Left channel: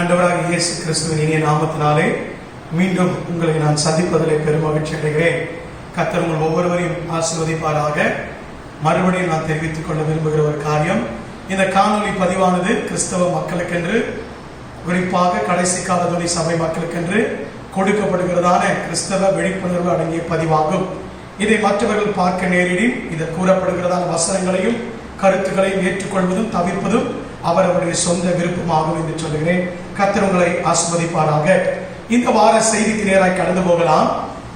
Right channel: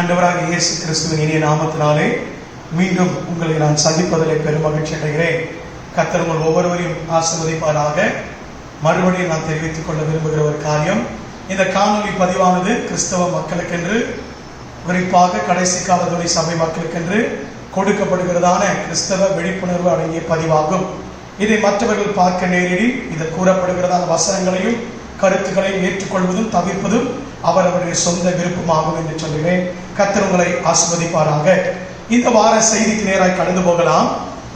ஆண்டவராகிய இயேசு கிறிஸ்துவின் இனிய நாமத்தினாலே மீண்டும் உங்களை நான் சந்திப்பதிலே பெரும் மகிழ்ச்சி அடைகிறேன். கர்த்தர் உங்கள் ஒவ்வொருவரையும் ஆசீர்வதிப்பாராக. மறுபடியும் நான் தெரிவித்துக் கொள்ள விரும்புகிற ஒரு காரியம், இந்த காணொலி பதிவானது கிறிஸ்தவ மக்களுக்கென்று, குறிப்பாக கடைசி கால துணை சபை மக்களுக்கென்று கொடுக்கப்படுகிறதான கிறிஸ்தவ விழிப்புணர்வு அடங்கிய பதிவாகும். இதை மற்றவர்கள் பார்க்க நேரிடில் இதில் கூறப்படுகிறதான வசனங்களையும் கருத்துக்களையும் ஏற்றுக்கொள்வதும் தவிர்ப்பதும் அவரவருடைய சொந்த விருப்பமாகும் என்று சொல்கிறேன். கர்த்தர் உங்களை ஆசீர்வதிப்பாராக. இந்த வார செய்திக்கு நேராக கடந்து போகலாம்.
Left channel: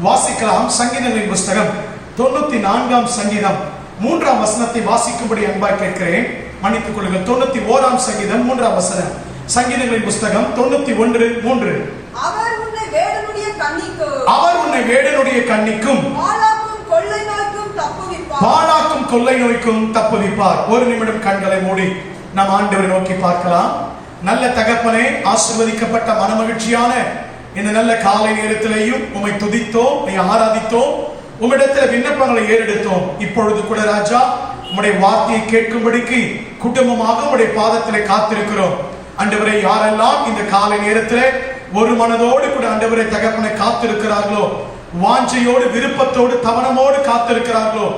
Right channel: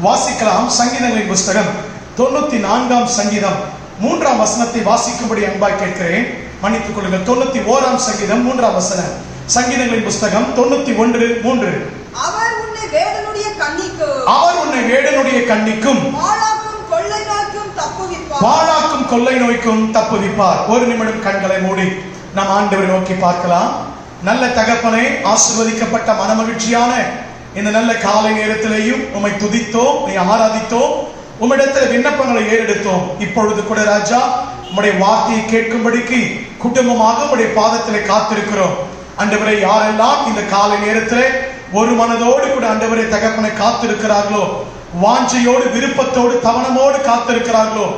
வாசிக்கலாம். சங்கீதங்களின் புஸ்தகம் 94ஆம் சங்கீதம் 3ஆம் வசனத்தை வாசிக்கும்படி அன்பாய் கேட்கிறேன். மன்னித்துக் கொள்ளுங்கள். 91ஆம் சங்கீதம் 3ஆம் வசனம். சங்கீதங்களின் புஸ்தகம் 91:3. அவர் உன்னை வேடனுடைய கண்ணிக்கும் பாழாக்கும் கொள்ளை நோய்க்கும் தப்புவிப்பார். ஒரு நிமிடம் கண்களை மூடி நாம் ஆண்டவரை நோக்கி பார்க்கலாம். நல்ல தகப்பனே, ஆசீர்வதிக்கப்பட்ட மனமகிழ்ச்சியான இந்த நல்ல காலை நேரத்திலேயும் உம்மை துதித்தோம், உம்மை ஆராதித்தோம், உம்மிடத்தில் விண்ணப்பங்களை ஏறெடுத்தோம். இப்பொழுது கூட ராஜா, உம்முடைய வார்த்தையை கேட்கும்படிக்கு குடும்பமாக உம்முடைய பாதத்திலே காத்திருக்கிறோம். ஆண்டவரே, யாரெல்லாம் இந்த காலை நேரத்திலே ஒரு மனதோடு கூட ஆண்டவரை தகப்பனை காத்திருக்கிறார்களோ, வாஞ்சையோடு விருப்பத்தோடு தவணமோடு காத்திருக்கிறார்களோ,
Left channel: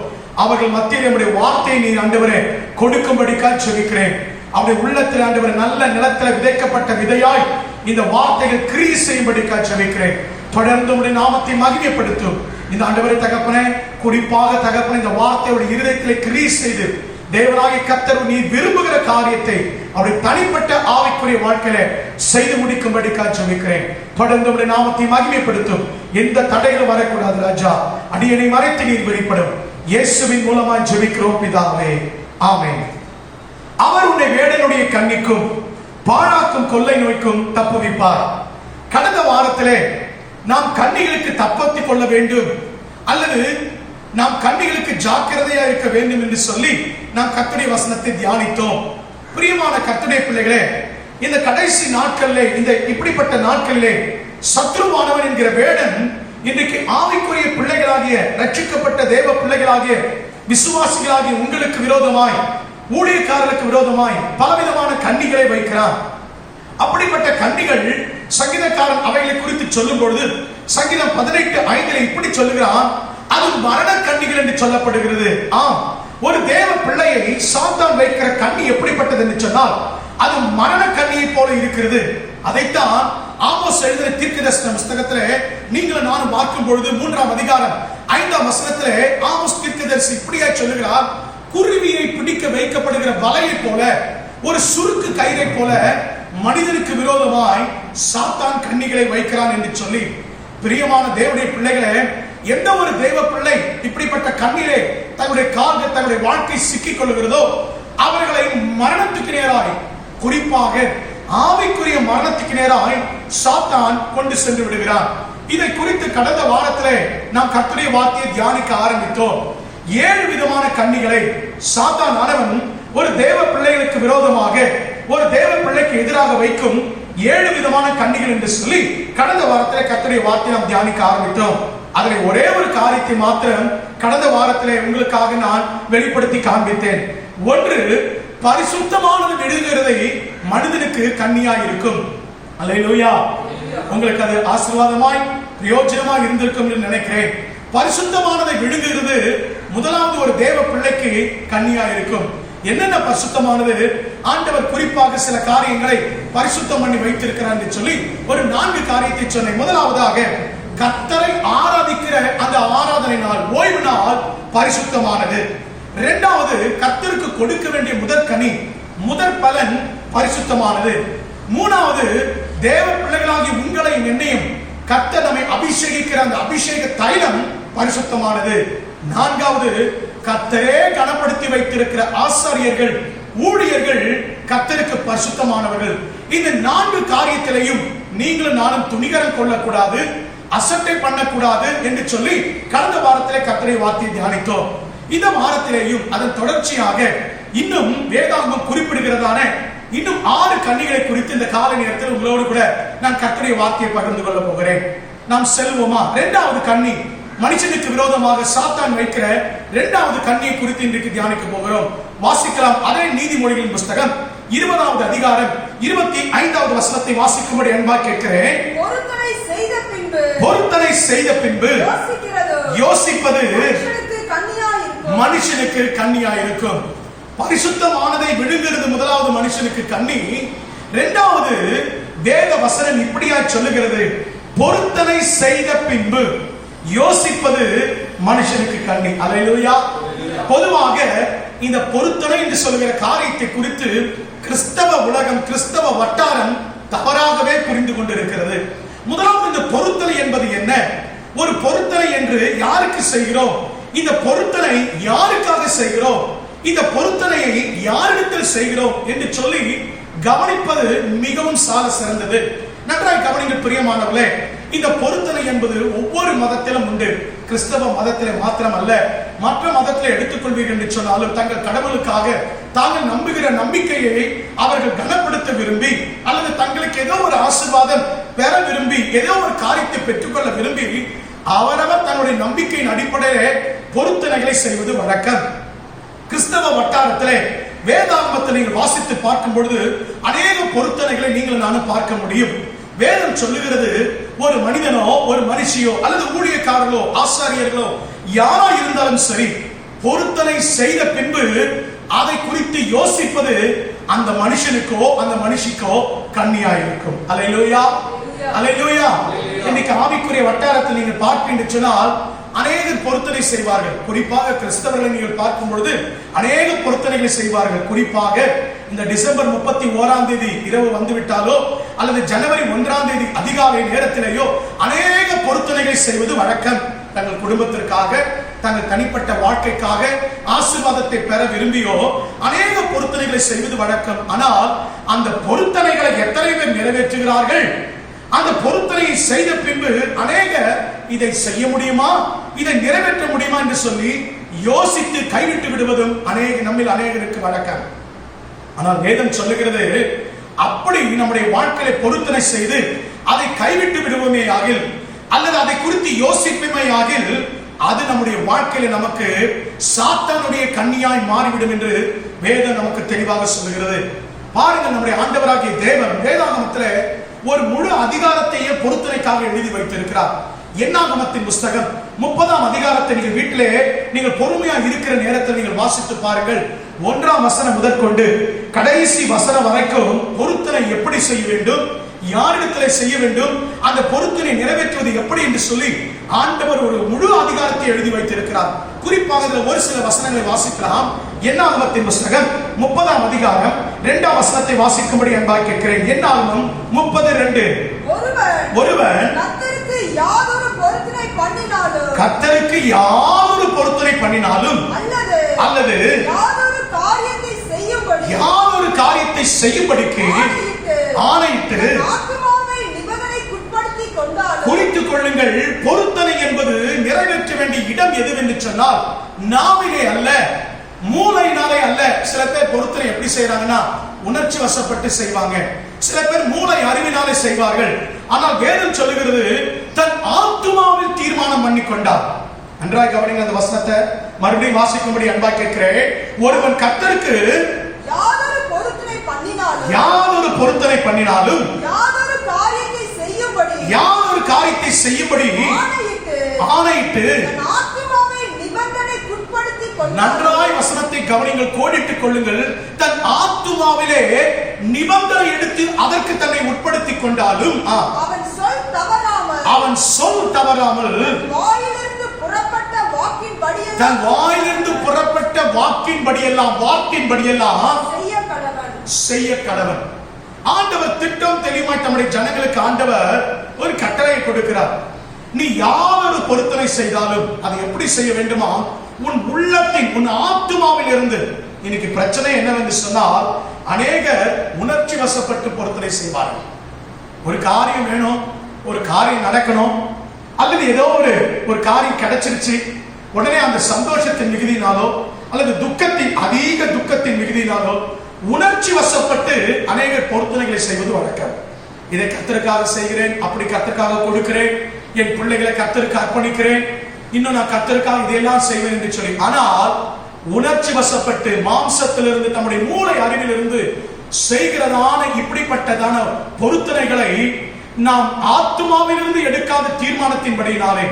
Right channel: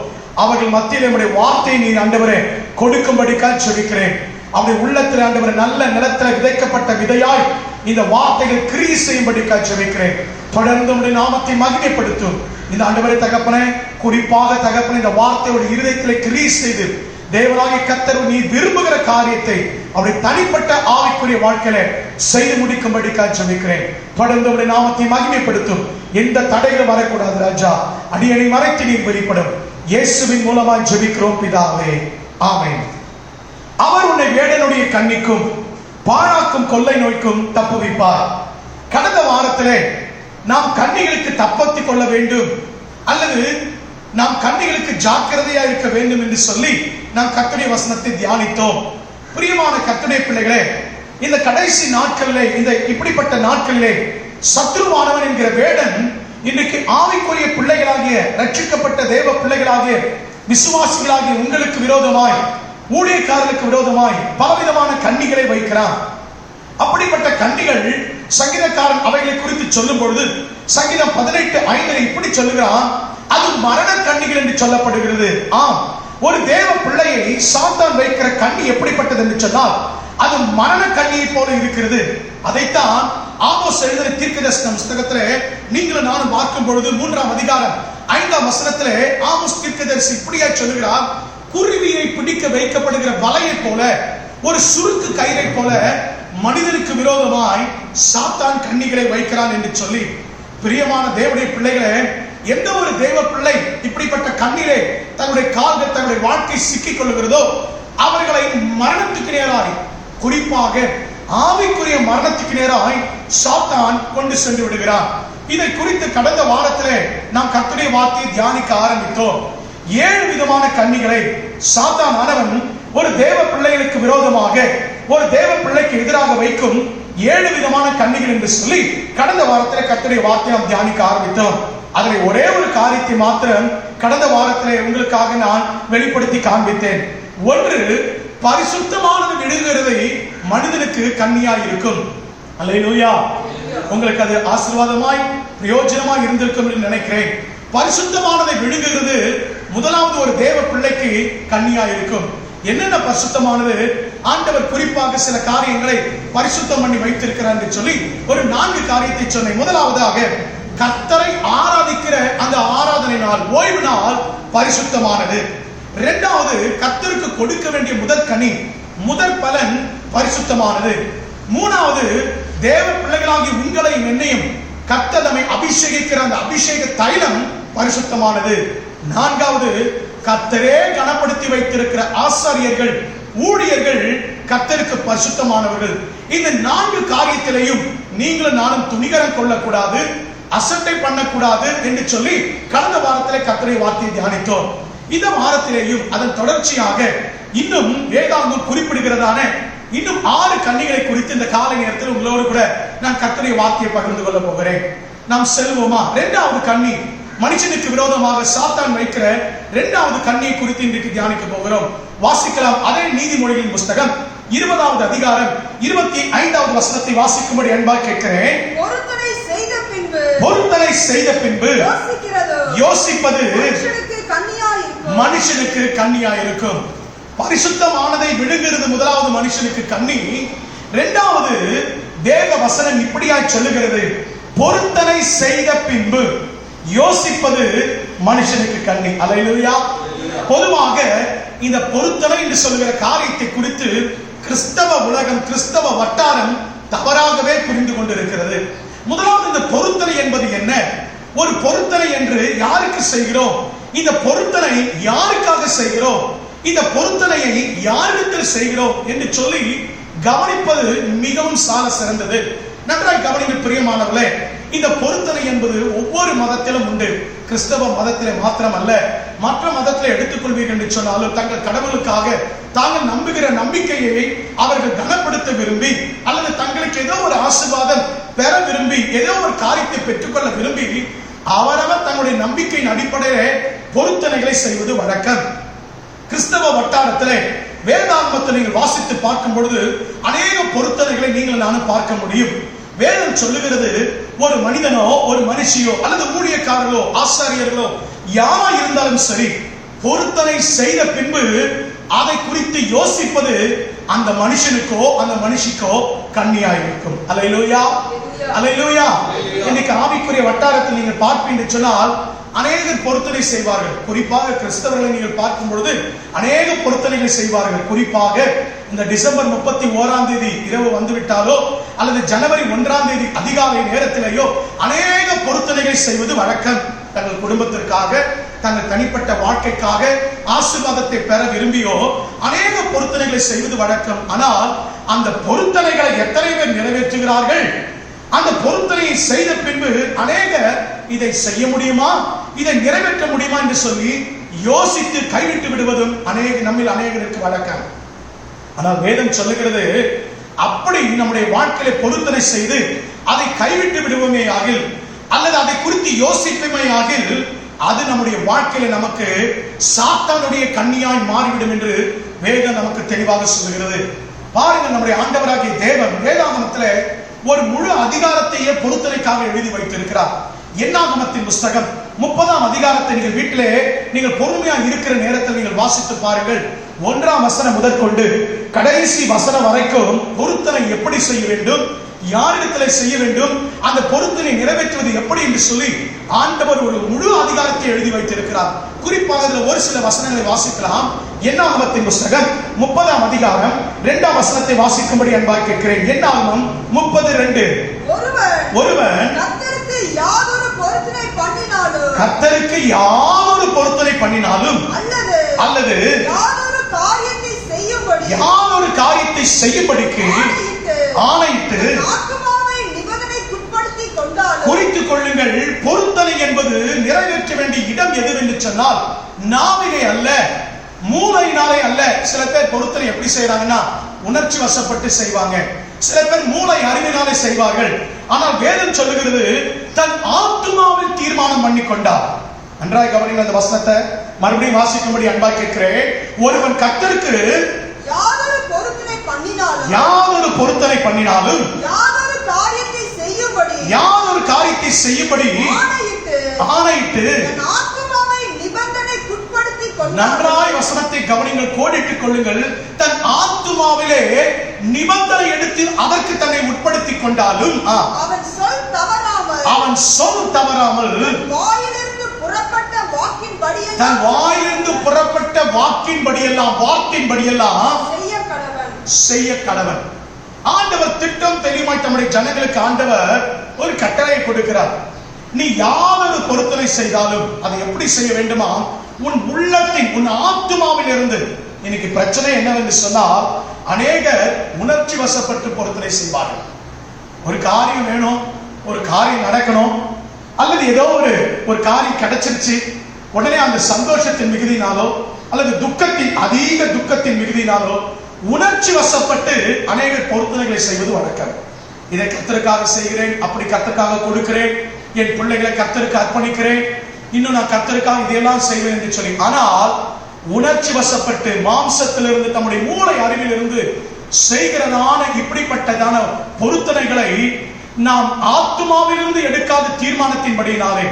அவர்கள் மத்தியில் நம்முடைய வார்த்தையை நீர் ஆண்டவரே கொடுக்கும்படிக்காக ஜெபிக்கிறேன். அவருடைய உள்ளத்தில் ஆண்டவரே நல்ல நிலத்தில் விதைக்கப்பட்ட விதையாய் இந்த வார்த்தைகள் கிரியை செய்யும்படிக்காக ஜெபிக்கிறேன். தொடர்ந்து உம்முடைய நாமத்தை மகிமைப்படுத்தும். இந்த ஆண்டவரே தகப்பனே, குறிப்பாக தகப்பனே இந்த வார்த்தையோட இருதயத்திலே கிரியை செய்து தேவனாகிய கர்த்தர் நீர் விரும்புகிற காரியத்தை அவருடைய தனிப்பட்ட ஆவிக்குரிய வாழ்க்கையில செய்து முடிக்கும்படிக்காக ஜெபிக்கிறேன். தொடர்ந்து உம்முடைய நாமத்தை மகிமைப்படுத்தும். எந்த தடைகளும் வரக்கூடாது ராஜா. அடியனை மறைத்து நீர் வெளிப்படும். இயேசுவின் மூலமாய் ஜெபிக்கிறோம் பிதாவே, ஆமென். அவர் உன்னை வேடனுடைய கண்ணிக்கும் பாழாக்கும் கொள்ளை நோய்க்கும் தப்புவிப்பார். கடந்த வாரத்திலே நாம் கண்ணிகளுக்கு தப்பத்திக் கொள்ள வேண்டும் அல்லது நாம் கண்ணிகளுக்கு ஜாக்கிரதையா இருக்க வேண்டும் என்று சொல்லி நாம் கர்த்தருடைய வசனத்தை தியானித்தோம். பிரியமான கர்த்தருடைய பிள்ளைகளே, இந்த கடைசி நாட்களிலே, இந்த இப்படிப்பட்ட நாட்களிலே சத்ருவானவன் என்கிற வேடன் இன்றைக்கு ஆவிக்குரிய பிள்ளைகளாகிய, ரட்சிக்கப்பட்ட தேவ பிள்ளைகளாகிய, விசுவாசிகளாகிய உங்களுக்கு விரோதமாய், ஊழியக்காரர்களுக்கு விரோதமாய் பலவிதமான கண்ணிகளை வைக்கிறான். அப்படிப்பட்ட கண்ணிகள் சங்கீதக்காரன் அவைகளை குறித்து சொல்லும் பொழுது சங்கீதம் 18:5 இப்படி சொல்லுகிறான், அது மரண கண்ணிகள் என்று சொல்லப்படுகிறது. ஆம், ஒரு தேவ பிள்ளையை சாத்தான் வைக்கிற கண்ணி எப்படிப்பட்டது என்று சொன்னால் அது மரண கண்ணியை போல இருக்கிறது. அதைத்தான் ஆமோஸ் எழுதின தீர்க்கதரிசன புத்தகத்திலே நீங்களும் நானும் பார்க்கும் பொழுது 3ஆம் அதிகாரம் 5ஆம் வசனத்திலே ஆமோஸ் தீர்க்கதரிசி இப்படியே சொல்லுகிறார், குருவியை பிடிக்க வைக்கப்படுகிற வலையை போல, ஒரு சுருக்கு கயிறை போல மனிதனுக்கு விரோதமாய் சாத்தான் கண்ணிகளை வைக்கிறான் என்று சொல்லி, பிரியமான தேவனுடைய பிள்ளைகளே, எந்த ஒரு தேவ பிள்ளை இப்படிப்பட்ட கண்ணிலே தன்னுடைய கால்கள், தன்னுடைய வாழ்க்கை சிக்கிக் கொள்கிறதோ அவர்களை மரணத்துக்கு நேராய், குறிப்பாக ஆவிக்குரிய மரணத்துக்கு நேராய் சாத்தான் கொண்டு சென்று விடுகிறான். இதை குறித்து கடந்த வாரத்திலே நாம் கர்த்தருடைய வார்த்தையை தியானிக்க ஆரம்பித்தோம். 7 விதமான கண்ணிகளை சாத்தான் ஆனவன் ஒரு தேவ பிள்ளைகளுக்கு விரோதமாக, ஒரு தேவ பிள்ளைக்கு எதிராக வைக்கும் 7 விதமான கண்ணிகள் என்று சொல்லி கடந்த வாரத்திலே கர்த்தருடைய வார்த்தையை நாம் தியானிக்க ஆரம்பித்தோம். அதில் ஒரே ஒரு காரியத்தை மாத்திரம் கடந்த வாரத்திலே உங்களுக்காக நான் வெளிப்படுத்தி காண்பித்தேன். ஒன்று, பரிசுத்தமானது விழுகிறதை மனிதனுக்கு கண்ணியாய் இருக்கும். அல்லேலூயா. உங்களுக்கு அது ஆசீர்வாதமாய் பிரயோஜனமாய் இருந்திருக்கும் என்று நினைக்கிறேன். பரிசுத்தமானதை விழுங்குகிறது முதலாவது ஒரு தேவ பிள்ளைக்கு கண்ணியாய் இருக்கும். என்னென்ன பரிசுத்தமானது? ஆண்டவர் குறிப்பாக சில காரியங்களை பரிசுத்தம் பண்ணி வைத்திருக்கிறார் என்று சொல்லி ஒரு 4 காரியத்தை சொன்னேன். முதலாவதாக, கர்த்தரை ஆராதிக்கிற அந்த ஆராதனை நாள், ஓய்வு நாள் பரிசுத்தமானது. இரண்டாவது, கர்த்தருக்கு கொடுக்க வேண்டிய முதற்கனி, முதற் பலன் பரிசுத்தமானது. மூணாவது, தேவ பிள்ளைகளாகிய உங்களையும் என்னையும் கர்த்தர் நம்மை அபிஷேகிக்கிற அந்த அபிஷேக தைலம் பரிசுத்தமானது. நான்காவது, கர்த்தரே கனப்படுத்தி வைத்திருக்கிற ஆசாரியர்கள், ஊழியர்கள் கர்த்தருக்கு பரிசுத்தமானவர்கள். இந்த 4 காரியத்திலையும் நீங்களும் நானும் துணிகரம் கொள்ளக்கூடாது, அசட்டை பண்ணக்கூடாது என்று சொல்லி கடந்த வாரத்திலே கர்த்தருடைய வார்த்தையை தியானித்தோம். இந்த வாரத்திலேயும் அதன் தொடர்ச்சியாக இன்னும் வேதாகமம் குறிப்பிடுகிறதான இன்னும் 6 கண்ணிகளை குறித்து இந்த காலை நேரத்தில் உங்களோடு கூட நான் கர்த்தருடைய வார்த்தையை பகிர்ந்து கொள்ள போகிறேன். நாம் செல்வோமா? 2வது கண்ணி, மனுஷனுக்கு விரோதமாக சாத்தான் வைக்கிற 2வது கண்ணியை குறித்து இன்றைக்கு தியானிக்க போகிறோம். வாசிக்கலாம். அதே நீதிமொழிகளின் புஸ்தகம் 20வது அதிகாரம் 25வது வசனத்தை வாசிக்கும்படி அன்பா கேட்கிறேன். பொருத்தனை செய்த பின்பு பொருத்தனை செய்த பின்பு யோசிப்பது மனுஷனுக்கு கண்ணியா இருக்கும். பரிசுத்தமானதை விழுங்குறது முதலாவது மனுஷனுக்கு கண்ணி. இரண்டாவது வேத வசனம் இப்படியாய் சொல்லுகிறது, பொருத்தனை செய்த பின்பு யோசிப்பது மனுஷனுக்கு கண்ணி. அல்லேலூயா. பொதுவாக இந்த பொருத்தனை என்று சொல்லுகிற காரியத்தை குறித்து கிறிஸ்தவ உலகம், கிறிஸ்தவ வட்டாரம் தவறாகவே புரிந்து கொண்டிருக்கிறது. முதலாவது இந்த பொருத்தனை என்பது என்ன? ஒரு பொருத்தனை என்று யாருக்கு செய்கிறோம்? இந்த பொருத்தனை யாருக்காக செய்கிறோம்? இந்த பொருத்தனையை யாரிடத்தில் செய்கிறோம் என்று சொல்லி கவனிப்பது மிகவும் சால சிறந்தது. நன்றாய் கவனிங்கள் பிரியமானவர்களே. இந்த பொருத்தனை என்பது ஒவ்வொரு மதத்திலும் உண்டு. கிறிஸ்தவ மதத்திலே மாத்திரம் அல்ல, மற்ற மதத்திலே எடுத்துக்கொள்வீர்கள் என்று சொன்னாலும் தங்கள் கடவுளுக்காக தாங்கள் நம்புகிற நம்பிக்கையை அவர்கள் கனப்படுத்த விரும்பி, அல்லது தங்களுக்கு ஏதோ ஒரு ஆசீர்வாதம் பெற விரும்பி, ஏதோ ஒரு காரியத்தை பெற்றுக்கொள்ள விரும்பி அவரவர் தன்னுடைய நம்பிக்கையின் அடிப்படையிலே பொருத்தனைகளை செய்வது வழக்கம். கிறிஸ்தவ வட்டாரத்திலே வேதாகமத்தை நீங்கள் வாசித்து பார்க்கும் பொழுது அநேக பொருத்தனைகளை நீங்கள் நானும் பார்க்க முடியும். வேதம் சொல்லுகிறது, ஒரு மனிதனோ ஒரு மனுஷியோ அல்லது ஊழியக்காரர்களோ ஆசாரியர்களோ யாரா இருந்தாலும் சரி, பொருத்தனை செய்த பின்பு அதை குறித்து யோசிப்பது அந்த மனுஷனுக்கோ அந்த மனுஷிக்கோ கண்ணியா இருக்கும். அல்லேலூயா, அல்லேலூயா. இன்னைக்கு ஆவிக்குரிய வட்டாரத்தில் நீங்கள் பார்ப்பீர்கள் சொன்னால் அநேகர் பொருத்தனை செய்வார்கள். குறிப்பாக கிறிஸ்தவர்களை நீங்கள் பார்க்கும் பொழுது அநேக பொருத்தனைகளை செய்வார்கள். குறிப்பாக இந்த டிசம்பர் 31 இரவு வந்துவிட்டாலோ அல்லது ஜனவரி 1 அதிகாலை நேரத்திலேயோ அநேக பொருத்தனைகளை செய்வது வழக்கம். தங்கள் குடும்பத்திற்காக, தங்கள் தனிப்பட்ட வாழ்க்கைக்காக ஆசீர்வாதத்தை பெற விரும்பியோ அநேக பொருத்தனைகளை செய்வது வழக்கம். ஆனால் அந்த பொருத்தனைகளை எத்தனை பேர் நிறைவேற்றுகிறார்கள்? அந்த பொருத்தனையை செய்த பின்பு அநேக இதை செய்ய முடியுமா, இதை நிறைவேற்ற முடியுமா என்று சொல்லி யோசித்து கைவிட்டு விடுவதும் நம்மில் அநேகருக்கு வழக்கம். ஆனால் வேதம் சொல்லுகிறது, அப்படி நம்முடைய வாழ்க்கையில பொருத்தனை செய்து அதை கைவிட்டு விடுவோமே ஆகில், அல்லது அதை குறித்து யோசிப்போமே ஆகில், அது நம்முடைய வாழ்க்கையில நமக்கு சாத்தானுடைய கண்ணியாய் மாறிவிடும் என்று வேதம் நமக்கு தெளிவாக சொல்லுகிறது. பாருங்கள், நம்முடைய ஆண்டவராகிய தேவன் வேதாகமத்திலே ஒரு முழு அதிகாரத்தையே பொருத்தனைக்காக எழுதி வைத்திருக்கிறார். என்னாகமத்தின் புஸ்தகம் 30 அதிகாரத்தை நீங்கள் வீட்டிலே நீங்கள் பொறுமையா இருக்கிற நேரத்தில் நீங்கள் வாசித்து பாருங்கள். 1 வசனம் முதற்கொண்டு கடைசி வசனம் வரைக்கும் பொருத்தனை எப்படி செய்ய வேண்டும், யாரிடத்தில் செய்ய வேண்டும், அந்த பொருத்தனை நிறைவேற்றுவது எப்படி என்று சொல்லி ஆண்டவர் ஒரு முழு அதிகாரத்தை எழுதி வைத்திருக்கிறார். குறிப்பாக ஒரு சில வசனங்களை வாசிக்கலாம். என்னாகமத்தின் புஸ்தகம் 30 அதிகாரம் 2 வசனத்தை வாசிக்கும்படி அன்பாக கேட்கிறேன். என்னாகமம் 30:2. ஒருவன் கர்த்தருக்கு யாதொரு பொருத்தனை பண்ணினாலும் அல்லது யாதொரு காரியத்தை செய்யும்படிக்கு ஆணையிட்டு குறித்துக் கொள்ளுங்கள். பொருத்தனை என்பது நிறைவேற்ற வேண்டிய இடம் எதுவென்று சொன்னால் நாவிலே அல்ல, மூளையினாலே அல்ல. சில பேர் பொருத்தனை எப்படி செய்யறாங்கன்னா உணர்ச்சி வசப்பட்டு செய்வாங்க. சில பேர் மூளை அறிவினாலே செய்வார்கள். ஆனால் வேதம் சொல்லுகிறது, தன் ஆத்துமாவில் தீர்மானம் பண்ணி கொண்டார். நன்றாய் கவனிங்கள் அந்த வசனத்தை மறுபடியும் வாசிக்கும்படி அன்பா கேட்கிறேன். ஒருவன் கர்த்தருக்கு யாதொரு பொருத்தனை பண்ணினாலும் யாதொரு காரியத்தை செய்யும்படி ஆணையிட்டு, நன்றாய் வசனத்தை கவனிங்கள், கோடிட்டுக் கொள்ளுங்கள். தன் ஆத்துமாவிலே நிபந்தனை எடுத்து அதற்கு தன்னை உட்படுத்திக் கொண்டாலும் அவன் சொல் தவறாமல் தன் வாயிலிருந்து புறப்பட்ட வாக்கின்படியெல்லாம் செய்ய கடவன். ஆண்டவர் திட்டம் தெளிவாய் நம்முடைய ஜனங்களுக்கு ஆண்டவர் ஒரு கட்டளையை கொடுக்கிறார். நீ யாரொரு பொருத்தனை செய்தாலும் அதை எப்படி செய்ய வேண்டுமா, உன் உள்ளத்தின், உன் ஆத்துமாவில் இருந்து. இன்னைக்கு பிரச்சனை என்னவென்று சொன்னால் அநேகர் உணர்ச்சி வசப்பட்டு பொருத்தனை செய்வார்கள். ஒரு காரியம் வேணும், ஒரு காரியம் நடக்கணும், அல்லது ஏதோ ஒரு காரியம் கிடைச்சிருச்சு, உடனே அந்த சந்தோஷத்தின் மிகுதியினாலோ அல்லது அதிக துக்கத்தின் மிகுதியினாலோ உணர்ச்சி வசப்பட்டு அநேகர் பொருத்தனைகளை செய்வது வழக்கம். இதை கர்த்தருக்காக செய்கிறேன், அப்படி கர்த்தருக்காக கொடுக்கிறேன், என் பிள்ளைகளை கர்த்தருக்கு அர்ப்பணிக்கிறேன், இன்னும் நான் கர்த்தருக்காக இதையெல்லாம் செய்வேன் என்று சொல்லி. ஆனால் உணர்ச்சி வசப்பட்டு மாம்சத்திலிருந்து, நம்முடைய மூளை அறிவிலிருந்து செய்கிறதான இப்படிப்பட்டதான பொருத்தனைகளை நாம் ஆத்துமாவிலிருந்து எடுக்காத தீர்மானத்தின்படியினாலே,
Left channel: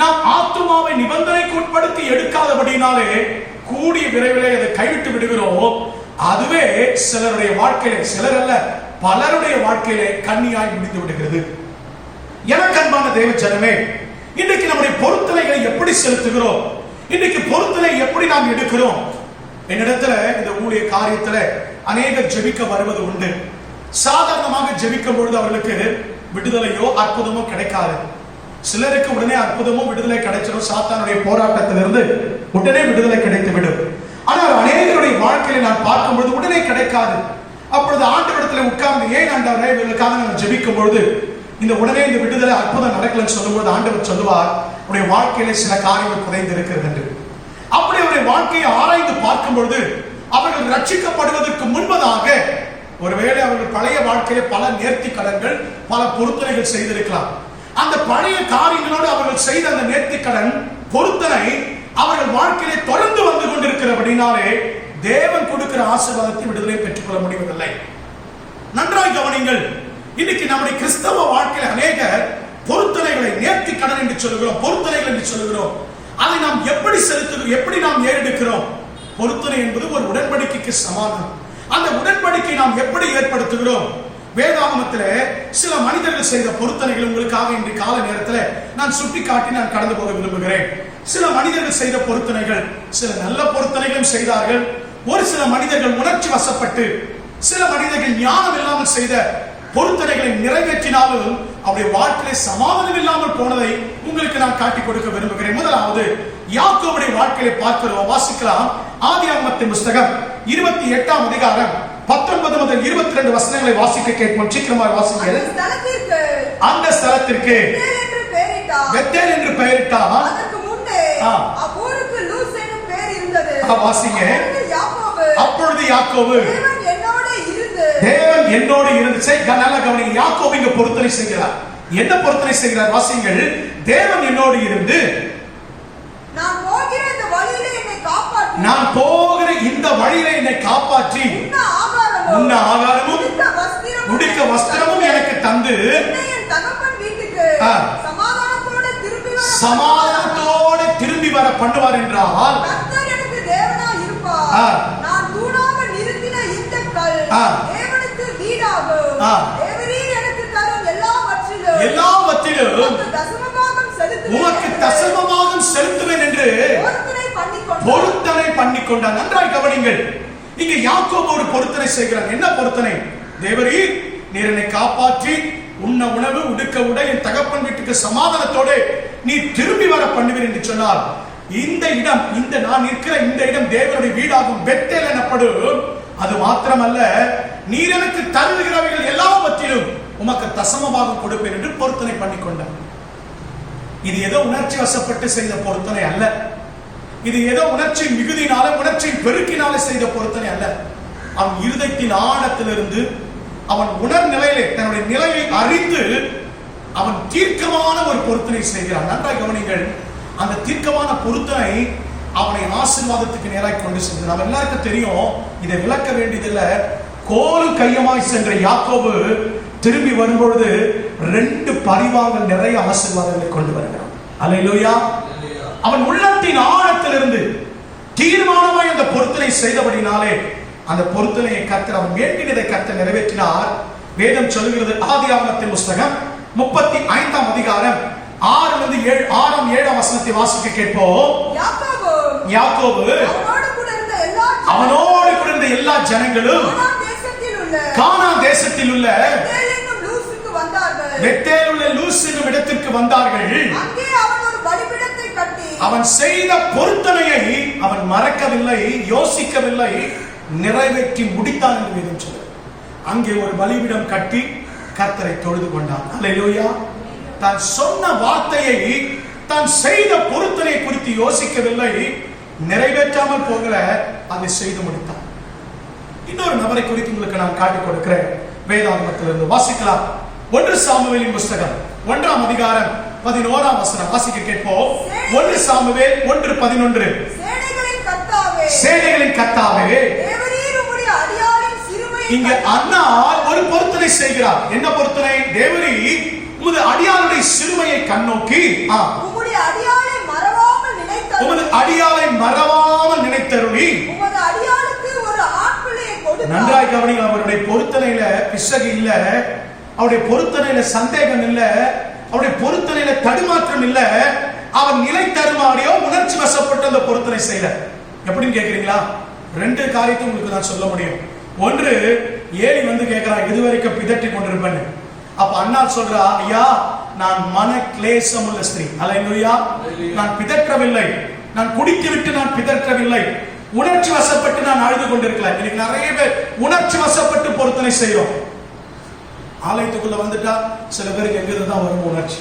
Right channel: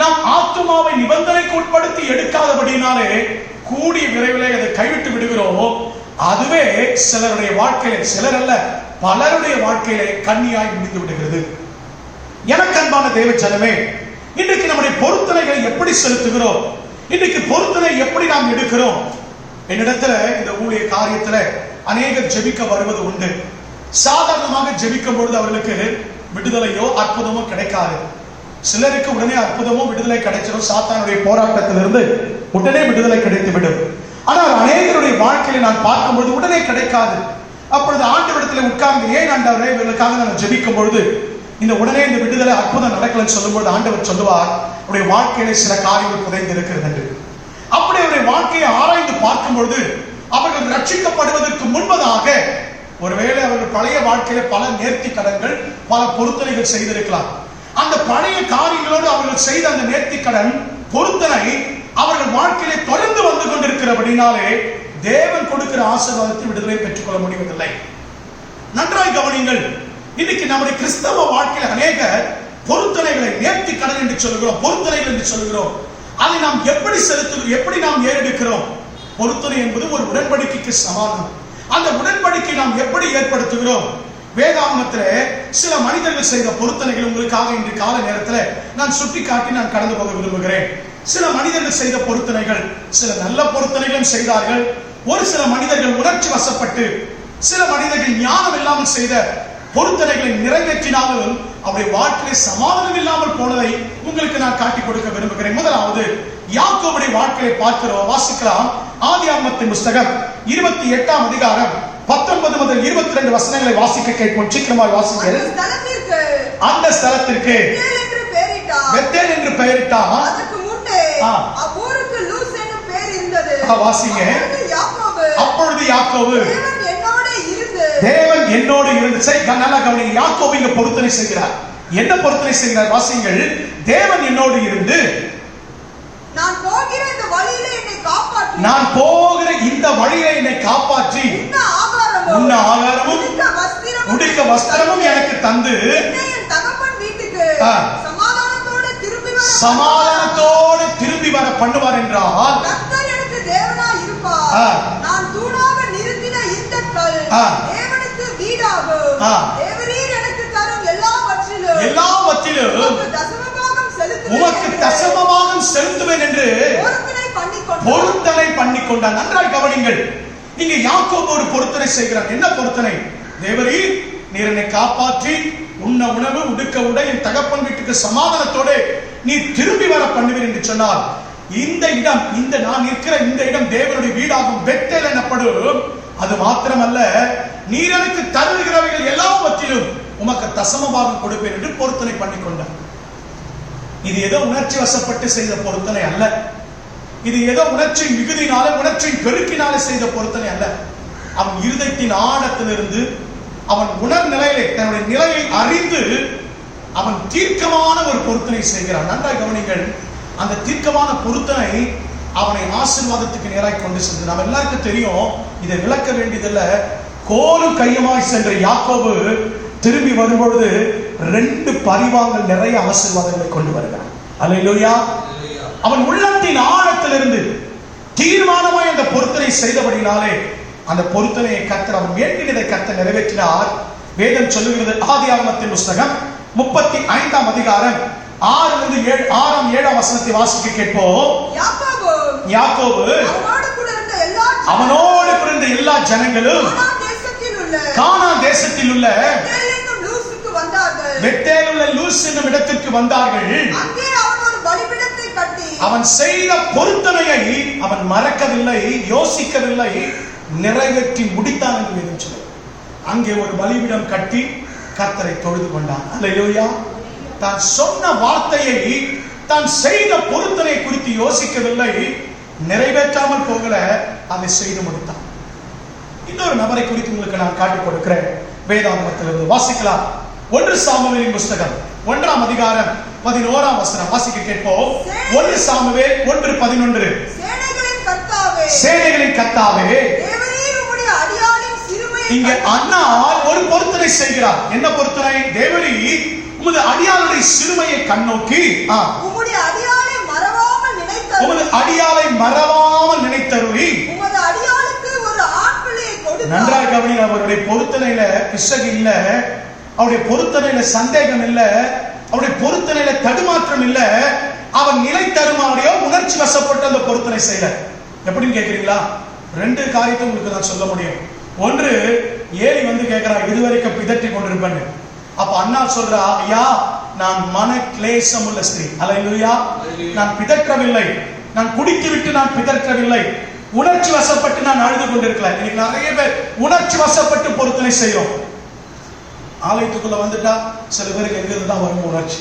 நாம் ஆத்துமாவை நிபந்தனைக்கு உட்படுத்தி எடுக்காதபடினாலே கூடிய விரைவிலே அதை கைவிட்டு விடுகிறோம். அதுவே சிலருடைய வாழ்க்கையிலே, சிலர் அல்ல பலருடைய வாழ்க்கையிலே கண்ணியாய் முடிந்து விடுகிறது. எனக்கு அன்பான தேவ ஜனமே, இன்றைக்கு நம்முடைய பொருத்தனைகளை எப்படி செலுத்துகிறோம்? இன்றைக்கு பொருத்தனை எப்படி நாம் எடுக்கிறோம்? என்னிடத்துல இந்த ஊழிய காரியத்துல அநேகர் ஜெபிக்க வருவது உண்டு. சாதாரணமாக ஜெபிக்கும் பொழுது அவர்களுக்கு விடுதலையோ அற்புதமோ கிடைக்காது. சிலருக்கு உடனே அற்புதமோ விடுதலை கிடைச்சிடும். சாத்தானுடைய போராட்டத்திலிருந்து உடனே விடுதலை கிடைத்துவிடும். ஆனால் அநேகருடைய வாழ்க்கையில நான் பார்க்கும்போது உடனே கிடைக்காது. அப்பொழுது ஆண்டவரிடத்தில் உட்கார்ந்து, ஏன் ஆண்டவரே இவர்களுக்காக நான் ஜெபிக்கும் பொழுது இந்த உடனே இந்த விடுதலை அற்புதம் நடக்கலன்னு சொல்லும்போது ஆண்டவர் சொல்லுவார், உடைய வாழ்க்கையில சில காரியங்கள் குறைந்து இருக்கிறது என்று. அப்படி அவருடைய வாழ்க்கையை ஆராய்ந்து பார்க்கும் பொழுது அவர்கள் ரட்சிக்கப்படுவதற்கு முன்பதாக ஒருவேளை அவர்கள் பழைய வாழ்க்கையில பல நேர்த்தி கடன்கள், பல பொருத்தனைகள் செய்திருக்கலாம். அந்த பழைய காரியங்களோடு அவர்கள் செய்த அந்த நேர்த்தி கடன் பொருத்தனை அவர்கள் வாழ்க்கையிலே தொடர்ந்து வந்து கொண்டிருக்கிறபடினாலே தேவன் கொடுக்கிற ஆசீர்வாதத்தை விடுதலை பெற்றுக்கொள்ள முடிவதில்லை. நன்றாய் கவனிங்கள். இன்னைக்கு நம்முடைய கிறிஸ்தவ வாழ்க்கையில் அநேக பொருத்தனைகளை நேர்த்தி கடன் என்று சொல்லுகிறோம், பொருத்தனைகள் என்று சொல்லுகிறோம். அதை நாம் எப்படி செலுத்துகிறோம், எப்படி நாம் ஏறெடுக்கிறோம்? பொருத்தனை என்பது ஒரு உடன்படிக்கைக்கு சமானம். அந்த உடன்படிக்கை நாம் எப்படி ஏற்படுத்துகிறோம்? வேதாகமத்திலே சில மனிதர்கள் செய்த பொருத்தனைகள் உங்களுக்காக இன்று கால நேரத்தில் நான் சுட்டி காட்டி நான் கடந்து போக விரும்புகிறேன். சில மனிதர்கள் செய்த பொருத்தனைகள், சில நல்ல பொருத்தனைகளும் செய்தார்கள். ஒரு சில மனிதர்கள் உணர்ச்சி வசப்பட்டு, சில மனிதர்கள் ஞானம் இல்லாமல் செய்த பொருத்தனைகளை நிறைவேற்றினாலும் அவருடைய வாழ்க்கையிலே சமாதானம் இல்லாமல் போனதை உங்களுக்கு நான் காட்டி கொடுக்க விரும்புகிறேன். முதலாவது யாக்கோபுடைய வாழ்க்கையை பார்க்கிறோம். வாசிக்கலாம். ஆதியாகமத்தின் புத்தகம் 28ஆம் அதிகாரம் 19 முதல் 22 வசனங்களை வாசிக்க கேட்போம். சீக்கிரமாக வாசிங்கள். அந்த ஸ்தலத்திற்கு பெத்தேல் என்று பெயரிட்டார். அதற்கு முன்னே ஊருக்கு லூஸ் என்ற பெயர் இருந்தது. வாசிங்க. அப்பொழுது யாக்கோபு தேவன் என்னோடு இருந்து, நல்லா கவனிங்க. யாக்கோபு இங்க பொருத்தனை செய்கிறார். என்ன பொருத்தனை செய்கிறார்? வாசிங்கள். தேவன் என்னோடு இருந்து நான் போகிற இந்த வழியிலே என்னை காப்பாற்றி உண்ண ஆகாரமும் உடுக்க வஸ்திரமும் எனக்கு தந்து சமாதானத்தோடு திரும்பி வர பண்ணுவார் என்றால் எனக்கு தேவனாய் இருப்பார். நான் தூணாக நிறுத்தின இந்த கல் தேவனுக்கு வீடாகும். தேவரீர் எனக்கு தரும் எல்லாவற்றிலும் உமக்கு தசமபாகம் செலுத்துவேன் என்று பொருத்தனை பண்ணிக்கொண்டார். நன்றாய் கவனிங்கள். இங்க யாக்கோபு ஒரு பொருத்தனை செய்கிறார். என்ன பொருத்தனை? தேவரீர் நீர் என்னை காப்பாற்றி உண்ண உணவு உடுக்க உடை என் தகப்பன் வீட்டுக்கு சமாதானத்தோடு நீ திரும்பி வர பண்ணுவீர் என்று சொன்னார். இந்த இடம், இந்த நான் இருக்கிற இந்த இடம் தேவனுடைய வீடாகும், பெத்தேல் எனப்படும். அது மாத்திரமல்ல, நீர் எனக்கு தருகிறவைகள் எல்லாவற்றிலும் உமக்கு தசமபாகம் கொடுப்பேன் என்று பொருத்தனை பண்ணிக்கொண்டார். இது ஏதோ உணர்ச்சி வசப்பட்டு செய்த பொருத்தனை அல்ல. இது ஏதோ உணர்ச்சி மிகுதினால, உணர்ச்சி பெருக்கினாலே செய்த பொருத்தனை அல்ல. அவன் இருதயத்தின் ஆழத்திலிருந்து, அவன் உணர் நிலையிலே தன்னுடைய நிலையை அறிந்து அவன் தீர்க்கமான ஒரு பொருத்தனை செய்கிறான். நன்றாய் கவனிங்கள். அந்த தீர்க்கமான பொருத்தனை அவனை ஆசீர்வாதத்துக்கு நேராக கொண்டு சென்றது. நம்ம எல்லாருக்கும் தெரியும், இதை விளக்க வேண்டியதில்லை. கோலும் கையமாய் சென்ற யாக்கோபு திரும்பி வரும்பொழுது 2 பரிவாரங்கள் நிறைய ஆசீர்வாதங்களை கொண்டு வருகிறான். அல்லேலூயா. அவன் உள்ளத்தின் ஆழத்திலிருந்து தீர்மானமாய் அந்த பொருத்தனை செய்தபடினாலே அந்த பொருத்தனையை கர்த்தர், அவன் வேண்டியதை கர்த்தர் நிறைவேற்றினார். வேதம் சொல்லுகிறது. ஆதியாகமத்தின் புத்தகம் 35ஆம் அதிகாரம் 6-7 வசனத்தை வாசிக்க கேட்போம். யாக்கோபு அவனோடு கூட இருந்த எல்லா ஜனங்களும் கானான் தேசத்தில் உள்ள பெத்தேல் உள்ள லூஸ் என்னும் இடத்திற்கு வந்தார்கள். அவன் செய்த பொருத்தனையை அவன் மறக்கவில்லை, யோசிக்கவில்லை, நிறைவேற்றி முடித்தான் என்று வேதம் சொல்லுகிறது. அங்கே ஒரு பலிபீடம் கட்டி கர்த்தரை தொழுது கொண்டான். அல்லேலூயா. தான் சொன்ன வார்த்தையை, தான் செய்த பொருத்தனை குறித்து யோசிக்கவில்லை, நிறைவேற்றாமல் போகல, அதை செய்து முடித்தான். இன்னொரு நபரை குறித்து உங்களுக்கு நான் காட்டிக் கொடுக்கிறேன். வேதாகமத்திலிருந்து வாசிக்கலாம். 1 சாமுவேலின் புத்தகம் 1ஆம் அதிகாரம் 11ஆம் வசனம் வாசிக்க கேட்போம். 1 சாமுவேல் 1:11. சேனைகளின் கர்த்தாவே, தேவரீர் உம்முடைய அடியாளின் சிறுமை இங்க அண்ணா ஒரு பொருத்தனை செய்கிறார். என்ன பொருத்தனை? தேவரீ உமது அடியாளுடைய சிறுமையை கண்ணோக்கி உம்முடைய அடியாளை மறவாமல் நினைத்தருளி உமது அடியாளை மறவாமல் நினைத்தருளி உமது அடியாளுக்கு ஒரு ஆண் பிள்ளையை கொடுத்தார். நன்றாக கவனிங்க. அவருடைய பொருத்தனையில பிசகு இல்ல, அவருடைய பொருத்தனையில சந்தேகம் இல்ல, அவருடைய பொருத்தனையில தடுமாற்றம் இல்ல. அவன் நிலை தருமாறியோ உணர்ச்சி வசப்பட்டு அந்த பொருத்தனை செய்யல. எப்படின்னு கேக்குறீங்களா? ரெண்டு காரியத்தை உங்களுக்கு நான் சொல்ல முடியும். ஒன்று, ஏலி வந்து கேட்கிறா, இதுவரைக்கும் பிதற்றி கொண்டிருப்பேன். அப்ப அண்ணா சொல்றா, ஐயா நான் மன கிளேசம் உள்ள ஸ்திரீ, அல்லேலூயா, நான் பிதற்றவில்லை, நான் குடித்து விட்டு நான் பிதற்றவில்லை, உணர்ச்சி வசப்பட்டு நான் அழுது கொண்டிருக்கலாம். இன்னைக்கு நிறைய பேர் உணர்ச்சி வசப்பட்டு பொருத்தனை செய்யும். ஆலயத்துக்குள்ள வந்துட்டா சில பேருக்கு எங்கிருந்து தான் வரும் உணர்ச்சி.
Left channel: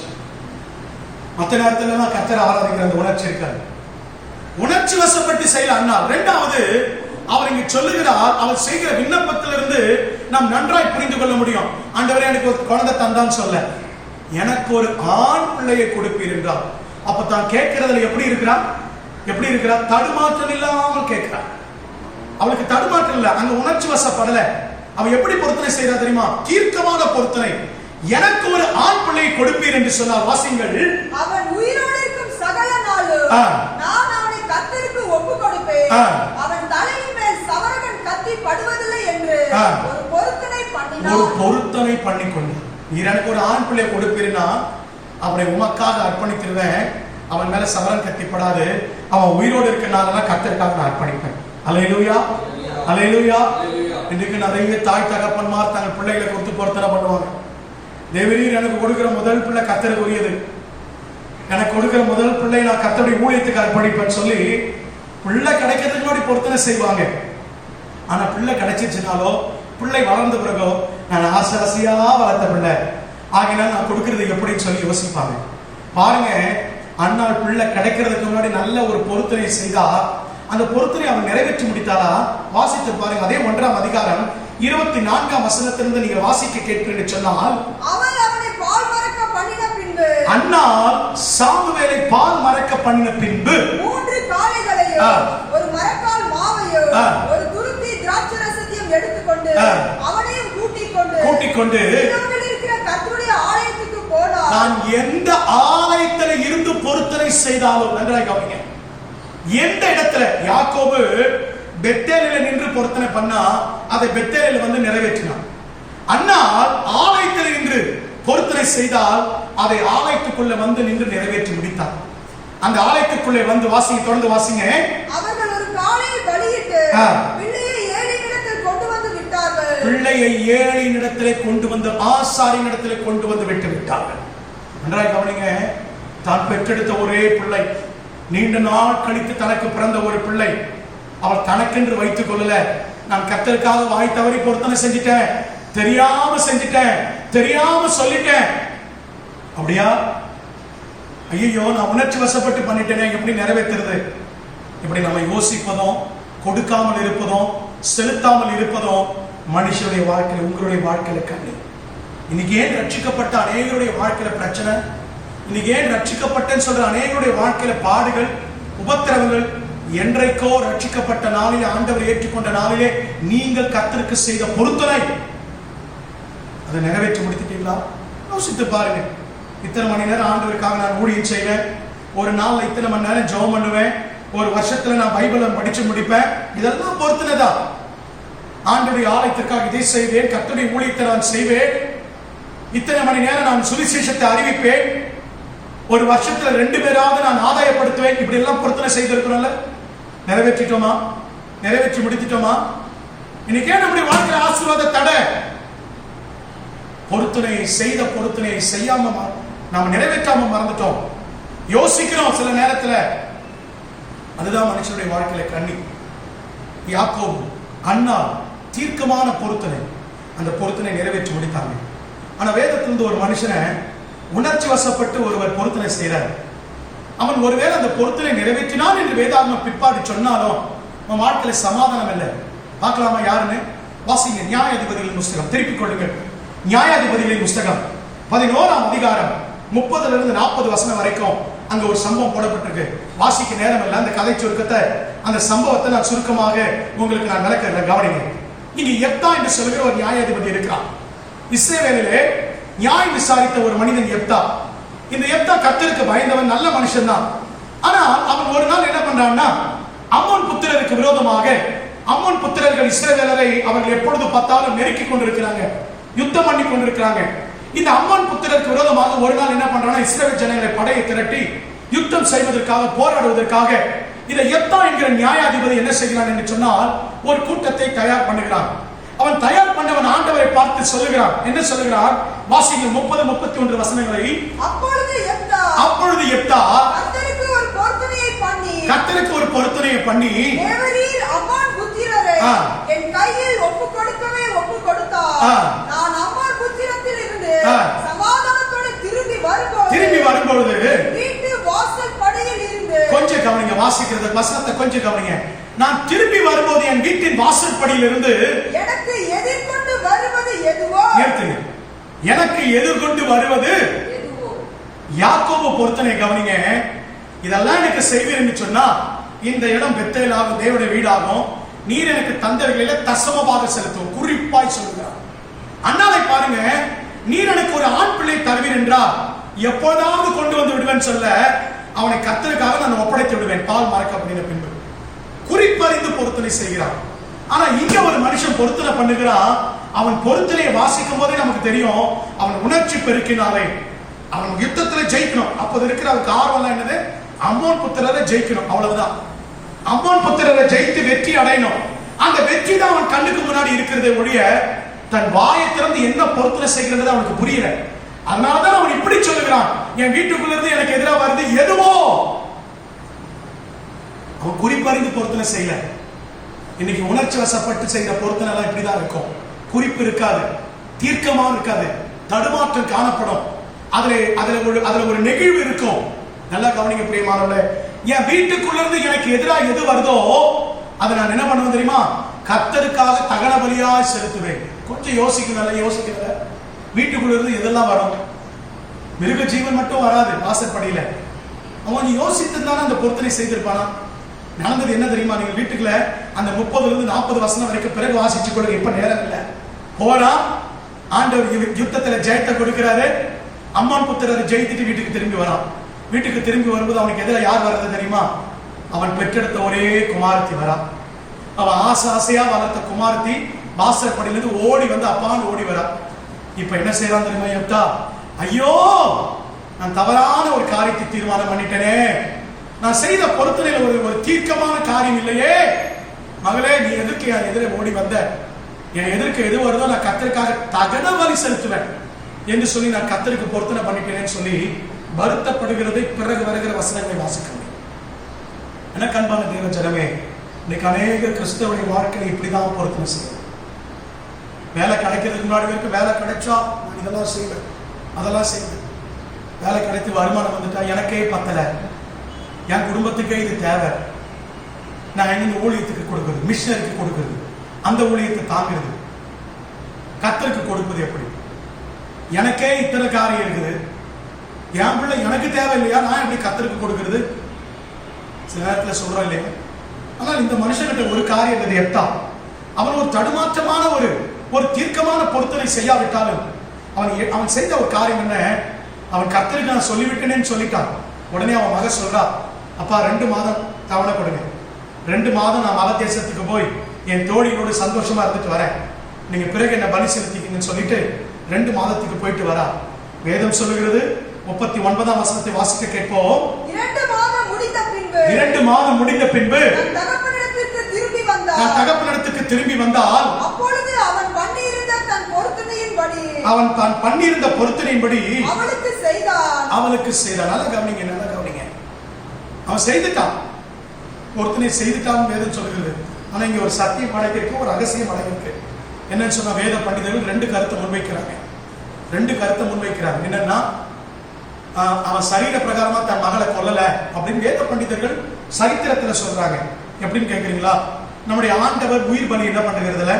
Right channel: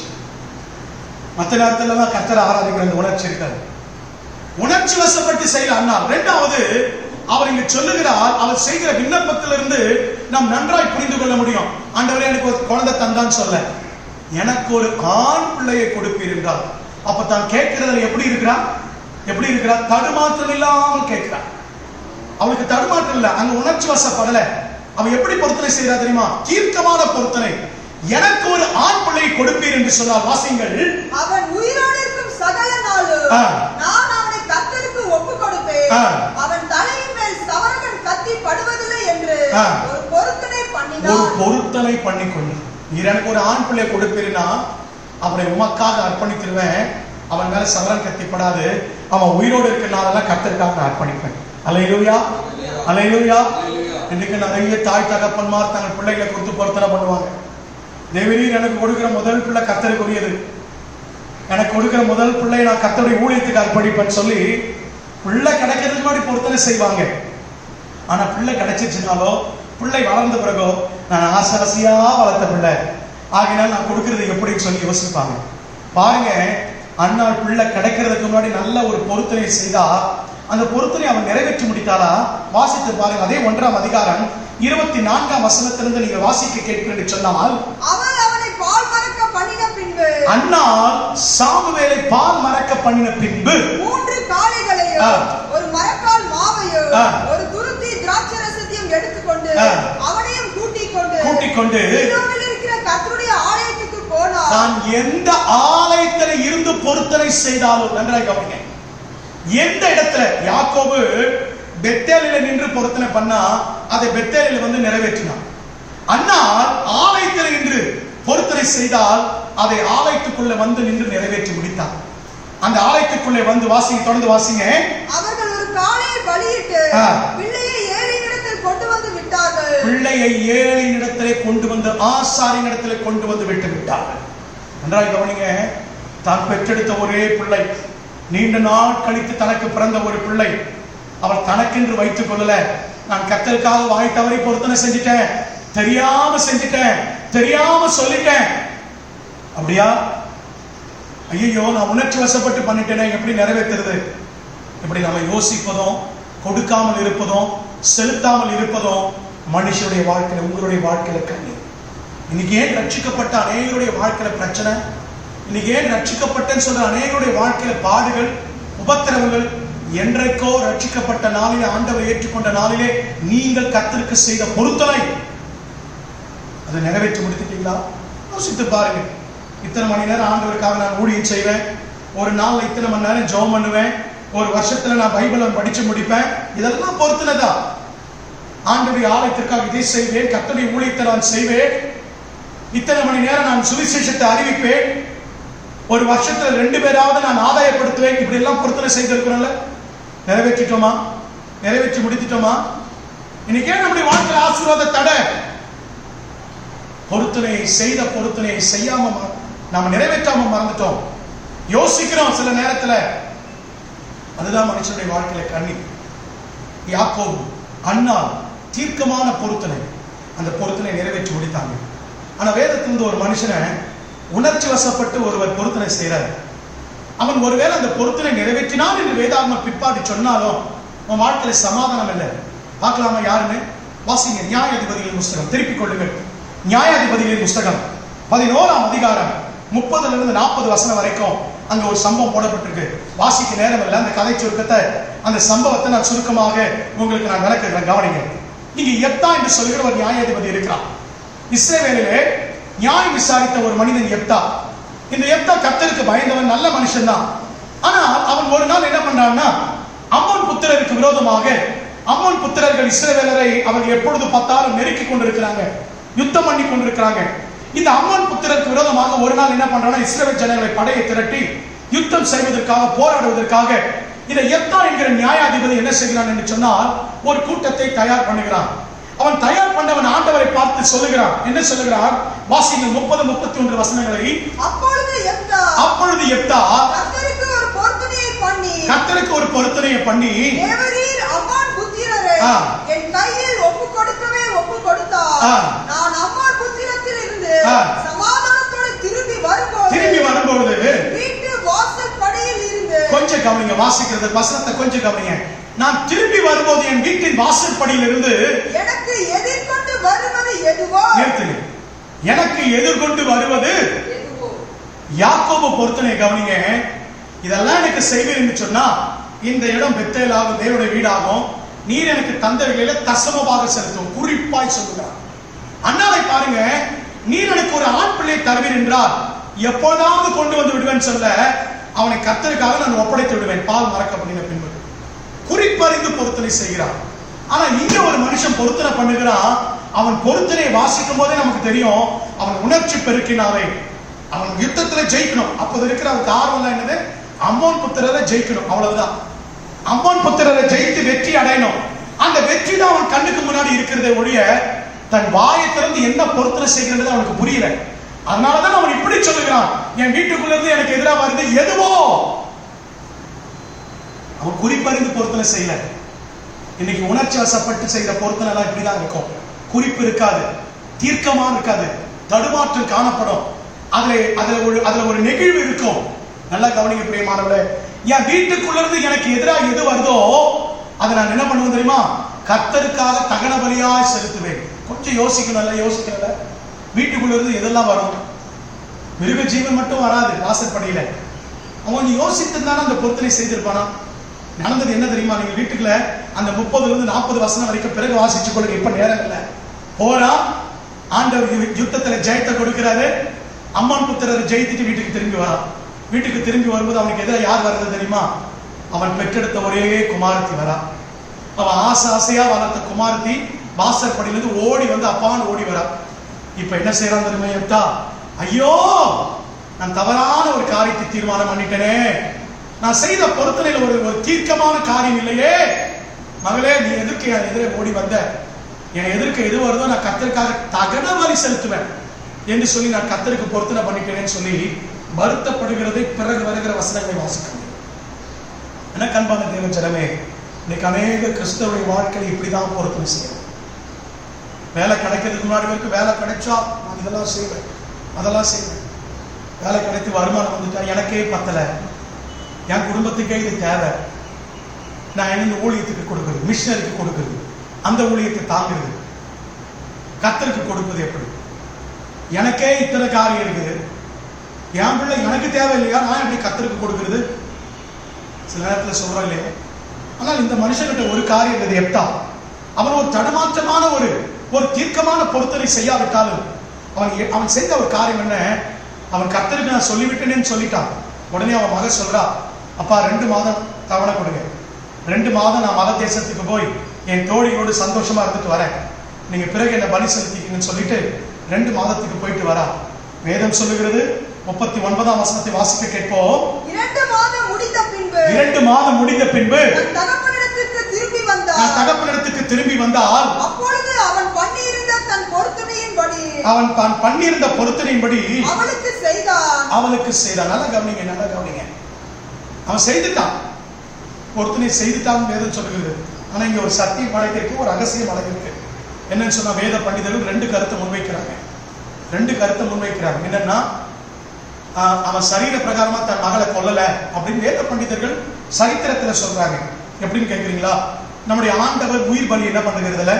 மற்ற நேரத்துல எல்லாம் கர்த்தரை ஆராதிக்கிற உணர்ச்சி இருக்காது. உணர்ச்சி வசப்பட்டு செய்யல அண்ணா. இரண்டாவது, அவர் இங்க சொல்லுகிறார், அவர் செய்கிற விண்ணப்பத்திலிருந்து நாம் நன்றாய் புரிந்து கொள்ள முடியும். ஆண்டவரே எனக்கு ஒரு குழந்தை தந்தான்னு சொல்ல, எனக்கு ஒரு ஆண் பிள்ளையை கொடுப்பீர் என்றார். அப்ப தான் கேட்கிறதுல எப்படி இருக்கிறா? எப்படி இருக்கிறா? தடுமாற்றம் இல்லாமல் கேட்கிறா. அவளுக்கு தடுமாற்றம் இல்ல, அங்க உணர்ச்சி வசப்படல. அவன் எப்படி பொருத்தனை செய்யறா தெரியுமா? தீர்க்கமான பொருத்தனை. எனக்கு ஒரு ஆண் பிள்ளையை கொடுப்பீர் என்று சொன்னால் வாசிங்கள், அவன் உயிரோடு இருக்கும் சகல நாளும் நான் அவனை கர்த்தருக்கு ஒப்பு கொடுப்பேன், அவன் தலையின் மேல் சவரகன் கத்தி படுவதில்லை என்று ஒரு பொருத்தனை பண்ணினார். ஒரு பொருத்தனை பண்ணிக்கொண்டு, நீர் எனக்கு ஒரு ஆண் பிள்ளையை கொடுப்பீர்னா அவனை உமக்காக அர்ப்பணித்திருவேன், அவன் மேல சவரன் கத்திப்படாது, அவன் உயிரோடு இருக்கிறனால கர்த்தருக்காக நான் அர்ப்பணிப்பேன். அல்லேலூயா, அல்லேலூயா. இன்னைக்கு நிறைய தாய் தகப்பன்மார் தங்கள் பிள்ளைகளை கொடுத்து பொருத்தனை பண்ணுவாங்க. தேவரீர் எனக்கு கொடுக்கிற முதல் பிள்ளை கர்த்தருக்குரியது, எனக்கு கொடுக்கிற முதல் பிள்ளையை நான் கர்த்தருடைய ஊழியத்துக்கு அர்ப்பணிப்பேன்னு சொல்லி பிள்ளை கிடைக்கிறதுக்கு முன்னாடி பொருத்தனை செய்வாங்க. ஆனா பிள்ளை கிடைச்சிருச்சுனாலோ, பிள்ளை வளர்ந்த பிறகோ, நான் ஆசை ஆசையா வளர்த்த பிள்ளை ஆகினால் நான் கொடுக்கறது எப்படின்னு சொல்லி யோசிப்பாங்க. பாருங்க, அண்ணாள் பிள்ளை கிடைக்கிறதுக்கு முன்னாடி நல்ல ஒரு பொருத்தனை செய்தா அந்த பொருத்தனை அவன் நிறைவேற்றி முடித்தாளா? வாசித்து பாருங்க. அதே 1ஆம் அதிகாரம் 24ஆம் வசனத்திலிருந்து நீங்கள் வாசிக்க கேட்கிறேன் சொன்னால், அவன் அவனை பால் மறக்க பண்ணின பின்பு அண்ணாள் சாமுவேலை பால் மறக்க பண்ணின பின்பு 3 காளைகளையும் ஒரு மரக்கால் மாவையும் ஒரு துருத்தி திராட்சரசத்தையும் எடுத்துக்கொண்டு அவனையும் கூட்டிக் கொண்டு இருக்கிற கர்த்தருடைய ஆலயத்துக்கு போனார். நான் எந்த ஆலயத்தில் இருந்து பொருத்தனை செய்தாலும், நன்றாக கவனிங்க, எந்த இடத்துல யாக்கோபு பெத்தேலில நின்று பொருத்தனை பண்ணா அதை பெத்தேலில வந்து நிறைவேற்றினான். அண்ணால் ஆலயத்தில் நின்று பொருத்தனை செய்தால் அதை ஆலயத்துக்குள்ள வந்து நின்று நிறைவேற்றி முடித்தார். அந்த ஆலயத்துக்குள்ளே வந்து வாசிங்க, தொடர்ந்து வாசிங்க. அவர்கள் ஒரு காளையை பலியிட்டு பிள்ளையை ஏழையிடத்தில் கொண்டு வந்து விட்டார்கள். பிள்ளையை ஏழையிடத்திலே கொண்டு வந்து ஆசாரியனிடத்திலே கொண்டு வந்து விட்டு விட்டார்கள். நன்றாக கவனிங்க. தான் பெற்றெடுத்த ஒரே பிள்ளை, நீண்ட நாள் கழித்து தனக்கு பிறந்த ஒரு பிள்ளை, அவள் தனக்கென்று வைத்துக் கொள்ளல. நான் கர்த்தருக்காக வாய் தவறி பொருத்தனை செஞ்சிட்டேன், தெரியாம செஞ்சிட்டேன், தெரியாம சொல்லிட்டேன். அப்படியா? ஐயோ நான் உணர்ச்சி வசப்பட்டு பண்ணிட்டேனே, எப்படி நிறைவேற்றுறது? இப்படி நம்ம யோசிப்பதும், கொடுக்காமல் இருப்பதும், செலுத்தாமல் இருப்பதும் மனுஷனுடைய வாழ்க்கையில, உங்களுடைய வாழ்க்கையில கண்ணி. இன்னைக்கு ஏன் ரட்சிக்கப்பட்ட அநேகருடைய வாழ்க்கையில பிரச்சனை? இன்னைக்கு ஏன் ரட்சிக்கப்பட்டேன்னு சொல்ற அநேகருடைய வாழ்க்கையில பாடுகள், உபத்திரவங்கள்? என்றைக்கோ ரட்சிக்கப்பட்ட நாளிலே, ஆண்டவர் ஏற்றுக்கொண்ட நாளிலே நீங்கள் கர்த்தருக்கு செய்த பொருத்தனை அதை நிறைவேற்றி முடித்துட்டீங்களா? யோசித்து பாருங்க. இத்தனை மணி நேரம் ஆண்டவருக்காக நான் ஊழியம் செய்வேன், ஒரு நாள்ல இத்தனை மணி நேரம் ஜெபம் பண்ணுவேன், ஒரு வருஷத்துல நான் பைபிளை படிச்சு முடிப்பேன், இதெல்லாம் பொருத்தனை தான். ஆண்டவருடைய ஆலயத்திற்காக இதை செய்வேன், கர்த்தருடைய ஊழியத்தை நான் செய்வேன், இத்தனை மணி நேரம் நான் சுவிசேஷத்தை அறிவிப்பேன், ஒரு வருஷத்துல 2 பேராவது நான் ஆதாயப்படுத்துவேன். இப்படி எல்லாம் பொருத்தனை செய்திருக்கிறோம்ல, நிறைவேற்றிட்டோமா? நிறைவேற்றி முடித்துட்டோமா? இன்னைக்கே நம்முடைய வாழ்க்கையில ஆசீர்வாத தடை. பொருத்தனையை செய்த பொருத்தனையை செய்யாம நாம நிறைவேற்றாம மறந்துட்டோம். யோசிக்கிறோம் சில நேரத்துல. அதுதான் மனுஷனுடைய வாழ்க்கையில கண்ணி. யாக்கோபு, அண்ணாள் தீர்க்கமான பொருத்தனை, அந்த பொருத்தனை நிறைவேற்றி முடித்தாங்க. ஆனா வேதத்திலிருந்து ஒரு மனுஷனை உணர்ச்சி வசப்பட்டு ஒருவர் பொருத்தனை செய்யறார். அவன் ஒருவேளை அந்த பொருத்தனை நிறைவேற்றினான் என்று வேதாகமம் பிற்பாடு சொன்னாலும் அவன் வாழ்க்கையில சமாதானம் இல்லை. பார்க்கலாமா யாருன்னு? வாசிங்க நியாயாதிபதிகளின் புஸ்தகம், திருப்பிக் கொள்ளுங்கள். நியாயாதிபதிகளின் புஸ்தகம் 11ஆம் அதிகாரம் 30 40 வசனம் வரைக்கும் அங்க ஒரு சம்பவம் போடப்பட்டிருக்கு. வாசிக்க நேரம் இல்லை. அந்த கதை சுருக்கத்தை, அந்த சம்பவத்தை நான் சுருக்கமாக உங்களுக்கு நான் விளக்குறேன், கவனிங்க. இங்க யெப்தா என்று சொல்கிற ஒரு நியாயாதிபதி இருக்கிறான். இஸ்ரவேலிலே நியாயம் விசாரித்த ஒரு மனிதன் யெப்தா. இந்த யெப்தா கர்த்தருக்கு பயந்தவன், நல்ல மனுஷன் தான். ஆனால் அவன் ஒரு நாள் என்ன பண்றான்னா, அம்மோன் புத்திரருக்கு விரோதமாக, அம்மோன் புத்திரர்கள் இஸ்ரவேலரை அவர்கள் எப்பொழுது பார்த்தாலும் நெருக்கி கொண்டிருக்கிறாங்க, யுத்தம் பண்ணி கொண்டிருக்கிறாங்க. இந்த அம்மோன் புத்திரருக்கு விரோதமாக ஒரு நாள் என்ன பண்றான்னா, இஸ்ரவேல் ஜனங்களை படையை திரட்டி யுத்தம் செய்வதற்காக, போராடுவதற்காக இந்த யெப்தா என்கிற நியாயாதிபதி என்ன செய்கிறான் என்று சொன்னால், ஒரு கூட்டத்தை தயார் பண்ணுகிறான். அவன் தயார் பண்ணவன் ஆண்டவரை பார்த்து சொல்லுகிறான். என்ன சொல்லுகிறான்? வாசிங்கள் 30-31 வசனங்களை. அப்பொழுது யெப்தா கர்த்தருக்கு ஒரு பொருத்தனையை பண்ணி, தேவரீர் அம்மோன் புத்திரரை என் கையில் ஒப்பு கொடுத்தார். நான் அம்மோன் புத்திரத்தில் இருந்து சமாதானத்தோடு திரும்பி வரும்போது வீட்டு வாசல் படியில் இருந்து, கொஞ்சம் கவனிங்க, வாசிக்கிறது வசனத்தை கொஞ்சம் கவனிங்க. நான் திரும்பி வரும்போது என் வீட்டின் வாசல் படியில் இருந்து எனக்கு எதிர்கொண்டு வருவது எதுவோ. நிறுத்துங்க. எனக்கு எதிர்கொண்டு வருவது எதுவோ. யாக்கோபு பொருத்தனை கவனிங்க. இதெல்லாம் எனக்கு செய்வீர் என்று சொன்னா, இந்த இடம் பெத்தேலாகும், தேவனுடைய வீடாகும், நீர் எனக்கு தந்தவைகளிலே தசமமாக செலுத்தும் குறிப்பாய் சொல்லுகிறார். அண்ணாவை பாருங்க, நீர் எனக்கு ஒரு ஆண் பிள்ளை தருவீர் என்றால் எப்பொழுதாவது கொண்டு வந்து விடுவேன் சொல்ல, அவனை கர்த்தருக்காக நான் ஒப்படைத்து விடுவேன், பால் மறக்கப்படின பின்பு. குறிப்பறிந்து பொருத்தனை செய்கிறான். ஆனா இங்க ஒரு மனுஷன் பொருத்தனை பண்ணுகிறான். அவன் பொருத்தனை வாசிக்கும் போதே நமக்கு தெரியும், அவன் உணர்ச்சி பெருக்கினாலே அவன் யுத்தத்துல ஜெயிக்கணும். அப்போது இருக்கிற அவருக்கு ஆர்வம் என்னது? அம்மோன் புத்திரரை ஜெயிக்கணும், அவ்வளவுதான். அம்மோன் புத்திரரை ஜெயித்து வெற்றி அடையணும். அந்த வெற்றி தான் அவன் கண்ணுக்கு முன்னாடி இருக்கிறதே ஒழிய, தன் வாயை திறந்து என்ன பொருத்தனை செய்கிறது அவனுக்கு புரியல. அதனாலதான் அவன் இப்படி சொல்லுகிறான், என் வீட்டுக்குள்ள இருந்து எனக்கு எதிராக வருது எதுவோ. அவன் குறிப்பறிந்து பொருத்தனை செய்யல. இன்னைக்கு உணர்ச்சி வசப்பட்டு செய்யற பொருத்தனை எல்லாம் இப்படிதான் இருக்கும். குறிப்பு இருக்காது, தீர்க்கமா இருக்காது, தடுமாற்றம் காணப்படும். அதுல ஒரு நெகிழ்வு இருக்கும். நல்லா கவனிங்க பிரியமானவர்களே. என் வீட்டுக்குள்ள இருந்து எனக்கு எதிராக எது வருதோ அதை நான் என்ன பண்ணுவேன் தெரியுமா? கர்த்தருக்காக தகன பலியாய் செலுத்துவேன். கொஞ்சம் யோசிக்கல. வீட்டுக்குள்ள இருந்து எதெல்லாம் வரும்? மிருக ஜீவன் மட்டும் வராது வாசற்படியில. அவன் யோசித்திருந்தானே அந்த பொருத்தனை செய்திருப்பானா? நடந்தது என்ன தெரியுமா? நீங்க வீட்டுக்குள்ள அந்த 30-40 வசனம் வரைக்கும் பிறகு வாசிச்சு கொள்ளுங்க, இப்ப நேரம் இல்ல. போறா, ஆண்டவர் யுத்தத்துல ஜெயத்தை கொடுக்கிறாரு. அம்மான் புத்திரரை ஜெயித்துட்டு வீட்டுக்கு திரும்பி வரான். வீட்டுக்கு திரும்பி வரும்போது அவனுக்கு எதிராக யார் வர்றது தெரியுமா? அவன் பெற்றெடுத்த ஒரே குமாரத்தி வரா. அவன் ஆசையா வளர்த்த குமாரத்தி வாசற்படியிலிருந்து ஓடி வந்து அப்பான்னு ஓடி வரா. இப்ப என்ன செய்யறான் தெரியுமா யெப்தா? ஐயோ, நான் தவறான ஒரு காரியத்தை தீர்மானம் பண்ணிட்டேனே, நான் செய்த பொருத்தனையில ஒரு தீர்க்கமான காரியம் இல்லையே. மகளே, நீ எதற்கு என் எதிரே ஓடி வந்த? என் எதிர்க்க எது வருதோ நான் கர்த்தருக்காக தகன பலி செலுத்துவேன் என்று சொல்லி நான் கர்த்தருக்கு பொருத்தனை பண்ணிட்டேனேன்னு சொல்லி வருத்தப்படுகிறதை பிறகு வருகிற வசனங்களை வாசிக்க முடியும். எனக்கு அன்பான தேவ ஜனமே, இன்னைக்கு அநேக கிறிஸ்தவருடைய வாழ்க்கையை இப்படிதான் பொருத்தனை செய்யும். வேலை கிடைக்கிறதுக்கு முன்னாடி வரைக்கும் வேலை கிடைச்சா நான் இதெல்லாம் செய்வேன், அதெல்லாம் செய்வேன். வேலை கிடைத்து வருமானம் வந்துட்டா எனக்கே பத்தல, என் குடும்பத்துக்கே இது தேவை, நான் என்ன ஊழியத்துக்கு கொடுக்குறது, மிஷனருக்கு கொடுக்குறது, அந்த ஊழியத்தை தாங்குறது, கர்த்தருக்கு கொடுப்பது எப்படி? எனக்கே இத்தனை காரியம் இருக்குது, என் பிள்ளை எனக்கு தேவை இல்லையா, நான் எப்படி கர்த்தருக்கு கொடுக்கிறது? சில நேரத்தில் சொல்றோம் இல்லையா? ஆனால் இந்த மனுஷன்கிட்ட ஒரு காரியம் இருந்தது. யெப்தா அவன் ஒரு தடுமாற்றமான ஒரு தீர்க்கமான பொருத்தனை செய்யாவிட்டாலும் அவன் செஞ்ச ஒரு காரியம் என்ன? அவன் கர்த்தருக்கு நான் சொல்லிவிட்டேனேன்னு சொல்லிட்டான். உடனே அவன் மக சொல்றா, அப்பா 2 மாதம் தவணை கொடுங்க, 2 மாதம் நான் மத தேசத்துக்கு போய் என் தோழியோடு சந்தோஷமா இருந்துட்டு வரேன், நீங்க பிறகு என்ன பலி செலுத்திக்கணும்னு சொல்லிட்டு 2 மாதத்துக்கு போயிட்டு வரா. வேதம் சொல்லுகிறது, 39ஆம் வசனத்தை வாசிக்க கேட்போம். 2 மாதம் முடிந்த பின்பு நான் தகப்பனிடத்துக்கு திரும்பி வந்தால் அப்பொழுது அவன் பண்ணியிருந்த தன் பொருத்தனையின்படி அவளுக்கு செய்தான். நல்லா கவனிங்க. அவன் செய்துட்டான், பொருத்தனை செய்துட்டான் வேதம் சொல்லுகிறது. ஆனா இங்க ஒரு சத்தியம் அடங்கிருக்கு, ஒரு ரகசியம் அடங்கிருக்கு. என்னன்னு சொன்னா, வேத பண்டிதர்கள் 2 கருத்தை முன்வைக்கிறாங்க. என்னன்னா, அவன் சரீர பிரகாரமா தன் மகளை கொல்லல அப்படின்னு வேத பண்டிதர்கள் சரித்திரத்துல சொல்றாங்க. எப்படின்னு கேட்கிறீங்களா? நம்முடைய ஆண்டவர் உயிர் பலி என்ன பண்ணுகிறதுல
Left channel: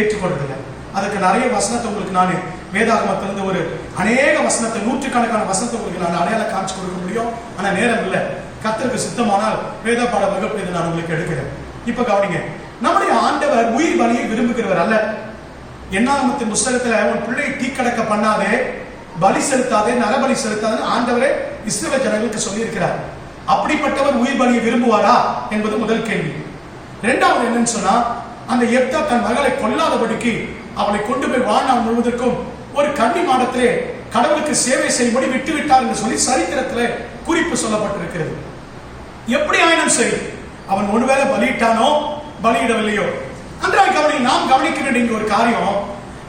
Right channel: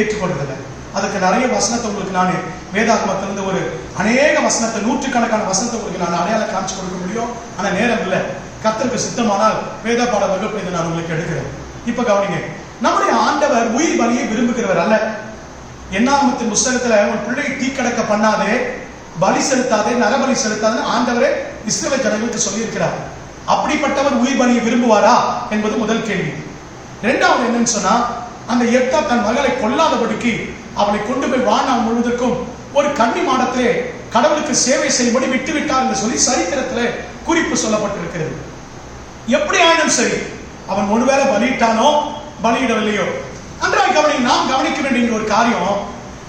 ஏற்றுக்கொள்றதில்ல. அதுக்கு நிறைய வசனத்தை உங்களுக்கு நான் வேதாகமத்திலிருந்து ஒரு அநேக வசனத்தை, 100கணக்கான வசனத்தை உங்களுக்கு நான் அடையாளம் காமிச்சு கொடுக்க முடியும். ஆனா நேரம் இல்லை. கர்த்தருக்கு சித்தமானால் வேத பாட வகுப்பு இதை நான் உங்களுக்கு எடுக்கிறேன். இப்ப கவனிங்க, நம்முடைய ஆண்டவர் உயிர் பலியை விரும்புகிறவர் அல்ல. என்னாகமத்தின் புஸ்தகத்துல உன் பிள்ளை தீக்கடக்க பண்ணாதே, பலி செலுத்தாதே, நரபலி செலுத்தாதே ஆண்டவரே இஸ்ரவேல் ஜனங்களுக்கு சொல்லி இருக்கிறார். அப்படிப்பட்டவர் உயிர் பலியை விரும்புவாரா என்பது முதல் கேள்வி. இரண்டாவது என்னன்னு சொன்னா, அந்த எப்தா தன் மகளை கொல்லாதபடிக்கு அவளை கொண்டு போய் வாழ்நாள் முழுவதற்கும் ஒரு கன்னி மாடத்திலே கடவுளுக்கு சேவை செய்யும்படி விட்டுவிட்டார் என்று சொல்லி சரித்திரத்திலே குறிப்பு சொல்லப்பட்டிருக்கிறது. எப்படி ஆயினும் சரி, அவன் ஒருவேளை பலியிட்டானோ பலியிடவில்லையோ, அன்றாய் கவனி. நாம் கவனிக்க வேண்டிய ஒரு காரியம்,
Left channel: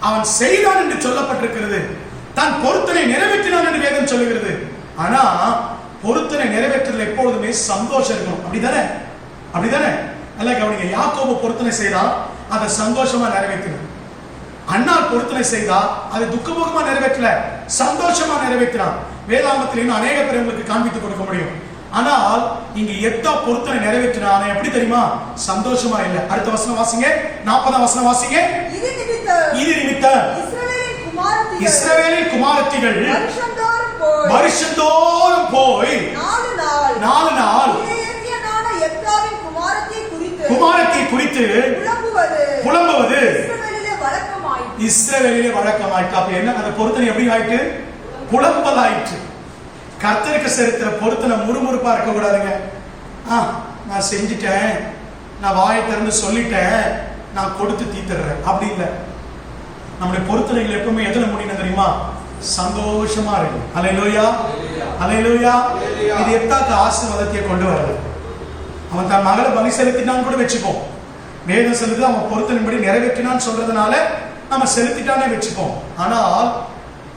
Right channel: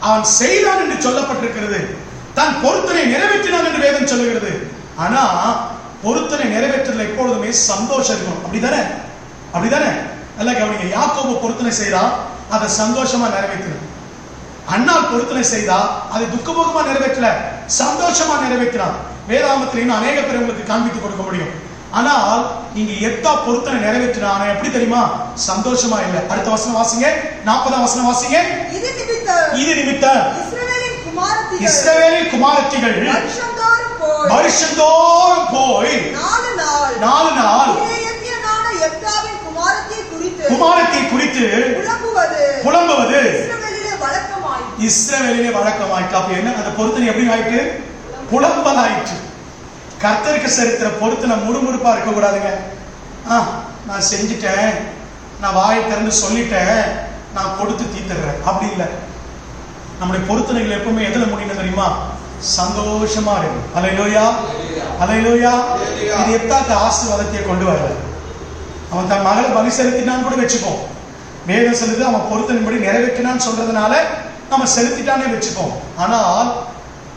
அவன் செய்தான் என்று சொல்லப்பட்டிருக்கிறது, தன் பொருத்தனை நிறைவேற்றினான் என்று வேதம் சொல்லுகிறது. ஆனா பொருத்தனை நிறைவேற்றல எப்பொழுதுமே சந்தோஷம் இருக்கும். அப்படிதானே? அப்படிதானே? நல்லா கவனிங்க. யாக்கோபு பொருத்தனை செய்தா அதை சந்தோஷமா நிறைவேற்றினான். அண்ணால் பொருத்தனை செய்தா அதை துக்கமுகமா நிறைவேற்றல, சந்தோஷமா நிறைவேற்றினான். வேதாகமத்தில் இன்னும் அநேக பேர் உங்களுக்கு காண்பித்து கொடுக்க முடியும். ஆனால் இங்க எத்தா பொருத்தனை நிறைவேற்றினானே எப்படி தெரியுமா? சந்தோஷமா இல்ல. அடுத்த வசனம் வாசிங்க, 40ஆம் வசனம் வாசிங்க. இது நிமித்தம் இஸ்ரவேலின் குமாரத்திகள் வருஷந்தோறும் போய் 4 நாள் குமாரத்தை குறித்து புலம்புவது இஸ்ரவேலிலே வழக்கமாயிட்டு. அப்ப என்ன, அந்த பொருத்தனை எப்படி ஆயிட்டு? புலம்பல் ஆயிற்று. கர்த்தருக்கு சரித்திர பொருத்தனை முறுமுறுப்பா இருக்க கூடாதுங்க. நான் செஞ்சுட்டேன், நான் வாயை திறந்து சொல்லிட்டேன், நான் கொடுத்து தீத்துறேன், அப்படி இல்லை. நம்முடைய பொருத்தனைகள் எப்பவுமே எதுல முடியும் தெரியுமா? சந்தோஷமா இருக்கும். அல்லேலூயா, அல்லேலூயா. இது எத்தாக்கு ஆசீர்வாதத்தை கொண்டு வரல. அவன் தன் மகளை பலி செலுத்தினான்னு கூட வச்சுப்போம். வேதம் செலுத்து அவன் பொருத்தனைப்படி நிறைவேற்றினான்னு சொல்றதுனால நம்ம செலுத்திட்டானே வச்சுப்போம். ஆனால்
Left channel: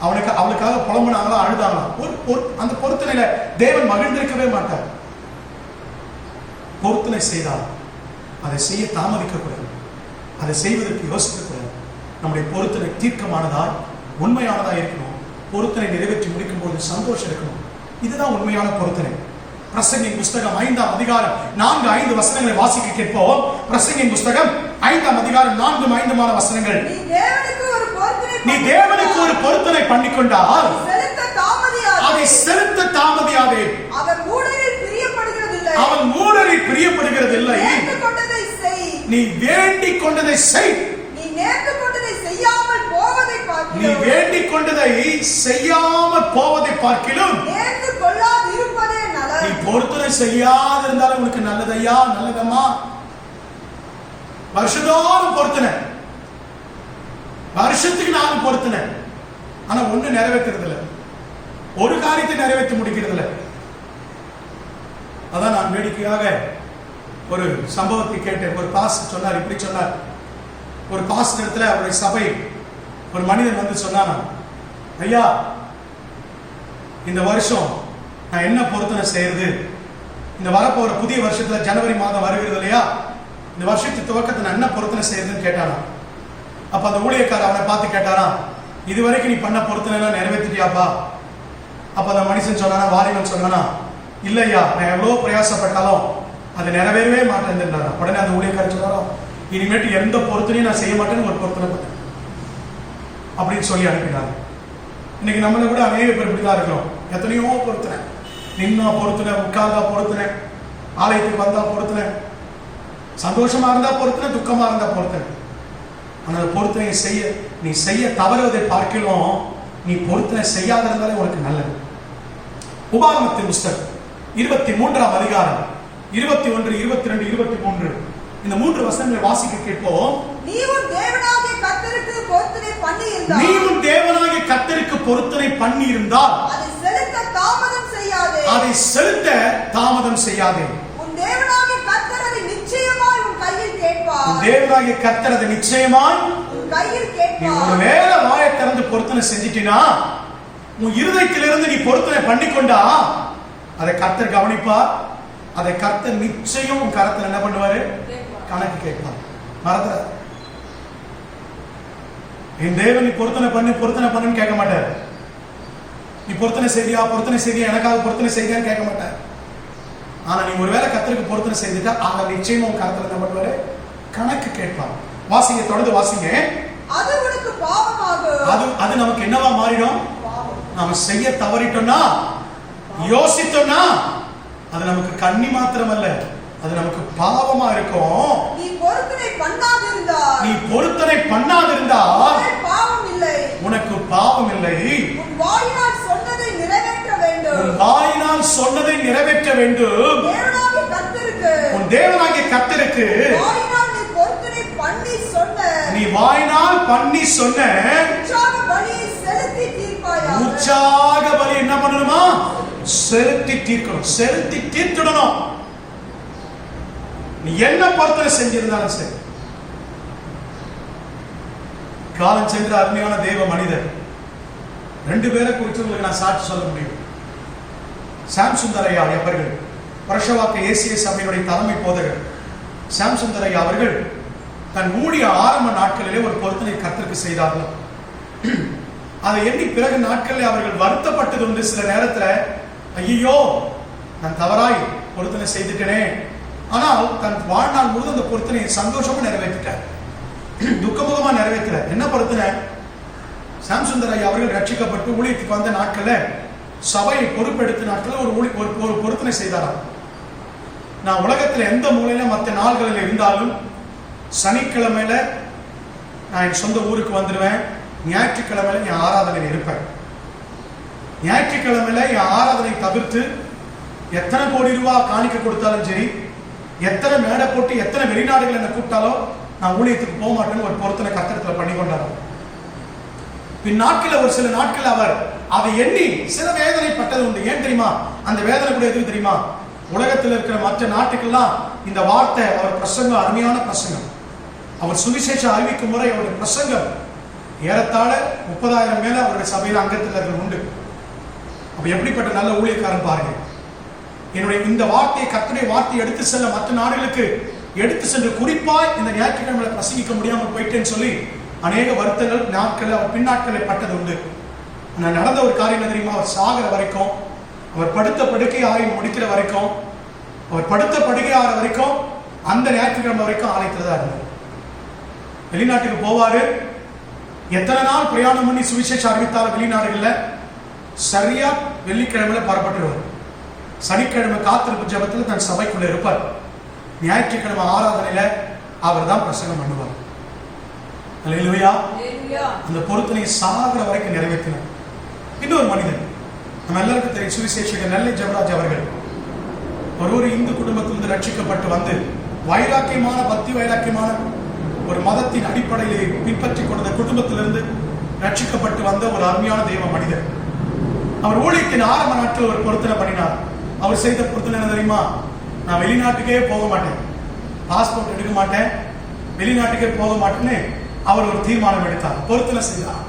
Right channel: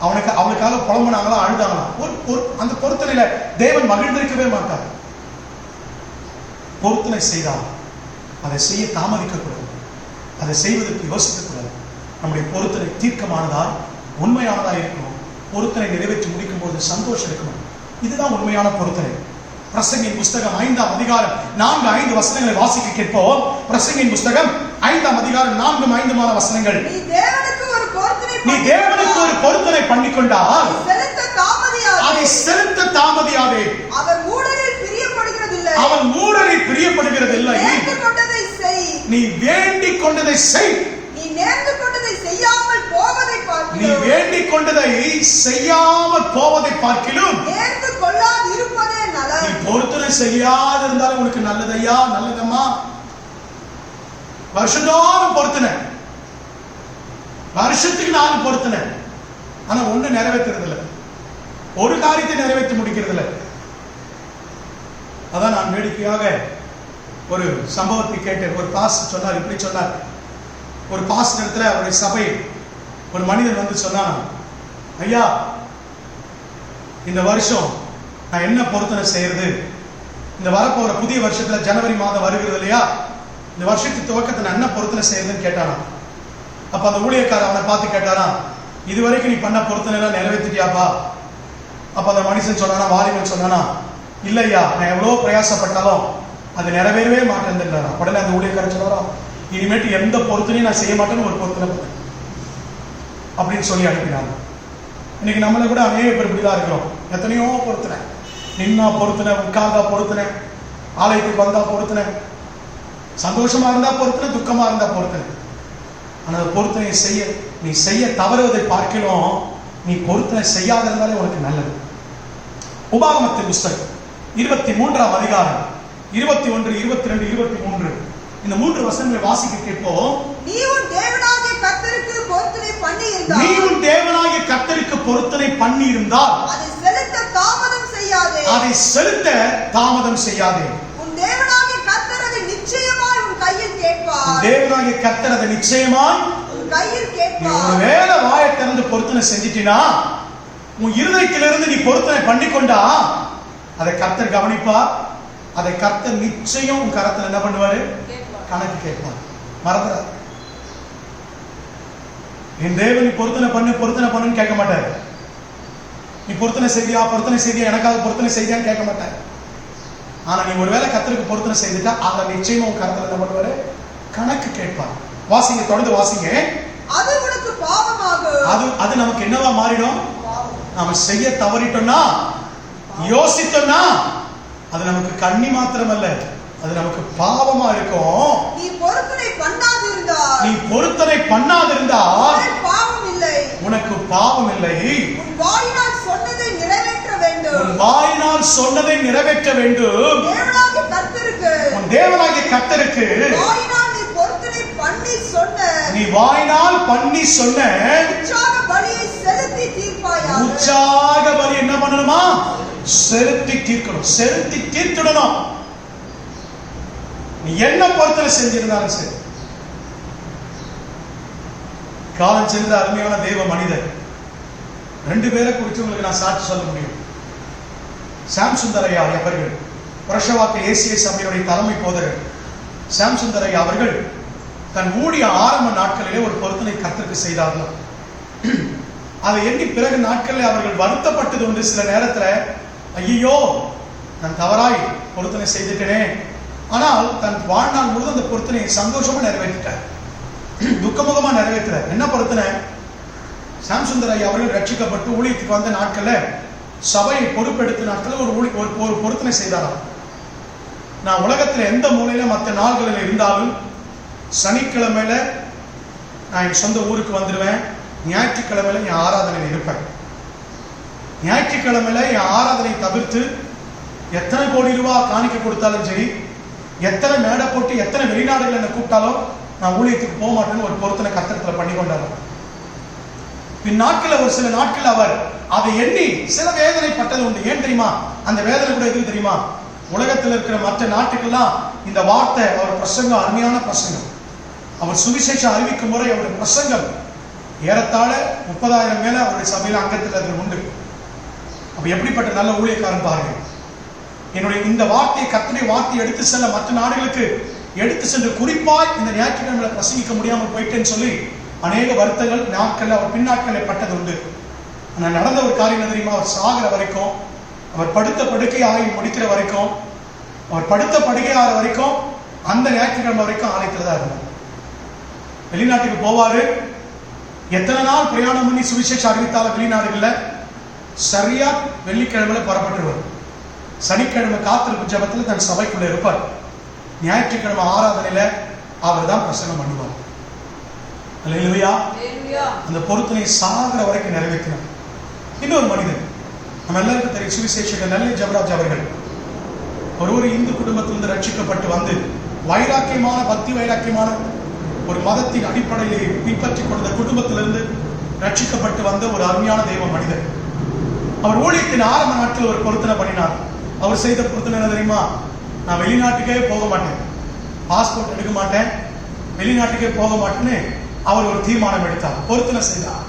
அவனுக்காக புலம்புனாங்களா, அழுதாங்களா? அந்த பொருத்தனையில தேவன் மகிழ்ந்திருக்கவே மாட்டார். பொருத்தனை செய்தால் அதை செய்ய தாமதிக்க கூடாது, அதை செய்வதற்கு யோசிக்க கூடாது. நம்முடைய பொருத்தனை தீர்க்கமானதாய் உண்மையானதா இருக்கணும். பொருத்தனை நிறைவேற்றி முடிக்கும் போது சந்தோஷம் இருக்கணும். இதுதான் உண்மையான பொருத்தனை. பிரசங்கின் புஸ்தகம் 5ஆம் அதிகாரம் 4-5 வசனங்களை வாசிக்க கேட்போம். பிரசங்கின் புஸ்தகம் 5ஆம் அதிகாரம் 4-5 வசனங்கள். நீ தேவனுக்கு ஒரு பொருத்தனை பண்ணிக்கொண்டால் அதை செலுத்த தாமதியாதே. அவன் மூடரில் பிரியப்படுகிறதில்லை. நீ வேண்டிக் கொண்டதை செய். நீ வேண்டிக் கொண்டதை செய்யாமல் போவதை பார்க்கிலும் நீ பொருத்தனை செய்யாது இருந்தாலும் உனக்கு நல்லதையா, நல்லதம்மா. வருஷந்தோறும் பொருத்தனை, வருஷத்துக்கு 4 பொருத்தனை. ஆனா ஒண்ணு நிறைவேற்றுறது இல்லை, ஒரு காரியத்தை நிறைவேற்றி முடிக்கிறது இல்லை. அதான் நான் வேடிக்கையாக ஒரு சம்பவத்தை கேட்டேன். ஒரு பாஸ்டர் சொன்னார், இப்படி சொன்னார். ஒரு பாஸ்டர் இடத்துல அவருடைய சபை ஒரு மனிதன் வந்து சொன்னானா, ஐயா இந்த வருஷம் நான் என்ன பொருத்தனை செய்யறது? இந்த வரப்போற புதிய வருஷத்துல ஜனவரி மாதம் வருகிறது இல்லையா, இந்த வருஷத்து துவக்கத்தை நான் என்ன பொருத்தனை செய்யறதுன்னு கேட்டானா. அப்ப அந்த ஊழியக்காரர் அவனை பார்த்து கேட்டாரா, இதுவரைக்கும் நீ பண்ண பொருத்தனை எல்லாம் நிறைவேற்றிட்டியாப்பா? அப்ப அந்த மனுஷன் சொன்னானா, வாலிபன் சொன்னானா, இல்லையா நான் எவ்வளவு பிரயாசப்பட்டாலும் அது நிறைவேறவே மாட்டேன். உடனே அந்த ஊழியக்காரர் சொன்னாரா, இனிமேட்டு எந்த பொருத்தனையும் நான் செய்ய மாட்டேன்னு ஒரு பொருத்தனை அப்படின்னு சொல்லி அனுப்பினாங்க. இன்னைக்கு நம்மள கூட அநேக பேர் இப்படிதான் இருக்கிறோம். எத்தனையோ பொருத்தனை, நின்னா பொருத்தனை, உட்கார்ந்தா பொருத்தனை, ஆலயத்துக்கு வந்தா பொருத்தனை, சந்தோஷமா இருந்தா பொருத்தனை, துக்கமா இருந்தா பொருத்தனை. ஆனால் பொருத்தனை செய்ய நீ செய்ய தவறுவதை பார்க்கலாம், நீ பொருத்தனை செய்யாத இருந்தாலே உனக்கு நல்லது. உபாகமத்தின் புஸ்தகம் 23ஆம் அதிகாரம் 21, 22, 23 இந்த 3 வசனங்களை வாசிக்க கேட்போம். நீ உன் தேவனாகிய கர்த்தருக்கு பொருத்தனை பண்ணி இருந்தால் அதை செலுத்த தாமதம் செய்யாதே. உன் தேவனாகிய கர்த்தர் அதை நிச்சயமாய் உன் கையில் கேட்பார். நீ ஒருவேளை வாயை திறந்து பொருத்தனை செஞ்சிட்டினா, உன் இருதயத்திலிருந்து நீ பொருத்தனை பண்ணிக்கொண்டா, அதை கர்த்தர் கவனிப்பார். அதை கர்த்தர் நிச்சயம் உன் கரத்தில் என்ன பண்ணுவாரு? கணக்கு கேட்பார். மறந்துடாது. என் தேவன் நீ பொருத்தனை பண்ணுன்னு கேட்க மாட்டார். நீ பொருத்தனை செய்தியா எனக்காக பொருத்தனை செய்தியான்னு கேட்க மாட்டார். ஆனா நீ ஒருவேளை கர்த்தருக்கு பொருத்தனை செய்துட்டா அதை நிச்சயமா உன் கரத்தில் என்ன பண்ணுவாரு? கணக்கு கேட்பார். வாசிங்க, தொடர்ந்து வாசிங்க. அது உனக்கு பாவமாகும். அது நமக்கு என்னவா மாறிடும்? நாம செய்ய தவறிட்டோம்னா, யோசித்தோம்னா, அது நமக்கு கண்ணி மாத்திரம் அல்ல, அது நமக்கு பாவமா இருக்கும். நீ பொருத்தனை பண்ணாதிருந்தால் பாவம் இல்லை, உனக்கு பாவம் இல்லை. உன் வாயினால் சொன்னதை நிறைவேற்ற வேண்டும். உன் வாயினால் சொன்னதை நிறைவேற்ற வேண்டும். தேவனாகிய கர்த்தருக்கு உன் தேவனாகிய கர்த்தருக்கு வாயினால் நீ பொருத்தனை பண்ணி சொன்ன நீ வாயினால் பண்ணி சொன்ன உற்சாக பலியை செலுத்தி தீர்ப்பாயாக. உற்சாக பலி என்ன பண்ணணுமா? செலுத்தி தீர்க்கணும், செலுத்தி தீர்த்திடணும். நீ என்ன பொருத்தனை செஞ்சிருந்தாலும் சரி. காலம் சென்ற அருமையான தேவ மனிதர் 2 பேரை குறித்து உங்களுக்கு நான் சாட்சி சொல்ல முடியும். சாம் சுந்தரையா அவர்கள், புரஷவாக்க ஏசிய சபையினுடைய தலைமை போதகர் சாம் சுந்தரையா அவர்கள் தன் ஊழிய ஆரம்ப நாட்களிலே ஒரு பொருத்தனை கர்த்தருக்கு செய்தார்கள். அதை எண்ணி பிறகு நாட்களில் அவர்கள் வருத்தப்பட்டது உண்டு. சில நேரத்துல ஐயோ நான் தவறாய் பொருத்தனை செய்துட்டேனே. ஆனால் தன் வாழ்நாள் முழுவதும் அந்த பொருத்தனையை சந்தோஷமா நிறைவேற்றிட்டார், துக்கமுகமா நிறைவேற்ற. என்ன பொருத்தனை? சாம் சுந்தர் ஐயா அவர்கள் ரட்சிக்கப்பட்டு ஊழியத்துக்கு வந்த நாட்கள்ல சபையை பொறுப்பெடுத்த நாட்கள் ஒரு பொருத்தனை செய்தாராம். நான் உலகத்துல எந்த மூலையில மற்ற நாள்களில் இருந்தாலும் சனிக்கிழமையில நான் என் சொந்த ஊருக்கு வந்துடுவேன். ஞாயிற்றுக்கிழமையில என் ஆராதனையில் இருப்பேன். ஞாயிற்றுக்கிழமையில என் ஆராதனை தவிர்த்து எத்தனை கோடி ரூபாய் காணிக்க கொடுத்தாலும் சரி, எத்தனை மேடை போட்டு எத்தனை வெளிநாடுகள் என்ன கூப்பிட்டாலும் நான் ஊழியத்துக்கு போக மாட்டேன்னு ஒரு பொருத்தனை கர்த்தரத்துல பண்ணி கொண்டார். பின் நாட்கள் ஒரு சில நாட்கள் அவர் அதை எண்ணி சில வேதனைப்பட்டது உண்டு. ஏன் தெரியுமா? அந்த வேதனை கூட எதுக்கு தெரியுமா? உலகத்தில் இருக்கிற மற்ற நாட்டுக்கெல்லாம் இந்த வார்த்தை அவர் பிரசங்கம் அருமையான பிரசங்கம். அவர் சுவிசேஷம் அறிவிக்கும் முறை அவருடைய பிரசங்கம் ஏறத்தாழ 30,000 மேல அவருடைய சபையில அங்கத்தில் உண்டு. அப்ப எப்படிப்பட்ட நல்ல ஊழியக்காரன் பாருங்க. என்னுடைய இந்த வார்த்தையை, கர்த்தருடைய வார்த்தையை எடுத்து செல்ல மற்ற நாடுகளுக்கு எடுத்து சென்று குறிப்பாய் இந்த ஞாயிற்றுக்கிழமை பிரசங்கிக்க முடியாமல் போயிட்டேன்னு சொல்லி அநேக வருத்தங்கள் நாட்கள் அவர் பின்னாட்களை பட்டது உண்டு. ஆனால் நடந்த ஒரு காரியம் என்ன தெரியுமா? அவர் சாகிற வரைக்கும், அவர் படுத்த படுக்கை ஆகி முடிக்கிற வரைக்கும், அவர் படுத்த படுக்கை ஆகிற வரைக்கும் அந்த ஞாயிற்றுக்கிழமை வரைக்கும் ஆலயத்தில் தான் இருந்தார். வெளிநாட்டுக்கு போவாரு. எத்தனை நாள் பிரயாணம் பண்ணி சுவிசேஷம் அறிவித்தாலும் வெளிநாடுகள்ல சரியா வெள்ளிக்கிழமையில புறப்பட்டுருவார். சனிக்கிழமை காத்திருப்பு ஜபத்தில் தன் சபைக்குள்ள இருப்பார். ஞாயிற்றுக்கிழமை ஆராதனையில அவர் தான் பிரசங்கம் பண்ணுவார். அல்லேலூயா. அந்த பொருத்தனை சாகிற வரைக்கும் நிறைவேற்றினார். இன்னொரு மனிதன் நம்ம எல்லாருக்கும் தெரியும், சுவிசேஷகர் நெல்லை ஜெபராஜ் அவர்கள். ஒரு இந்து குடும்பத்திலிருந்து ரட்சிக்கப்பட்டு வந்து வைராக்கியமான பக்தி வைராக்கியமான ஒரு மதத்தின் அடிப்படையிலே பின்பற்றி கொண்ட குடும்பத்திலிருந்து ரட்சிக்கப்பட்டு வந்த ஒரு அருமையான தெய்வ மனிதர். அவர் ஊழியத்தின் ஆரம்ப நாட்கள் ஒரு பொருத்தனை பண்ணினார். அவர் செய்த பொருத்தனை என்ன தெரியுமா? நான் வெளிநாட்டுக்கே போக மாட்டேன், பாஸ்போர்ட் எடுக்க மாட்டேன், வெளிநாட்டுக்கே போக மாட்டேன்னு அவர் ஒரு தீர்மானம் எடுத்தார், பொருத்தனை செய்தார்.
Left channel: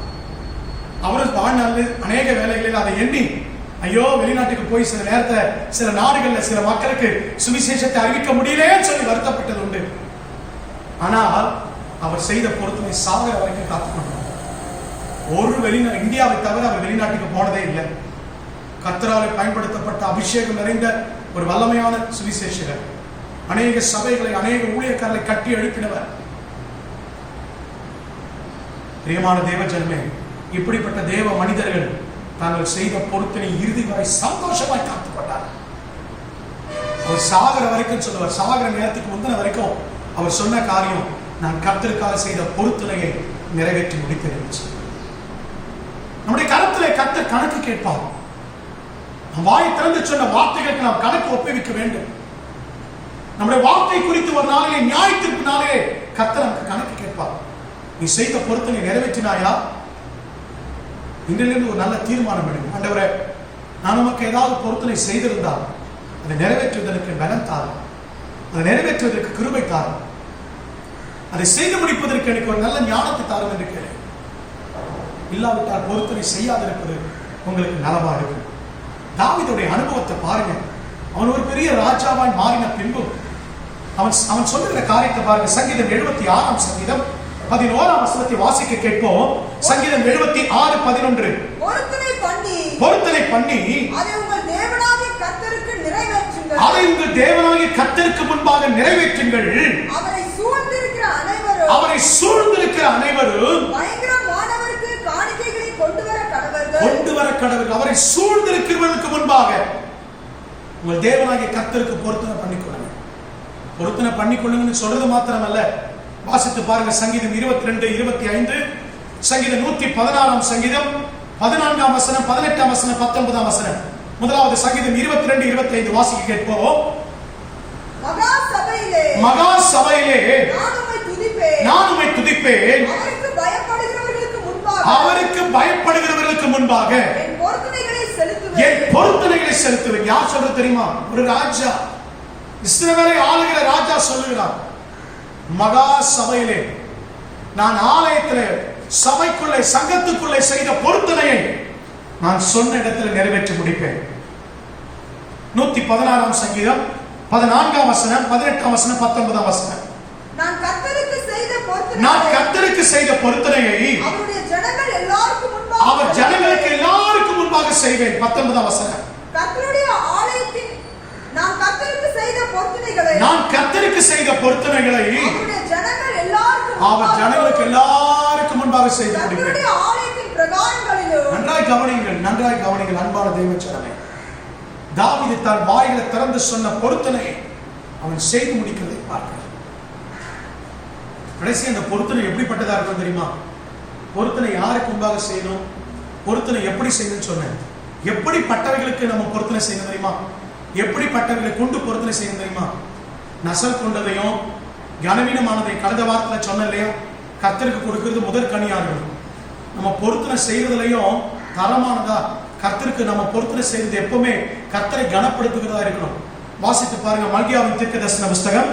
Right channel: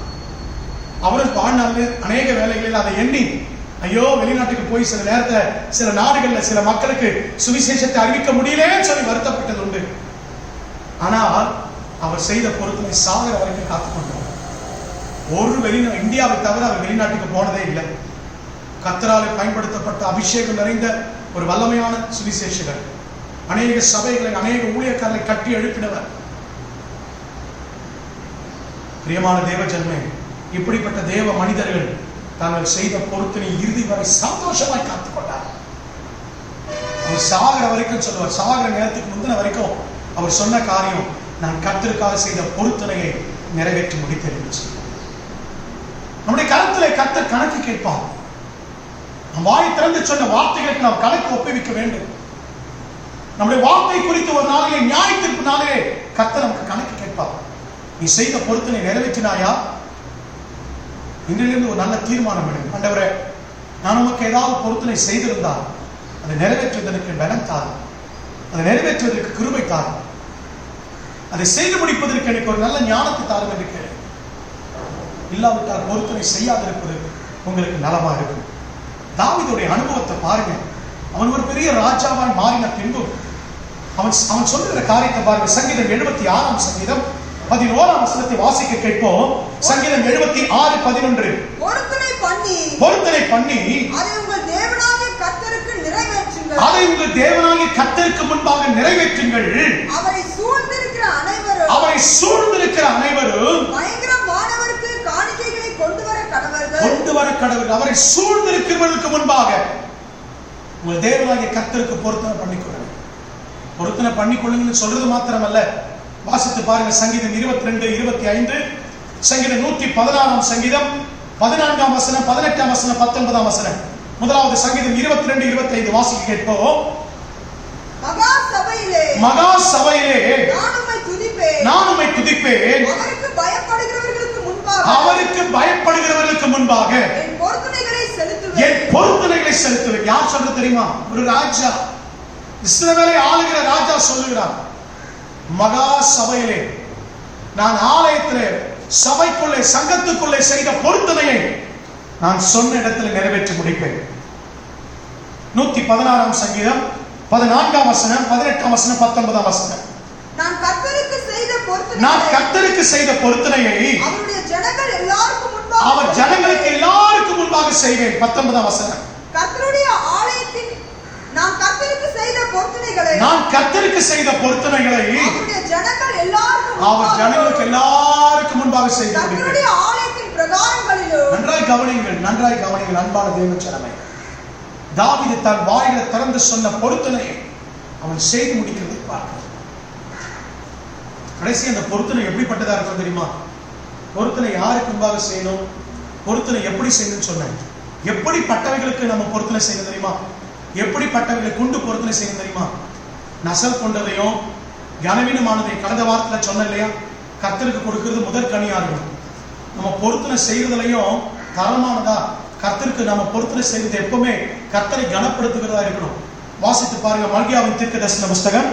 அவரும் வாழ்நாளில் அநேக வேலைகளில் அதை எண்ணி ஐயோ வெளிநாட்டுக்கு போய் சில நேரத்தில் சில நாடுகளில் சில மக்களுக்கு சுவிசேஷத்தை அறிவிக்க முடியலன்னு சொல்லி வருத்தப்பட்டது உண்டு. ஆனால் அவர் செய்த பொருத்தனை சாகிற வரைக்கும் காத்துக்கொண்டார். இந்தியாவை தவிர அவர் வெளிநாட்டுக்கு போனதே இல்லை. கர்த்தராலே பயன்படுத்தப்பட்ட அபிஷேகம் நிறைந்த ஒரு வல்லமையான சுவிசேஷகர். அநேக சபைகளை அநேக ஊழியக்காரர்களை கட்டி எழுப்பினவர். பிரியமான தேவ ஜனமே, இப்படிப்பட்ட தேவ மனிதர்கள் தாங்கள் செய்த பொருத்தனை இறுதி வரை சந்தோஷமாய் காத்துக்கொண்டார். அவர் சாகிற வரைக்கும் சொல்லுவார். சாகிற நேரத்துக்கு முந்தின வரைக்கும் அவர் சொன்ன காரியம், நான் கர்த்தருக்காக செய்த பொருத்தனையை நிறைவேற்றி முடித்திருந்துச்சு. நம்முடைய கருத்துல கர்த்தர் கணக்கு கேட்பார். நம் வாயை திறந்து சொன்ன வார்த்தைகளுக்கு நாம் கணக்கு ஒப்புவிக்க வேண்டும். நம்முடைய வார்த்தை குறித்து ஒரு நாளிலே நியாயத்திற்கு நாளிலே கர்த்தர் நமக்கு கணக்கு கேட்பார். நீ செய்த பொருத்தனை நிறைவேற்றினாயா? இன்றிலிருந்து ஒரு நல்ல தீர்மானம் எடுங்க. ஆண்டவரே, நான் உமக்கு ஏதாவது பொருத்தனை செய்திருந்தால் அதை நிறைவேற்றுவதற்கு பலம் தாரும், அதை நிறைவேற்றுவதற்கு கிருபை தாரும், அதை செய்து முடிப்பதற்கு எனக்கு ஒரு நல்ல ஞானத்தை தாரும் என்று கேளு. இல்லாவிட்டால் பொருத்தனை செய்யாதிருப்பது உங்களுக்கு நலமா இருக்கும். தாவீதுடைய அனுபவத்தை பாருங்க. அவன் ஒரு பெரிய ராஜாவாய் மாறின பின்பு அவன் சொல்லுகிற காரியத்தை பாருங்க. சங்கீதம் 76 சங்கீதம் 11 வசனத்தை வாசிக்க கேட்போம். சங்கீதம் 76:11. பொருத்தனை பண்ணி அதை உங்கள் தேவனாகிய கர்த்தருக்கு முன்பாக நிறைவேற்றுங்கள். அவரை சூழ்ந்திருக்கிற அனைவரும் கொண்டு வர கடவர்கள். அவரை சூழ்ந்திருக்கிறவர்களுக்கு முன்பாக உங்கள் தேவனாகிய கர்த்தருக்கு பொருத்தனை பண்ணிக்கொள்ளுங்கள். பொருத்தனை பண்ணிக்கொள்ளுங்கன்னு சொல்றது மாத்திரமல்ல, வாசித்து பாருங்க. சங்கீதம் 22, 25, சங்கீதம் 116 சங்கீதம் 14 வசனம், 18 வசனம், 19 வசனம். முதலாவது சங்கீதம் 22, 25 வாசிக்க கேட்போம். மகா சபையிலே நான் உம்மை துதிப்பேன். அவருக்கு பயப்படுகிறவர்களுக்கு முன்பாக என் பொருத்தனைகளை செலுத்துவேன். யார் சொல்ற தெரியுமா? ஒரு ராஜா, இஸ்ரவேலை ஆளுகிற ராஜா சொல்லுகிறார், மகா சபையிலே நான் ஆலயத்திலே சபைக்குள்ளே சங்கத்துக்குள்ளே செய்த பொருத்தனையை நான் சொன்ன இடத்தில் நிறைவேற்றி முடிப்பேன். 116 சங்கீதம் 14 வசனம், 18 வசனம், 19 வசனம். நான் கர்த்தருக்கு செய்த பொருத்தனையை அவர் ஜனங்களுக்கு எல்லாருக்கும் முன்பாக செய்வேன். 19 வசனம். கர்த்தருடைய ஆலயத்தின் நான் கர்த்தருக்கு செய்த பொருத்தனைகளை அவர் ஜனங்களுக்கு எல்லாருக்கும் முன்பாக செய்து முடிப்பேன். ஆலயத்தின் பிரகாரங்களிலும் நன்றாய் கவனிங்கள் அன்பான தேவ ஜனமே. தாவீது தன் வாயில திறந்து சொன்ன பொருத்தனையை அவன் செய்து முடிக்கிறதை பார்க்கிறோம். கடைசி அந்த பொருத்தனை எப்படிப்பட்டதா இருக்கும் தெரியுமா? பொருத்தனை யாருக்கு முன்பாக செய்யணும், பொருத்தனை எப்படி செய்யணும்னு சொன்னேன். எப்படிப்பட்டவைகளுக்கு நம்ம பொருத்தனை செய்யணும் தெரியுமா? எப்படிப்பட்டவைகளை கொண்டு பொருத்தனை செய்யணும் தெரியுமா? நசல் கொண்டதையும் கனவீனமானதையும் கடந்த வாரத்தில் சொன்ன இல்லையா? கர்த்தருக்கு கொடுக்கிறது முதற் கனியா இருக்கணும். நம்ம பொருத்தனை செய்யறதுலையும் தரமானதா கர்த்தருக்கு நம்ம பொருத்தனை செய்வது எப்பவுமே கர்த்தரை கனப்படுத்துகிறதா இருக்கணும். வாசித்து பாருங்க. மல்கியாவின் தீர்க்கதரிசன புஸ்தகம்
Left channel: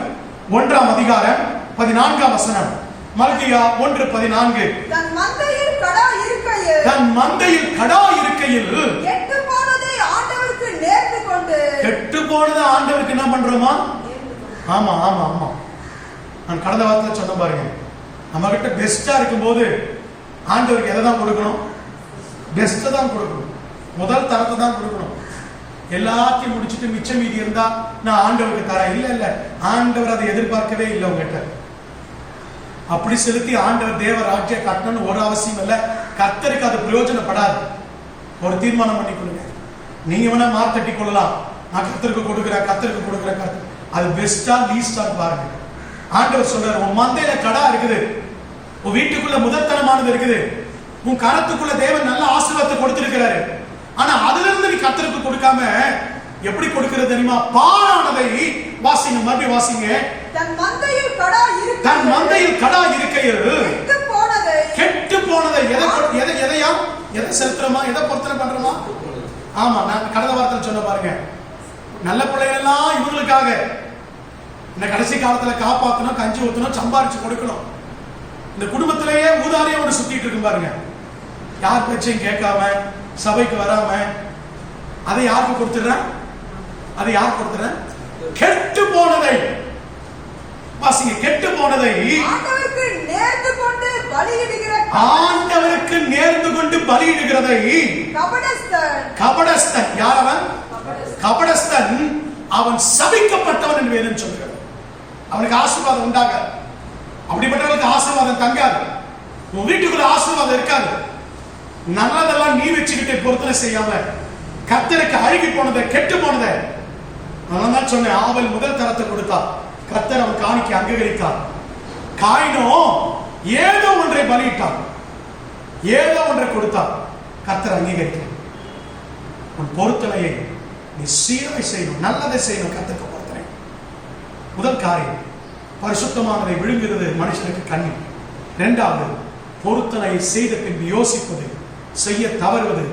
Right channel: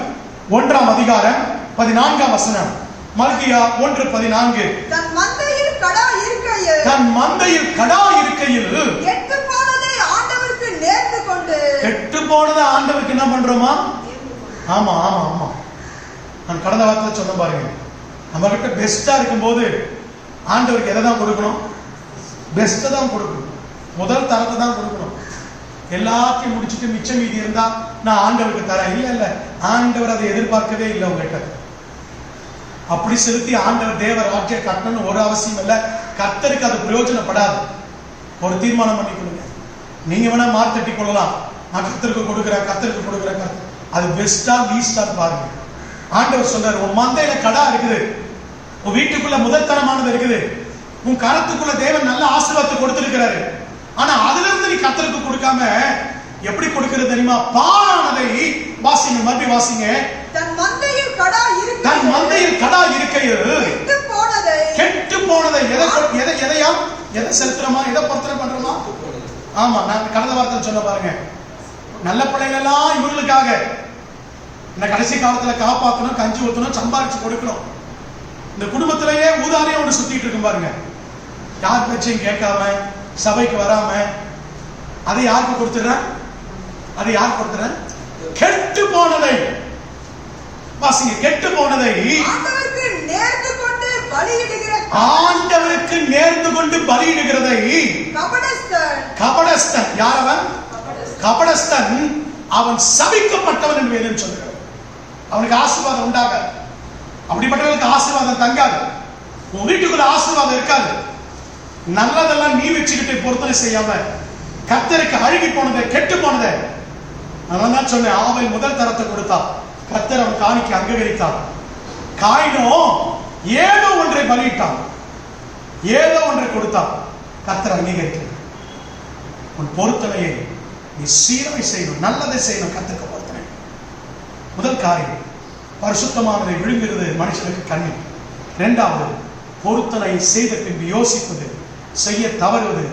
1ஆம் அதிகாரம் 14 வசனம். மல்கியா 1:14. தன் மந்தையில் கடா இருக்கையில் கெட்டு போனதை ஆண்டவருக்கு நேர்ந்து கொண்டு கெட்டு போனதை ஆண்டவருக்கு என்ன பண்றோமா? ஆமா ஆமா ஆமா. நான் கடந்த வாரத்தில் சொன்ன பாருங்க, நம்ம கிட்ட பெஸ்டா இருக்கும்போது ஆண்டவருக்கு எதை தான் கொடுக்கணும்? பெஸ்ட்டை தான் கொடுக்கணும், முதல் தரத்தை தான் கொடுக்கணும். எல்லாத்தையும் முடிச்சுட்டு மிச்சம் மீதி இருந்தா நான் ஆண்டவருக்கு தரேன். இல்ல ஆண்டவர் அதை எதிர்பார்க்கவே இல்லை உங்ககிட்ட. அப்படி செலுத்தி ஆண்டவர் தேவ ராஜ்ய கட்டணும்னு ஒரு அவசியம் இல்லை. கர்த்தருக்கு அது பிரயோஜனப்படாது. ஒரு தீர்மானம் பண்ணிக்கொள்ளுங்க. நீங்க வேணா மார்த்தட்டி கொள்ளலாம், நான் கர்த்தருக்கு கொடுக்குறேன். அது பெஸ்டா லீஸ்டா பாருங்க. ஆண்டவர் சொல்றாரு, உன் மந்தையில கடா இருக்குது, உன் வீட்டுக்குள்ள முதல்தனமானது இருக்குது, உன் கரத்துக்குள்ள தேவன் நல்ல ஆசீர்வாதத்தை கொடுத்திருக்கிறாரு. ஆனா அதுல இருந்து நீ கர்த்தருக்கு கொடுக்காம எப்படி கொடுக்கிறது தெரியுமா? பாழானதை வாசிங்க, மறுபடியும் வாசிங்க. தன் மந்தையில் கடா இருக்கையில் கெட்டு போனதை எதை செலுத்துறோமா? எதை பொருத்தனை பண்றோமா? ஆமா, நான் கடந்த வாரத்தில் சொன்ன பாருங்க, நல்ல பிள்ளைகள் எல்லாம் இவங்களுக்காக இந்த கடைசி காலத்துல காப்பாற்றணும், கஞ்சி ஊற்றணும், சம்பாரிச்சு கொடுக்கணும். இந்த குடும்பத்திலேயே ஊதாரியா ஒன்று சுத்திட்டு இருக்கும் பாருங்க. யார் பேச்சையும் கேட்காம சபைக்கு வராம அதை யாருக்கு கொடுத்துடுறேன்? கெட்டு போனதை வாசிங்க. கெட்டு போனதை ஆண்டவருக்கு நேர்ந்து கொண்டு பலியிடுகிறதை கபடஸ்தன். யார் அவன்? கபடஸ்தன். அவன் சபிக்கப்பட்டவன் என்று வேதம் சொல்கிறது. அவனுக்கு ஆசீர்வாதம் உண்டாகாது. அப்படிப்பட்டவர்களுக்கு ஆசீர்வாதம் தங்காது. உன் வீட்டுக்குள்ள ஆசீர்வாதம் இருக்காது. நல்லதெல்லாம் நீ வச்சுக்கிட்டு பொருத்தனை செய்யாம கர்த்தருக்கு அழுகி போனதை, கெட்டு போனதை. நான் தான் சொன்னேன், ஆபேல் முதல் தரத்தை கொடுத்தா, கர்த்தர் அவன் காணிக்கை அங்கீகரித்தார். காயினோ ஏதோ ஒன்றை பலியிட்டான், ஏதோ ஒன்றை கொடுத்தான், கர்த்தர் அங்கீகரிக்கிறார். உன் பொருத்தனையை நீ சீராய் செய்யணும், நல்லதை செய்யணும். கர்த்தருக்கு பொருத்தனை முதல் காரியம். பரிசுத்தமானதை விழுங்குகிறது மனுஷனுக்கு கண்ணி. இரண்டாவது, பொருத்தனையை செய்த பின்பு யோசிப்பது, செய்ய தவறுவது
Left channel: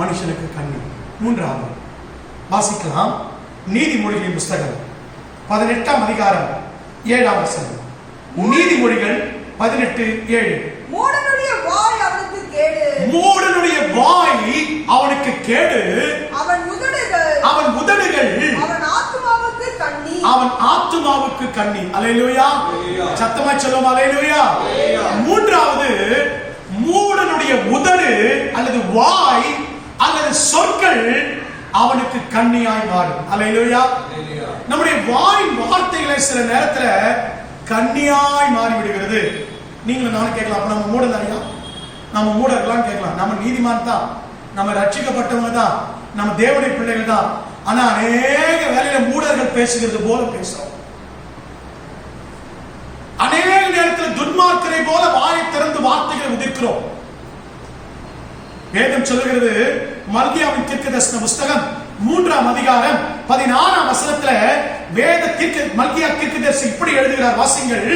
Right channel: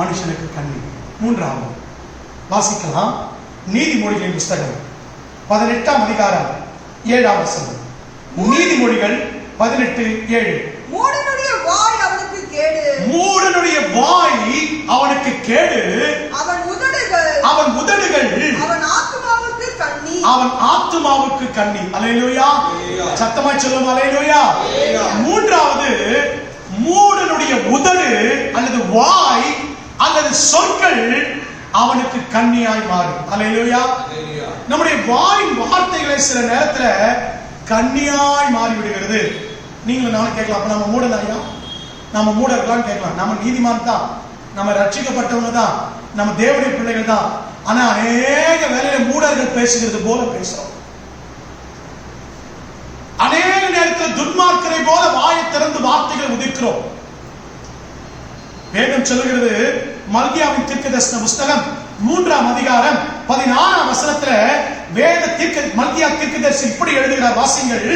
மனுஷனுக்கு கண்ணி. மூன்றாவது வாசிக்கலாம். நீதிமொழிகளின் புஸ்தகம் 18ஆம் அதிகாரம் 7ஆம் வசனம். நீதிமொழிகள் 18:7. மூடனுடைய வாய் அவனுக்கு கேடு, அவன் உதடுகள் அவன் ஆத்துமாவுக்கு கண்ணி. அல்லேலூயா. சத்தமாய் சொல்லுவோம் அல்லேலூயா. மூன்றாவது, மூடனுடைய உதடு அல்லது வாய் அல்லது சொற்கள் அவனுக்கு கண்ணியாய் மாறும். அல்லேலூயா. நம்முடைய வாய் வார்த்தைகளை சில நேரத்துல கண்ணியாய் மாறி விடுகிறது. நீங்களும் நானும் கேட்கலாம், அப்ப நம்ம மூடனாயா? நம்ம மூடர்களான்னு கேட்கலாம். நம்ம நீதிமான் தான், நம்ம ரட்சிக்கப்பட்டவங்க தான், நம்ம தேவனுடைய பிள்ளைகள் தான். ஆனா அநேக வேலையில மூடர்கள் பேசுகிறது போல பேசுறோம். துன்மார்க்கனை போல வாயை திறந்து வார்த்தைகளை உதிர்க்கிறோம். வேதம் சொல்லுகிறது, மல்கியாவின் தீர்க்கதரிசன புஸ்தகம் 3ஆம் அதிகாரம் 16ஆம் வசனத்துல மல்கியா தீர்க்கதரிசி இப்படி எழுதுகிறார், வாசிங்கள்.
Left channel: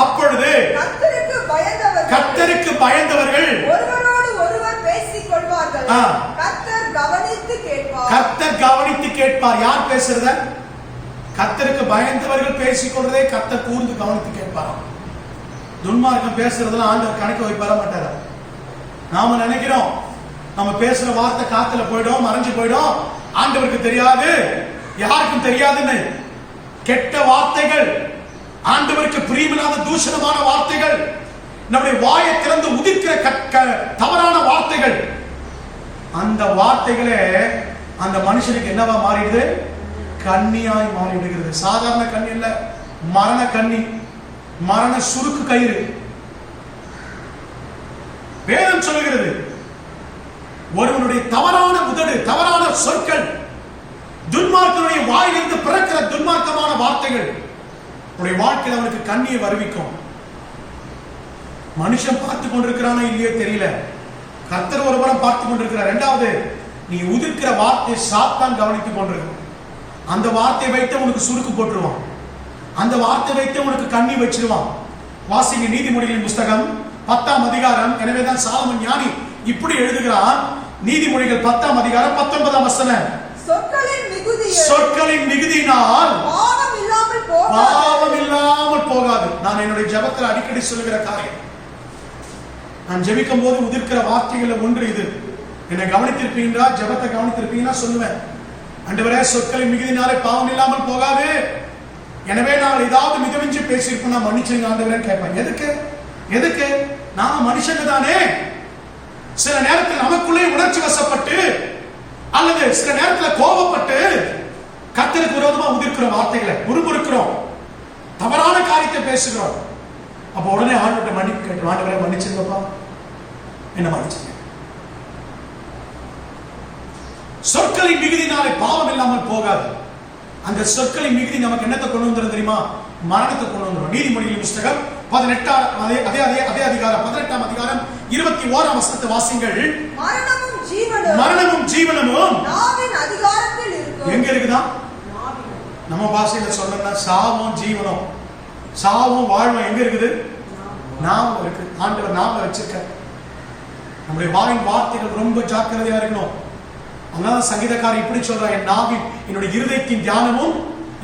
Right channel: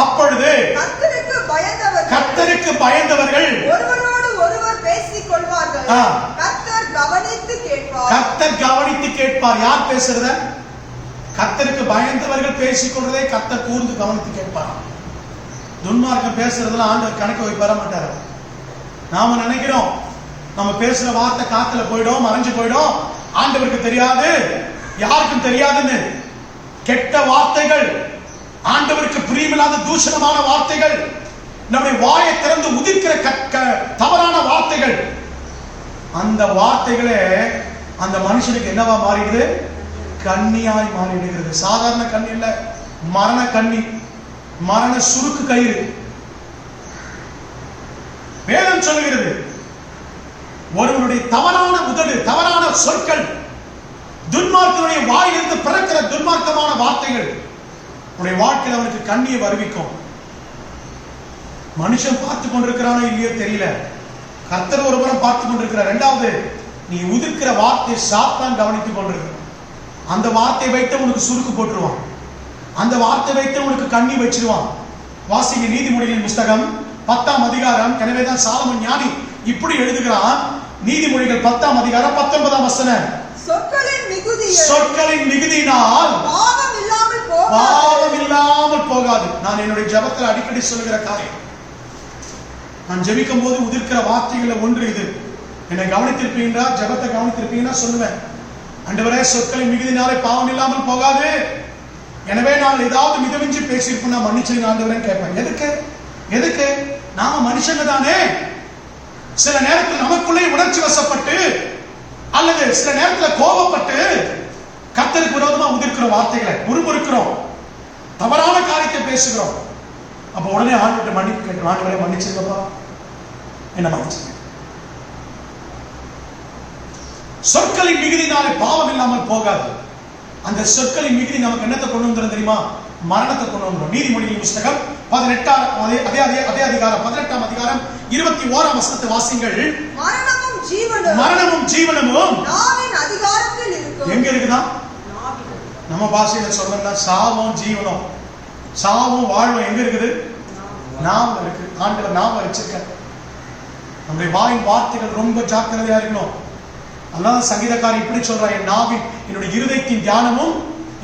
அப்பொழுது கர்த்தருக்கு பயந்தவர்கள் ஒருவரோடு ஒருவர் பேசிக் கொள்வார்கள். கர்த்தர் கவனித்து கேட்பார். யார் பேசுறத? கர்த்தருக்கு பயந்தவர்கள் பேசிக் கொள்றதே கர்த்தர் கூர்ந்து கவனித்து கேட்பாராம். துன்மார்க்கம் பேசுறதுலாம் ஆண்டவர் கணக்கு வைப்பார மாட்டார். நாம நினைக்கிறோம் நம்ம பேசுற வார்த்தை காத்துல போயிடும், மறைஞ்சு போயிடும், ஆண்டவருக்கு தெரியாது, யாருக்கும் தெரியாதுன்னு. கெட்ட வார்த்தைகள், ஆண்டவருக்கு பிரியமில்லாத தூஷணமான வார்த்தைகள், நம்முடைய வாயை திறந்து உதிர்க்கிற தவறான வார்த்தைகள், அந்த வார்த்தைகளே அந்த மனுஷனுக்கு என்னவா மாறிடுது? கண்ணியாய் மாறிடுகிறது. சாதாரண கண்ணி இல்ல, மரண கண்ணி, மரண சுருக்கு கயிறு. வேதம் சொல்லுகிறது, ஒருவனுடைய தவறான உதடு, தவறான சொற்கள், துன்மார்க்கனுடைய வாயிலிருந்து பிறக்கிற துன்மார்க்கமான வார்த்தைகள் உடைய வாழ்க்கையில் அவனுக்கு கண்ணியை வருவிக்கும். மனுஷன் பார்த்து கொண்டிருக்கிறானோ இல்லையோ தெரியல, கர்த்தர் ஒருவரும் பார்த்து கொண்டிருக்கிறார். இரண்டாவது, நீ உதிர்க்கிற வார்த்தை சாத்தான் கவனித்துக் கொண்டிருக்கிறான். அந்த வார்த்தையை வைத்து உனக்கு சுருக்கு போட்டுருவான், அந்த வார்த்தை வைத்து உனக்கு கண்ணி வச்சிருவான். வாசிங்க நீதிமொழிகளின் புஸ்தகம் 10ஆம் அதிகாரம். எனவேதான் சாலமோன் ஞானி இப்படி எழுதுகிறான், நீதிமொழிகள் 10ஆம் அதிகாரம் 19ஆம் வசனம். சொற்களின் மிகுதியினால் பாவம் இல்லாமல் போகாது. நான் என்னுடைய ஜெபத்தில் அடிக்கடி சொல்லுகிற காரியம். நான் ஜெபிக்கும் போது உதிர்க்கிற வார்த்தைகள் ஒன்று இது. என்னை கவனித்திருப்பீங்களா? ஜெபத்தை கவனித்திருப்பீங்கன்னா சொல்லுவேன், ஆண்டவரே சொற்களின் மிகுதினாலே பாவம் இல்லாமல் போகாது. எனவே நான் ஏதாவது மிதமிஞ்சி பேசியிருப்பேன், நான் மன்னிச்சிருங்க ஆண்டவரேன்னு கேட்பேன். எதுக்கு? நாம மனுஷங்க தானே. சில நேரத்தில் நமக்குள்ளே உணர்ச்சி வசப்பட்டு அல்லது சில நேரத்தில் கோபப்பட்டு கர்த்தருக்கு விரோதமா உதிர்க்கிற வார்த்தைகளை முறுமுறுக்கிறோம், தவறான காரியத்தை பேசுகிறோம். அப்ப உடனே ஆண்டவரை மன்னிப்பு கேட்கிறோம், ஆண்டவரை மன்னிச்சிருக்கப்பா, என்ன மன்னிச்சுங்க. சொற்களின் மிகுதினாலே பாவம் இல்லாமல் போகாது. அந்த சொற்களின் மிகுதி நமக்கு என்னத்தை கொண்டு வந்துடும் தெரியுமா? மரணத்தை கொண்டு வந்துடும். நீதிமொழிகளின் புஸ்தகம் 18ஆம் அதிகாரம் 18ஆம் அதிகாரம் 21ஆம் வசனத்தை வாசிங்கள். மரணமும் ஜீவனமும் எங்க இருக்குதா? நம்ம பாஷையில சொல்லணும்னா சாவும் ஜீவனம், சாவும் வாழ்வும் எங்க இருக்குது? நாவல இருக்கு. ஆண்டவர் நாவல வச்சிருக்க. நம்முடைய வாயின் வார்த்தைகள் ரொம்ப ஜாக்கிரதையா இருக்கணும். அதனால சங்கீதக்காரன் இப்படி சொல்றான், என் நாவின் என்னுடைய இருதயத்தின் தியானமும்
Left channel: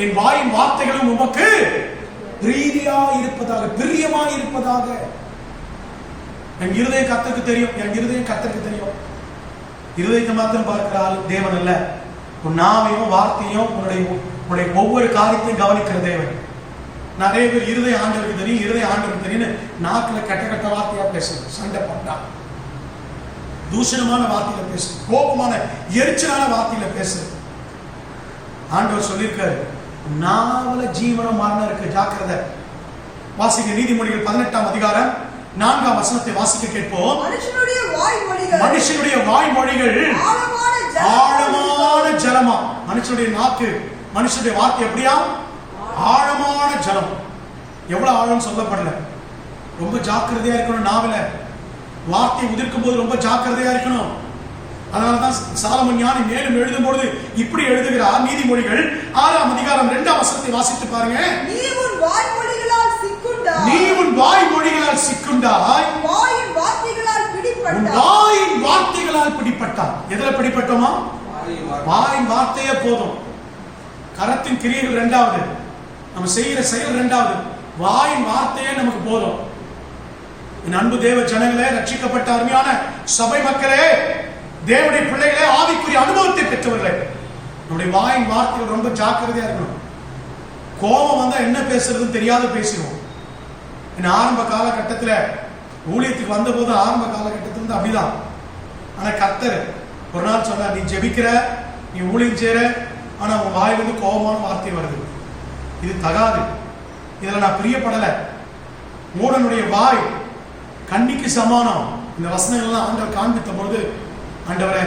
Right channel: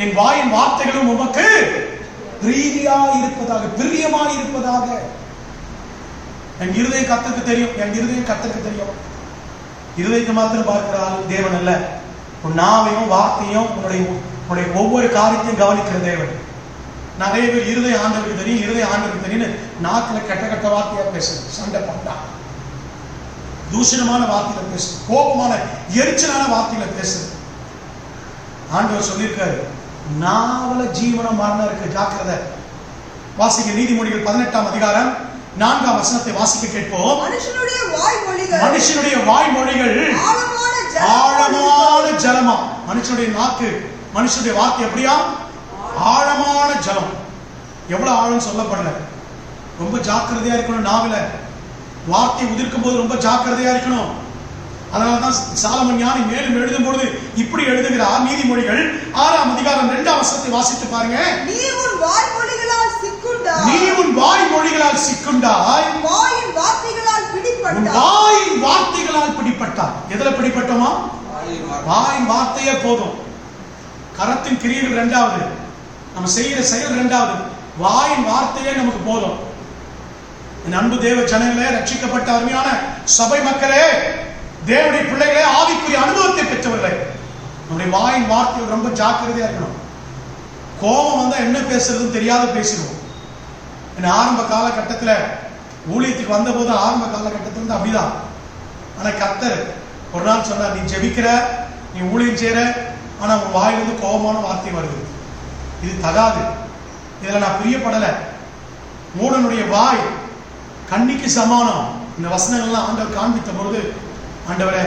என் வாயின் வார்த்தைகளும் உமக்கு பிரீதியா இருப்பதாக, பிரியமா இருப்பதாக. என் இருதயம் கர்த்தருக்கு தெரியும், என் இருதயம் கர்த்தருக்கு தெரியும். இருதயத்தை மாத்திரம் பார்க்கிற ஆள் தேவன் அல்ல. உன் நாவையும் வார்த்தையும் உன்னுடைய ஒவ்வொரு காரியத்தையும் கவனிக்கிற தேவன். நிறைய பேர் இருதயம் ஆண்டவருக்கு தெரியும், இருதயம் ஆண்டவருக்கு தெரியும், நாக்குல கெட்ட வார்த்தையா பேசுறது, சண்டை போட்டா தூஷணமான வார்த்தையில பேசுறது, கோபமான எரிச்சலான வார்த்தையில பேசுறது. ஆண்டவர் சொல்லியிருக்காரு, நாவல ஜீவனம் மரணம் இருக்கு, ஜாக்கிரதை. வாசிக்க நீதிமொழிகள் 18ஆம் அதிகாரம் 4ஆம் வசனத்தை வாசிக்க கேட்போம். மனுஷனுடைய வாய்மொழிகள் ஆழமான ஜலமா. மனுஷனுடைய நாக்கு, மனுஷனுடைய வார்த்தை எப்படியா? ஆழமான ஜலம். எவ்வளவு ஆழம் சொல்லப்படல. ரொம்ப ஜாக்கிரதையா இருக்கணும். நாவில வார்த்தை உதிர்க்கும் போது ரொம்ப ஜாக்கிரதையா இருக்கணும். அதனாலதான் சாலமோன் ஞானி மேலும் எழுதும் பொழுது இப்படி எழுதுகிறார். நீதிமொழிகள் 6ஆம் அதிகாரம் 2ஆம் வசனத்தை வாசித்து பாருங்க. நீ உன் வாய்மொழிகளால் சிக்குண்டாய், வாயின் வார்த்தைகளால் பிடிப்பட்டாய். எதுல பிடிப்பட்டோமா? வாயின் வார்த்தையே போதும். கரத்தின் கிரியைகள் இரண்டாவது, நம்ம செய்கிற செயல் இரண்டாவது, வாயின் வார்த்தையே நமக்கு போதும். என் அன்பு தேவ ஜனங்களே, ரட்சிக்கப்பட்ட அருமையான சபை மக்களே, தேவனுடைய பிள்ளைகளே, ஆவிக்குரிய அனுபவத்தை பெற்றவர்களே, நம்முடைய வாயின் வார்த்தைகள் ரொம்ப ஜாக்கிரதையா இருக்கணும். கோபம் வந்தா என்ன பேசுறதுன்னு தெரியாத பேசிடுவோம். ஆரம்ப காலகட்டத்தில் ஊழியத்துக்கு வந்த போது ஆரம்ப காலகட்டத்தில் இருந்து அப்படிதான். ஆனா கர்த்தர் ஒரு நாள் சொன்னார், நீ ஜெபிக்கிற, நீ ஊழியம் செய்யற, ஆனா உன் வாயிலிருந்து கோபமான வார்த்தை வருது, இது தகாது, இதுல நான் பிரியப்படல. மூடனுடைய வாய் கண்ணிக்கு சமானம். இந்த வசனங்கள்லாம் ஆண்டவர் காண்பித்த பொழுது, ஆண்டவரே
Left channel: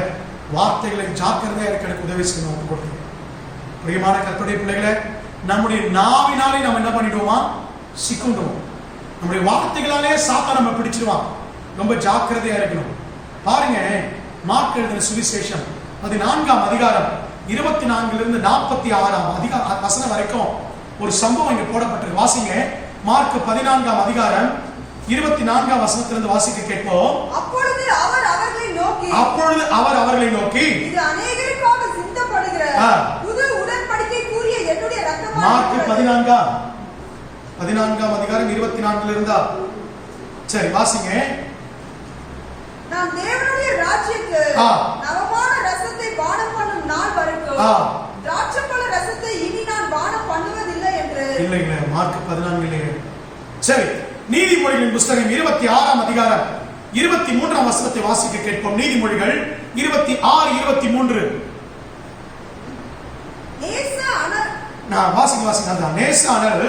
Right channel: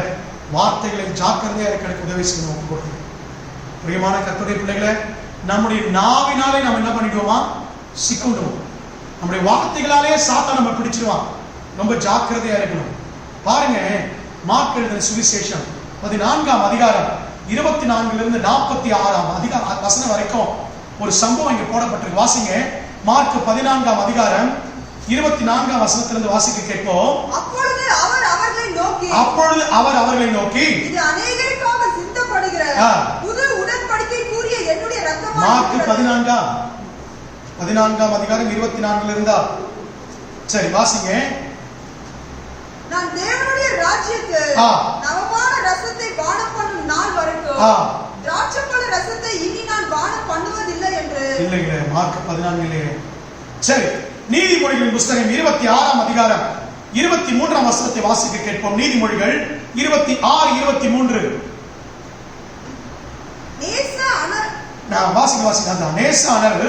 வார்த்தைகளை ஜாக்கிரதையா இருக்க எனக்கு உதவி செய்யணும் கொடுத்து. பிரியமான கர்த்தருடைய பிள்ளைகளை, நம்முடைய நாவினாலே நம்ம என்ன பண்ணிடுவோமா? சிக்குண்டுவோம். நம்முடைய வார்த்தைகளாலே சாத்தான் நம்ம பிடிச்சிருவான். ரொம்ப ஜாக்கிரதையா இருக்கணும். பாருங்க, மார்க் எழுதின சுவிசேஷம் 14ஆம் அதிகாரம் 24 46 வசனம் வரைக்கும் ஒரு சம்பவம் இங்க போடப்பட்டிருக்கு. வாசிங்க. மார்க் 14ஆம் அதிகாரம் 24ஆம் வசனத்திலிருந்து வாசிக்க கேட்போம். அப்பொழுது அவர் அவர்களை நோக்கி இது அநேகருக்காக சிந்தப்படுகிற புது உடன்படிக்கைக்குரிய என்னுடைய இரத்தமாய் மார்க் 14ஆம் அதிகாரம் 24 இருந்தா சரி வாசிங்க. நான் தேவனுடைய ராஜ்யத்துக்கு நவமான ரசத்தை பானம் பண்ணும் நாள் வரைக்கும் திராட்சைப்பழ ரசத்தை இனி நான் பானம் பண்ணுவதில்லை என்று. இல்லைங்க, மார்க் 14 இல்லைங்க. சரி, நீதிமொழிகளின் புத்தகம் 26ஆம் அதிகாரம் 23ஆம் வசனத்தை வாசிக்க கேட்போம். நீதிமொழிகள் 26-23. நான் வாசிக்க அந்த நேச அனல்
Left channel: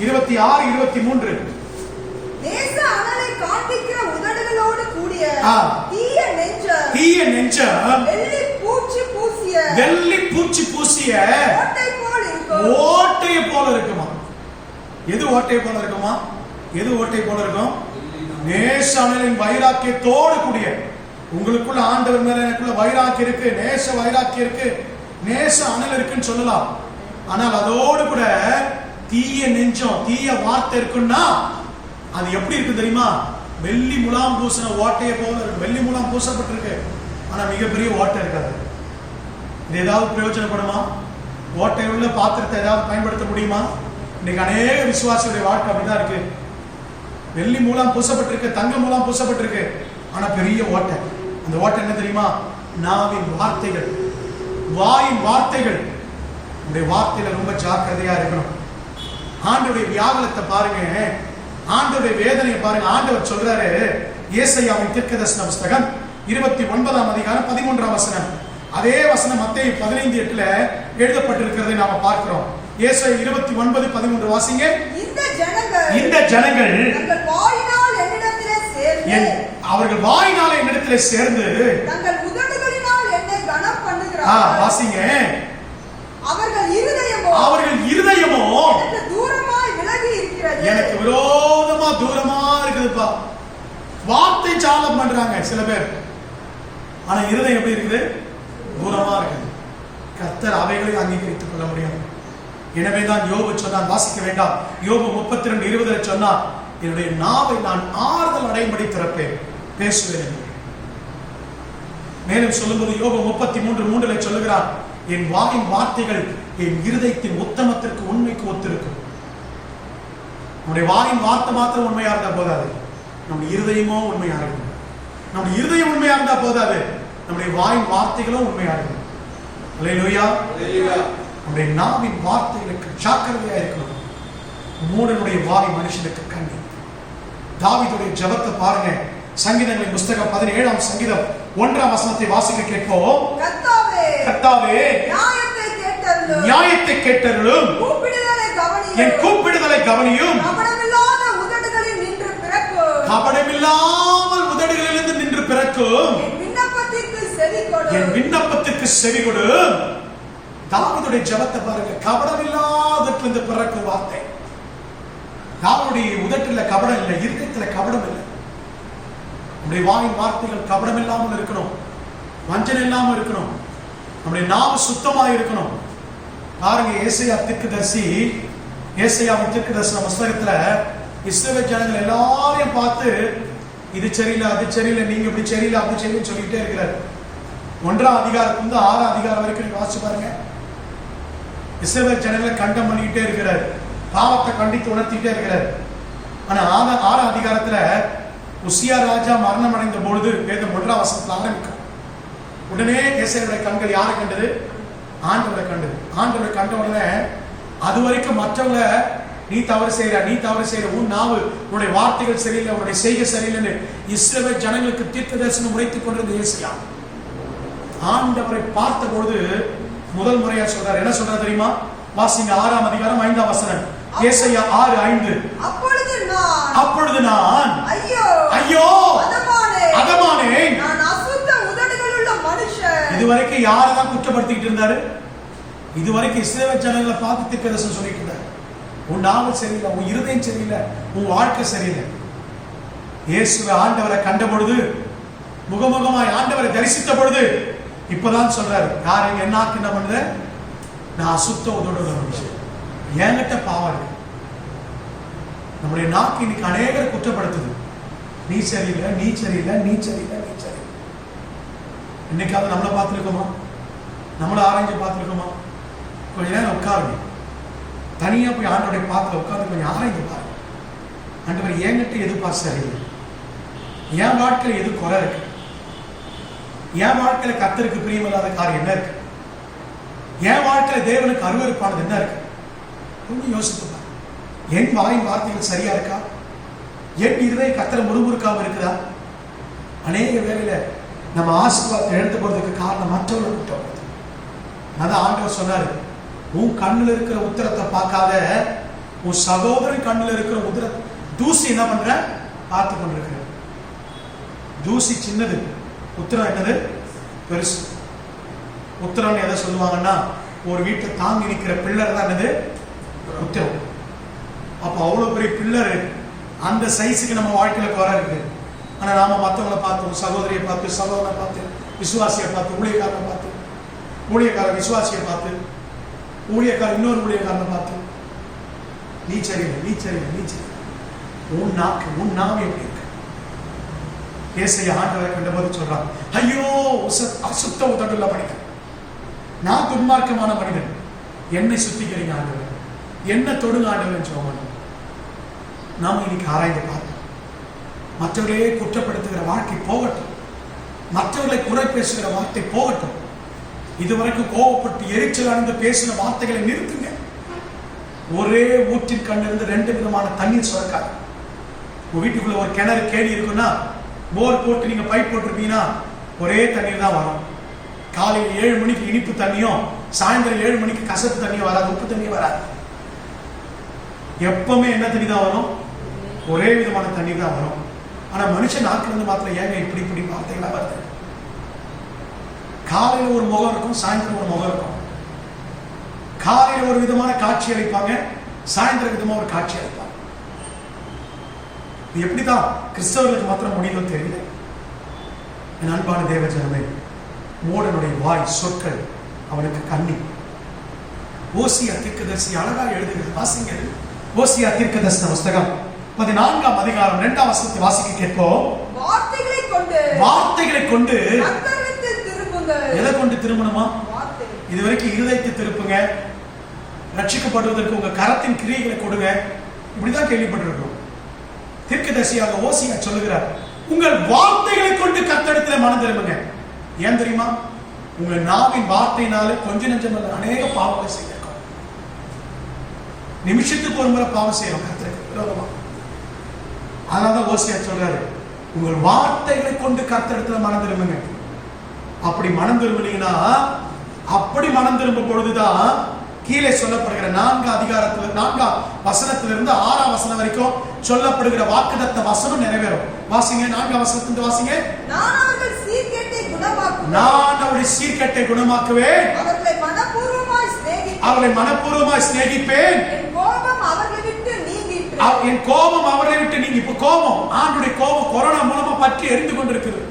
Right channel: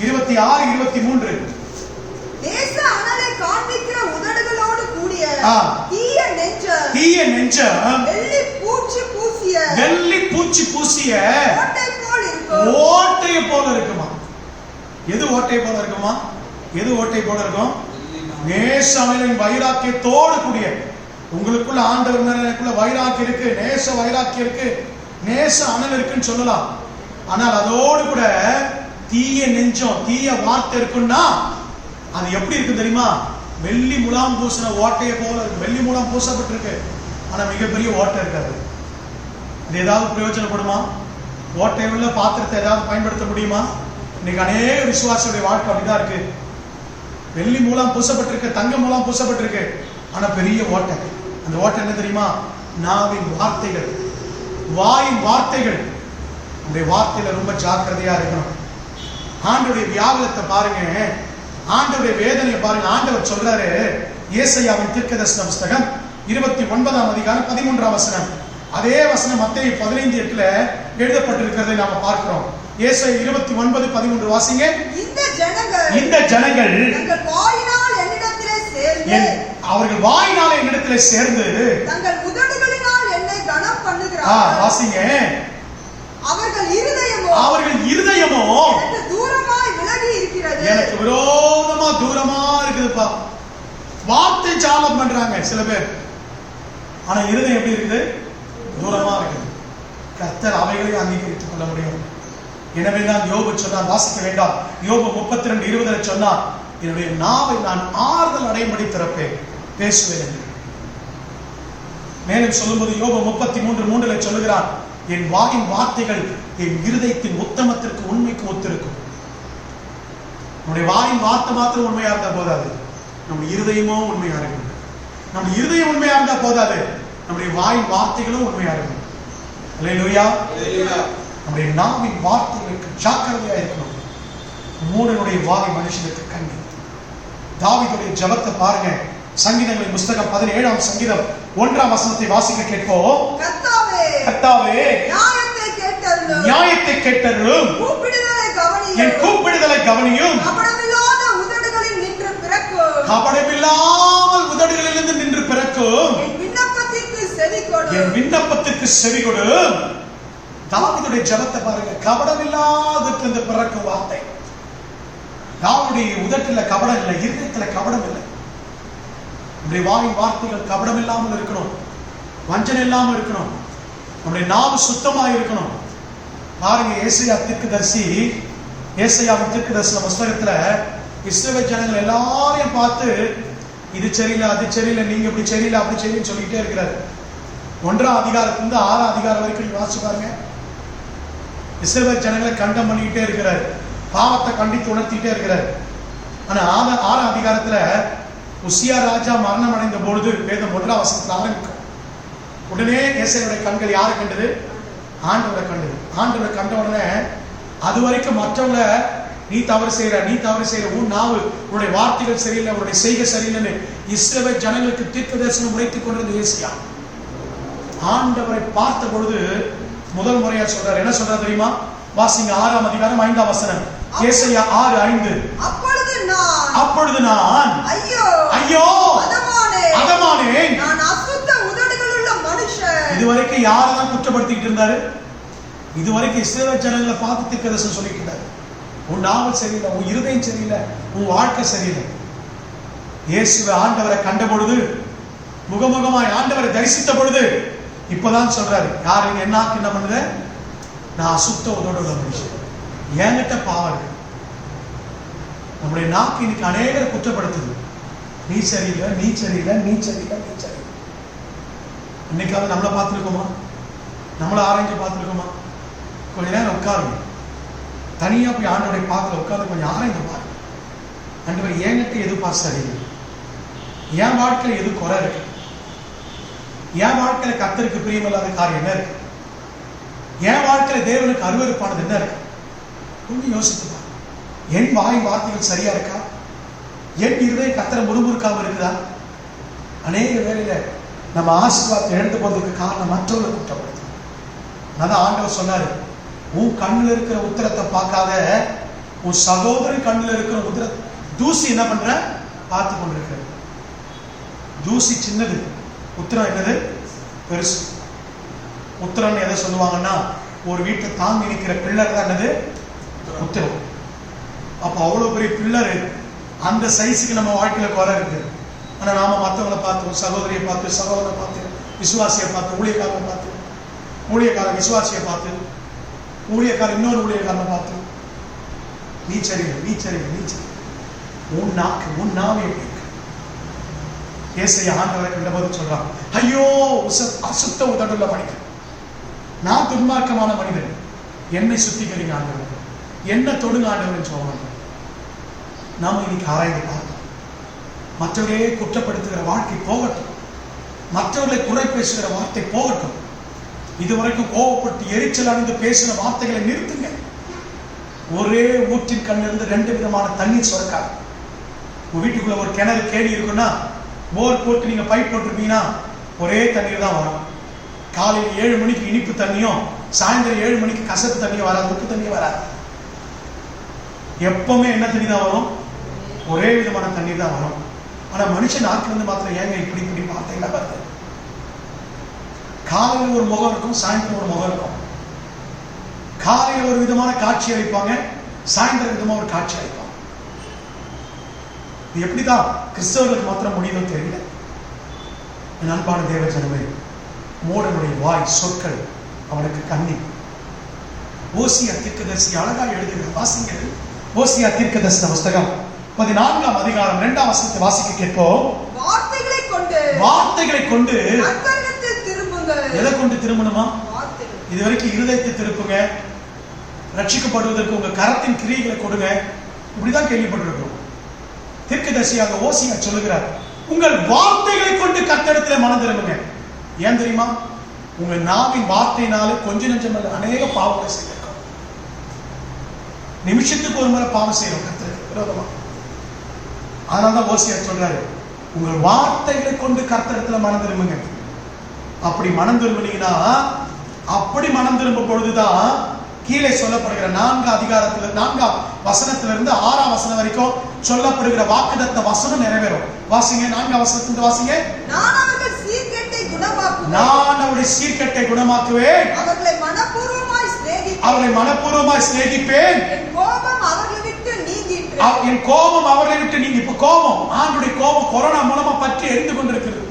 26-23. நேச அனலை காண்பிக்கிற உதடுகளோடு கூடிய தீய நெஞ்சம் வெள்ளி பூச்சி பூசிய ஓட்டை போல இருக்குமா? எது ஓட்டை போல இருக்குமா? எது ஓட்டை போல இருக்கும்? நேச அனலின் வைராக்கியத்தோடு கூடிய. உங்களுக்குள்ள ஆண்டவர் மேல எனக்குள்ள வைராக்கியம் இருக்கு, நேச வைராக்கியம் இருக்கு, நேச அனல் இருக்குன்னு சொல்லலாம். ஆனால் அதோடு கூட தீய நெஞ்சம், தீய வார்த்தை இருக்குன்னா அது எப்படி இருக்கு தெரியுமா? வெள்ளி முலாம் பூசின ஓட்டைய போல இருக்கு. வெள்ளி முலாம் பூசப்பட்டிருக்கு, ஆனா மிகப்பெரிய ஓட்டை இருக்காது. இது ஏதாவது பிரயோஜனப்படுமா? ஓட்டை உள்ள பாத்திரத்தை ஏதாவது பயன்படுத்த முடியுமா? இன்னைக்கு அநேக விசுவாசியுடைய வாழ்க்கை அப்படிதான் இருக்கு. வெள்ளி மூலம் பூசப்பட்டிருக்கு, தங்க மூலம் பூசப்பட்டிருக்கு, ஆனா பெரிய ஓட்டை. அந்த ஓட்டை என்ன தெரியுமா? நாவின் வார்த்தைகள், வாயின் வார்த்தைகள். நம்முடைய வார்த்தையில ரொம்ப ஜாக்கிரதையா இருக்கணும். ஆண்டவருடைய வியாகுலத்தை பாருங்க, ஆண்டவருடைய வேதனையை பாருங்க. ஆண்டவர் சொல்றாரு, ஏசாயாவின் தீர்க்கதரிசன புத்தகம் 29ஆம் அதிகாரம் 13ஆம் வசனம். அதே வசனம் மத்தேயு 15:8 எழுதப்பட்டிருக்கிறதை நாம பார்க்கிறோம். ஏசாயா 29:13 வாசிங்க. இந்த ஜனங்கள் அவர்கள் வாயினாலே என்னிடத்திலே சேர்ந்து தங்கள் உதடுகளினால் என்னை கனம் பண்ணுகிறார்கள். வாசிங்க. அவர்கள் இருதயமோ எனக்கு தூரமாய் விலகி இருக்கிறது. எனக்கு விரோதமா தூரமா இருக்குதுப்பா. வார்த்தை சாலம் பண்றாங்க சில பேர், ஆனா இருதயம் எப்படி இருக்குது? தூரமா இருக்குது. கர்த்தர் அவைகளை அங்கீகரித்துக் கொள்ள முடியும். எனவேதான் யோபு சொன்னான், வாசிக்க வேண்டாம், யோபு 32:20 சொன்னான், என்னுடைய நாவை நான் ஆறுதல் அடையும்படி திறப்பேன், பேசுவேன். மேலும் சொல்லும்போது யோபு 33:3 சொல்லுகிறான், என் வாயின் வார்த்தைகள் என் இருதயத்தின் உத்தமத்திற்கு உண்மைக்கு ஒத்திருக்கும். நம்முடைய வாயின் வார்த்தை மாத்திரம் உண்மையா இருந்தா போதாது, நம்முடைய இருதயமோ உண்மையா இருக்கணும். நம்முடைய இருதயம் உண்மையா இருந்தா போதாது, நம்முடைய வாயின் வார்த்தைகளும் உண்மையா இருக்கணும். அல்லேலூயா. நம்முடைய நாவின் வார்த்தைகளுக்கு ஜாக்கிரதையா இருக்கணும். மூடனுடைய வாய் மனுஷனுக்கு கண்ணி. தாவீதுடைய ஜெபத்தை பாருங்க. சங்கீதங்களின் புத்தகம் 17ஆம் சங்கீதம் 1ஆம் வசனத்தை வாசிக்க கேட்போம். கர்த்தாவே நியாயத்தை கேட்டருளும், என் கூப்பிடுதலை கவனியும். கபடமில்லாமல் உதடுகளிலிருந்து நின்று பிறக்கும் என் விண்ணப்பத்திற்கு செவி கொடு. தாவீதுடைய ஜெபத்தை பாருங்க. கபடமில்லாததிலிருந்து பிறக்கும் வார்த்தை. தாவீதுடைய உதட்டில கபடம் இல்லை, இருதயத்துல கபடம் இல்லை. நம்முடைய வாயின் வார்த்தைகள் கபடம் இல்லாமல் இருக்கணும், வஞ்சனை இல்லாமல் இருக்கணும். நம்முடைய நாவு சுத்தமாக இருக்கணும். பாருங்க, ஏசாயாவின் தீர்க்கதரிசன புத்தகத்துல இஸ்ரவேல் ஜனங்கள் எல்லாரையும் பார்த்து இது சரியில்லை, அது சரியில்லை, நீங்க இப்படி சரியில்லை, அப்படி சரியில்லைன்னு சொல்லிட்டே இருக்கிறார். 1ஆம் அதிகாரத்திலிருந்து 6ஆம் அதிகாரம் வரைக்கும் வாசிச்சு பாருங்க. இஸ்ரவேல் ஜனங்களை கண்டம் பண்ணிக்கிட்டே இருக்கிறார், பாவத்தை கண்டித்து உணர்த்திட்டே இருக்கிறார். ஆனா 6ஆம் அதிகாரத்துல உசியா ராஜா மரணம் அடைந்த பொழுது வேதம் 1ஆம் வசனத்துல ஆரம்பிக்கும். உடனே ஏசாயாவுடைய கண்கள் யாரை கண்டது? ஆண்டவரை கண்டது. ஆண்டவரை கண்ட உடனே அது வரைக்கும் மற்றவங்கள நீ தவறு செய்யற, உன் நாவு, உன்னுடைய வார்த்தைகள் சரியில்லை, உன்னுடைய செய்கை சரியில்லைன்னு இஸ்ரவேல் ஜனங்களுக்கு தீர்க்க தரிசனம் உரைத்துக் கொண்டிருந்த ஏசாயா ஆண்டவரை பார்த்த பொழுது முதல் முறையா சொல்றாரு. என்ன சொல்றாரு தெரியுமா? வாசிங்க. 6ஆம் அதிகாரம் 5ஆம் வசனம். ஏசாயா 6:5. அப்பொழுது நான் ஐயோ அதமானேன். இதுவரைக்கும் யாரதான் குற்றப்படுத்திக்கிட்டு இருந்தாரு? இதுவரைக்கும் இஸ்ரவேல் ஜனங்களை பார்த்து தீர்க்க தரிசனம் சொல்லிட்டு இருந்தாரு. உன் நாவல் சரியில்லை, உன் இருதயம் சரியில்லை, உன் வாழ்க்கை சரியில்லை. இயேசுவை ஆண்டவரை கண்ட பொழுது, முகமுகமாய் ஆண்டவரை தரிசித்த பொழுது இப்பதான் சொல்றாரு, யாரு என்ன என்ன பண்ணுத, நான் அசுத்த உதோட உள்ள மனுஷன், என்கிட்ட பாவம் இருக்கு. நம்முடைய நாக்கு இன்னைக்கு அநேகரை குற்றப்படுத்துது. நீ சரியில்லை, நீ சரியில்லை, நீ சரியில்லை, நீ சரியில்லை. இன்னைக்காவது நம்மளை பார்த்துருக்கோமா? நம்மளை ஆராய்ஞ்சு பார்த்துருக்கோமா? கொஞ்ச நேரம் உட்காருங்க, தனியா போய் ஆண்டவரை பார்த்து உட்கார்ந்து கொஞ்சம் ஆராய்ந்து பாருங்க. ஆண்டவர் என்கிட்ட எது பாஸ் சரியில்லை, என் வாழ்க்கையில எது குறை இருக்கு, என் வாழ்க்கையில கர்த்தருக்கு பிரியமில்லாத காரியம் என்ன இருக்கு, என் வாழ்க்கையில தேவனுக்கு அருவருப்பானது என்ன இருக்கு, கொஞ்சம் யோசித்து பாருங்க. என் வாய் வார்த்தைகள் சரியா இருக்கா? என் இருதய கர்த்தரை முறுமுறுக்காம இருக்குதா? அநேக வேளையில நம்ம ஆசீர்வாதத்தை எடுத்து போறதுக்கு காரணம் மற்றவர்கள் குற்றப்படுது. அதான் ஆண்டவர் சொன்னாரு, உன் கண்ணுல இருக்கிற உத்தரத்தை பார்க்காத, உன் சகோதரன் கண்ணுல இருக்கிற உத்தர தூசி என்ன பண்ற பார்த்து கொண்டிருக்கிற. தூசி சின்னது, உத்தரம் என்னது பெருசு. உத்தரம் எதை சொல்லுவாங்கன்னா, ஒரு வீட்டை தாங்கி நிற்கிற பில்லர் தான் என்னது உத்தரம். அப்ப அவ்வளவு பெரிய பில்லரு, அந்த சைஸுக்கு நம்ம வாழ்க்கையில குறை இருக்கு. ஆனா நாம மற்றவங்களை பார்த்து, சகோதரியை பார்த்து, சகோதரனை பார்த்து, விசுவாசியை பார்த்து, ஊழியக்காரனை பார்த்து, ஊழியக்கார விசுவாசியை பார்த்து, ஊழியக்கார இன்னொரு ஊழியக்காரனை பார்த்து, நீ சரியில்லை, நீ சரியில்லை, நீ சரியில்லை. உன் நாக்கு, உன் நாவு எப்படி இருக்கு? ஏசையா ஆண்டவரை கண்டபோது சொல்றான், ஐயோ அசுத்த உதடுள்ள மனிதன், நான் துன்மார்க்கமான மனிதன், என்னை சுத்திக்கிறீங்க ஆண்டவர், என்ன தொடுங்க ஆண்டவர் சொல்லுவாங்க. நாம இன்னைக்கு ஆராய்ந்து பார்ப்போம். மற்றவர்களே குற்றப்படுத்துகிற வாழ்க்கை போகட்டும், மற்றவர்களை குறை பேசுகிற வார்த்தை போகட்டும். இதுவரைக்கும் கோவப்பட்டு எரிச்சல் அடைந்து பேசின வார்த்தைகளை நிறுத்துங்க. ஒரே ஊற்றின் கண்ணிருந்து 2 விதமான தண்ணீர் சுரக்காது. உங்க வீட்டுக்குள்ள ஒரு கிணறு கேணி இருக்குன்னா, போர் போட்டு நீங்க பைப் போட்டிருப்பீங்கன்னா ஒரே தண்ணீர் தான் வரும். காலையில் 7 மணிக்கு இனிப்பு தண்ணியும், சாயந்தரம் 7 மணிக்கு கசப்பு தண்ணியும் வராது, உப்பு தண்ணியும் வராது. எப்பவுமே என்ன தண்ணி தான் வரும்? ஒரே விதமான தண்ணீர் தான் வரும். ஆனா மனுஷன் நாட்டுல இருந்து மாத்திரம் ஏங்க இப்படி இப்படி வார்த்தைகளா வருது? காலையில் ஒரு முகம் இருக்கும், சாயந்தரம் ஒரு முகம் இருக்கும். காலையில் ஒரு விதமான காட்சி அளிப்பாங்க, சாயந்தரம் விதமா ஒரு காட்சி அளிப்பாங்க. எப்படிதான் கிறிஸ்தவர்களுக்கு மாத்திரம் முடியுதோ தெரியல. என் அன்பான தேவ ஜனமே, மூடனுடைய வாய் சொற்கள் அவனுக்கு கண்ணி. ஓசியா தீர்க்கதரிசி அழகா எழுதுகிற வாசிங்க. ஓசியா தீர்க்கதரிசன புஸ்தகம் 14ஆம் அதிகாரம் 2ஆம் வசனத்தை வாசிக்க கேட்போம். வார்த்தைகளை கொண்டு எதை கொண்டு திரும்பணுமா? இதுவரைக்கும் இருதயத்தை திருப்புங்க, ரட்சிக்கப்படுவதற்கு உங்க கரத்தின் கிரியைகளை கொடுங்க, இப்படிதான் கேள்விப்பட்டிருக்கிறோம். தீர்க்கதரிசியாக ஓசியா சொல்லுகிறார், உங்கள் வார்த்தைகளை கொண்டு கர்த்தரிடத்தில் மனம் திரும்புங்க. ஏன் தெரியுமா? உங்கள் நாவின் வார்த்தையினாலே கொஞ்ச நெஞ்சம் அல்ல அநேக பாவங்களை செய்திருக்கோம். நிமிஷத்துக்கு ஒரு முறை பாவம் செய்யறோம் கர்த்தருக்கு விரோதமா. அதனாலதான் ஓசியா சொல்றாரு, உங்கள் வார்த்தைகளை கொண்டு கர்த்தரிடத்துல மனம் திரும்புங்க. அப்படி மனம் திரும்பினீங்கன்னா, அப்படி மனம் திரும்பும் பொழுதுதான் கீழே சொல்லப்படுகிற 4ஆம் அதிகாரத்துல 4ஆம் வசனத்திலிருந்து 6ஆம் வசனம் வரைக்கும் சொல்லப்படுகிற வாக்குத்தத்த வசனம் நிறைவேறும். வாசிங்க, 4ஆம் வசனத்திலிருந்து வாசிங்க. நான் அவருடைய சீர்கேட்டை குணமாக்குவேன், அவர்களை மனப்பூர்வமாய் சிநேகிப்பேன், என் கோபம் அவர்களை விட்டு நீங்கி. இப்ப கோபம், ஆண்டுடைய கோபம் கொரோனா மூலமா பற்றி எரிந்து கொண்டிருக்கிறது.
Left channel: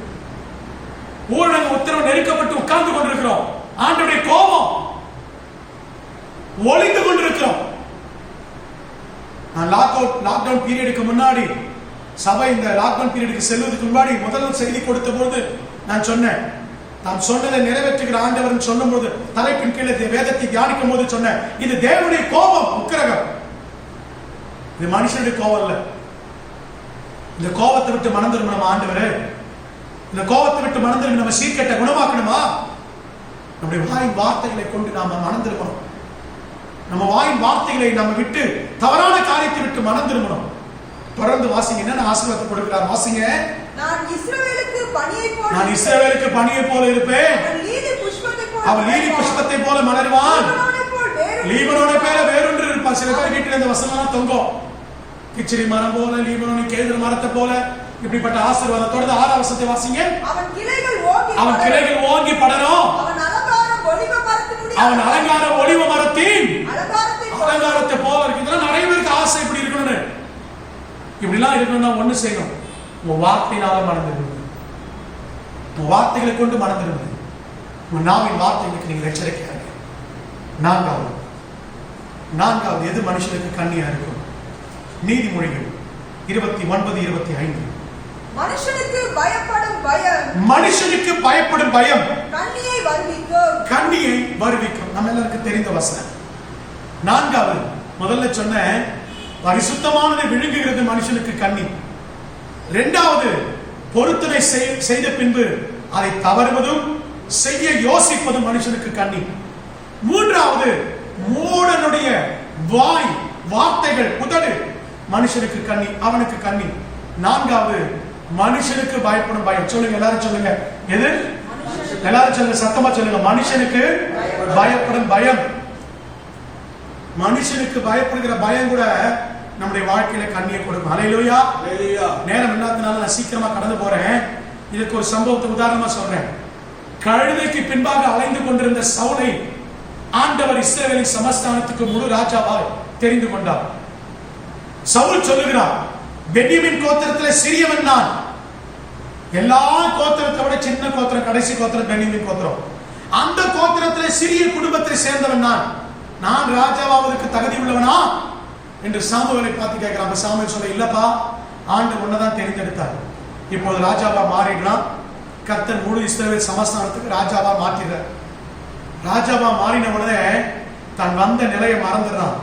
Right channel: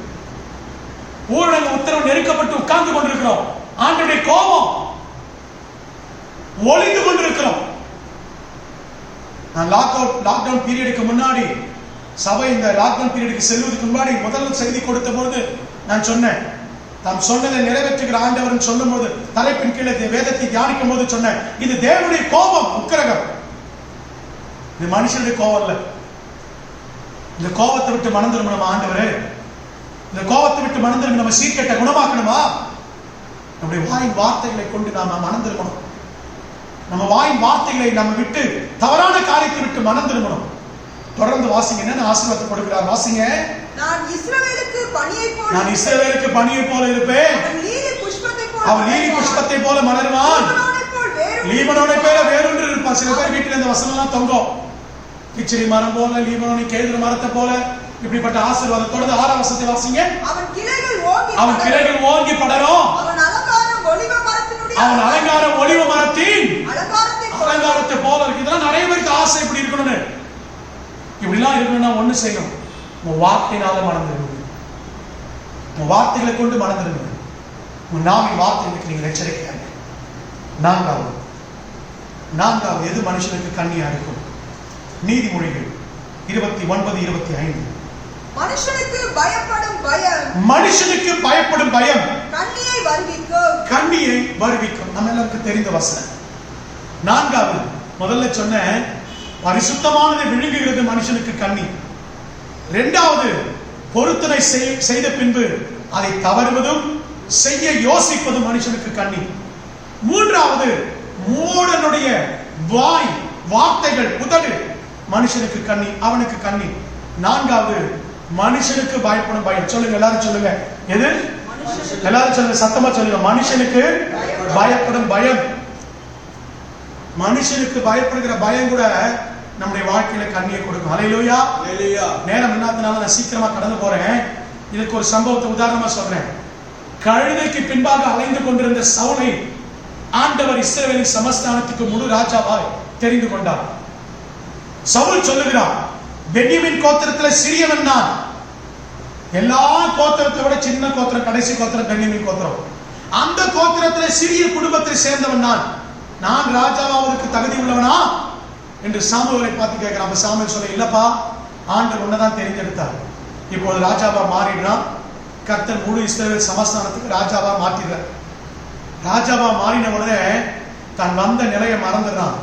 ஊரடங்கு உத்தரவு நெருக்கப்பட்டு உட்கார்ந்து கொண்டிருக்கிறோம். ஆண்டுடைய கோபம் ஒளிந்து கொண்டிருக்கிறோம். நான் லாக்டவுன் பீரியடுக்கு முன்னாடி, சபை இந்த லாக்டவுன் பீரியடுக்கு செல்வதற்கு முன்னாடி முதல் செய்தி கொடுத்த பொழுது நான் சொன்னேன், தாம் சொன்னதை நிறைவேற்றுகிற ஆண்டவர் சொல்லும் போது தலைப்பின் கீழே வேதத்தை தியானிக்கும் போது சொன்னேன், இது தேவனுடைய கோபம், உக்கிரகம். இது மனுஷனுடைய கோபம் இல்ல. இந்த கோபத்தை விட்டு மனம் திரும்பணுமா ஆண்டவரே? இந்த கோபத்தை விட்டு மனம் திரும்பி நம்ம சீர்கேட்டை குணமாக்கணுமா? நம்முடைய வாயின் வார்த்தைகளை கொண்டு நாம மனம் திரும்பணும். நம்ம வாயின் வார்த்தைகளை நம்ம விட்டு தவறான காரியத்தை விட்டு மனம் திரும்பணும். தொடர்ந்து வாசிங்க, என்ன ஆசீர்வாதத்தை கொடுக்கிறார் வாசிங்க. நான் இஸ்ரவேலுக்கு பனியை போல இருப்பேன், அவன் லீலி புஷ்பத்தை போல மலருவான், லீபனோனை போல வேறொன்று இருப்பான். சில பேர் வீட்டில் இந்த வசனம் எல்லாம் தொங்கும். கிச்சிரி மரம் போல, லீபனோனி கேதுரு மரத்தை போல, இப்படிப்பட்ட ஆசீர்வாதத்தோடு 6ஆம் வசனத்தை வாசிங்க. அவன் கிளைகள் ஓங்கி படரும், அவன் அலங்காரம் ஒலிவ மரத்தின் அலங்காரத்தை போல இருக்கு. இதெல்லாம் நிறைய பேருக்கு ஆசை இப்படி இருக்கணும்னு. இப்படிலாம் இருக்கணும்னா ஒண்ணு செய்யணும், உங்க வார்த்தையினால மணந்திருக்கணும். உங்க வார்த்தைகளை கொண்டு மணந்திருக்கணும். உங்க நாவின் வார்த்தைகளுக்கு நீங்க எச்சரிக்கையாக. நான்காவது எது மனுஷனுக்கு கண்ணியா இருக்கும்? நீதிமொழிகள் 29:25. மனுஷனுக்கு பயப்படும் பயம், மனுஷனுக்கு பயப்படும் பயம் கண்ணியை வருவிக்கும். கண்ணியை வருவிக்கும். நம்ம எல்லாருக்கும் தெரிந்த வசனம். நான்காவது, முதல்ல சொன்ன பரிசுத்தமானதை விழுங்குகிறது மனுஷனுக்கு கண்ணி. இரண்டாவது, பொருத்தனை செய்த பின்பு அதை தவறுவதும் செய்ய யோசிப்பதும் மனுஷனுக்கு கண்ணி. மூன்றாவது, மூடனுடைய வாய், வார்த்தைகள், உதடு மனுஷனுக்கு கண்ணி, அவனுக்கு கண்ணி. நான்காவது, மனுஷனுக்கு பயப்படும் பயம். சொல்லுங்க, எல்லாரும் சொல்லுங்க. எது? எல்லாரும் சொல்லுங்க, சத்தமா சொல்லுங்க. மனுஷனுக்கு பயப்படும் பயம். மனுஷனுக்கு பயப்படுகிற பயம் கூட நம்முடைய வாழ்க்கையில கண்ணியை கொடுக்கும். ஹல்லேலூயா. நேரம் இல்லாதனால நான் சீக்கிரமா கடந்து போறேன். இதுக்கு ஒரு சம்பவத்தை உதாரணமா சொல்றேன். கழுதைக்கு பின்பாக அலைந்து கொண்டிருந்த சவுலை ஆண்டவர் இஸ்ரவேலின் சமஸ்தானத்துக்கு முழு ராஜாவாய் தெரிந்து கொண்டார். சவுல் சொல்லுகிறார், பென்யமீன் கோத்திரத்தில் சிறியவன் நான். எல்லா கோத்திரத்தை விட சின்ன கோத்திரம், கடைசி கோத்திரம் பென்யமீன் கோத்திரம். அந்த கோத்திரத்தில் சிறிய குடும்பத்தை சேர்ந்தவன் நான் ராஜாவாவதற்கு தகுதி உள்ளவனா என்று சாமுவேலை பார்த்து கேட்கிறான். அப்ப சாமுவேல் சொல்ல, இல்லப்பா, ஆண்டவர் உன்னதான் தெரிந்தெடுத்தார். இப்பொழுது ராஜாவா மாறிடுறான். கர்த்தர் முழு இஸ்ரவேல் சமஸ்தானத்துக்கு ராஜாவா மாற்றிடுறார். ராஜாவா மாறின உடனே தான் வந்த நிலையை மறந்துடுறான்.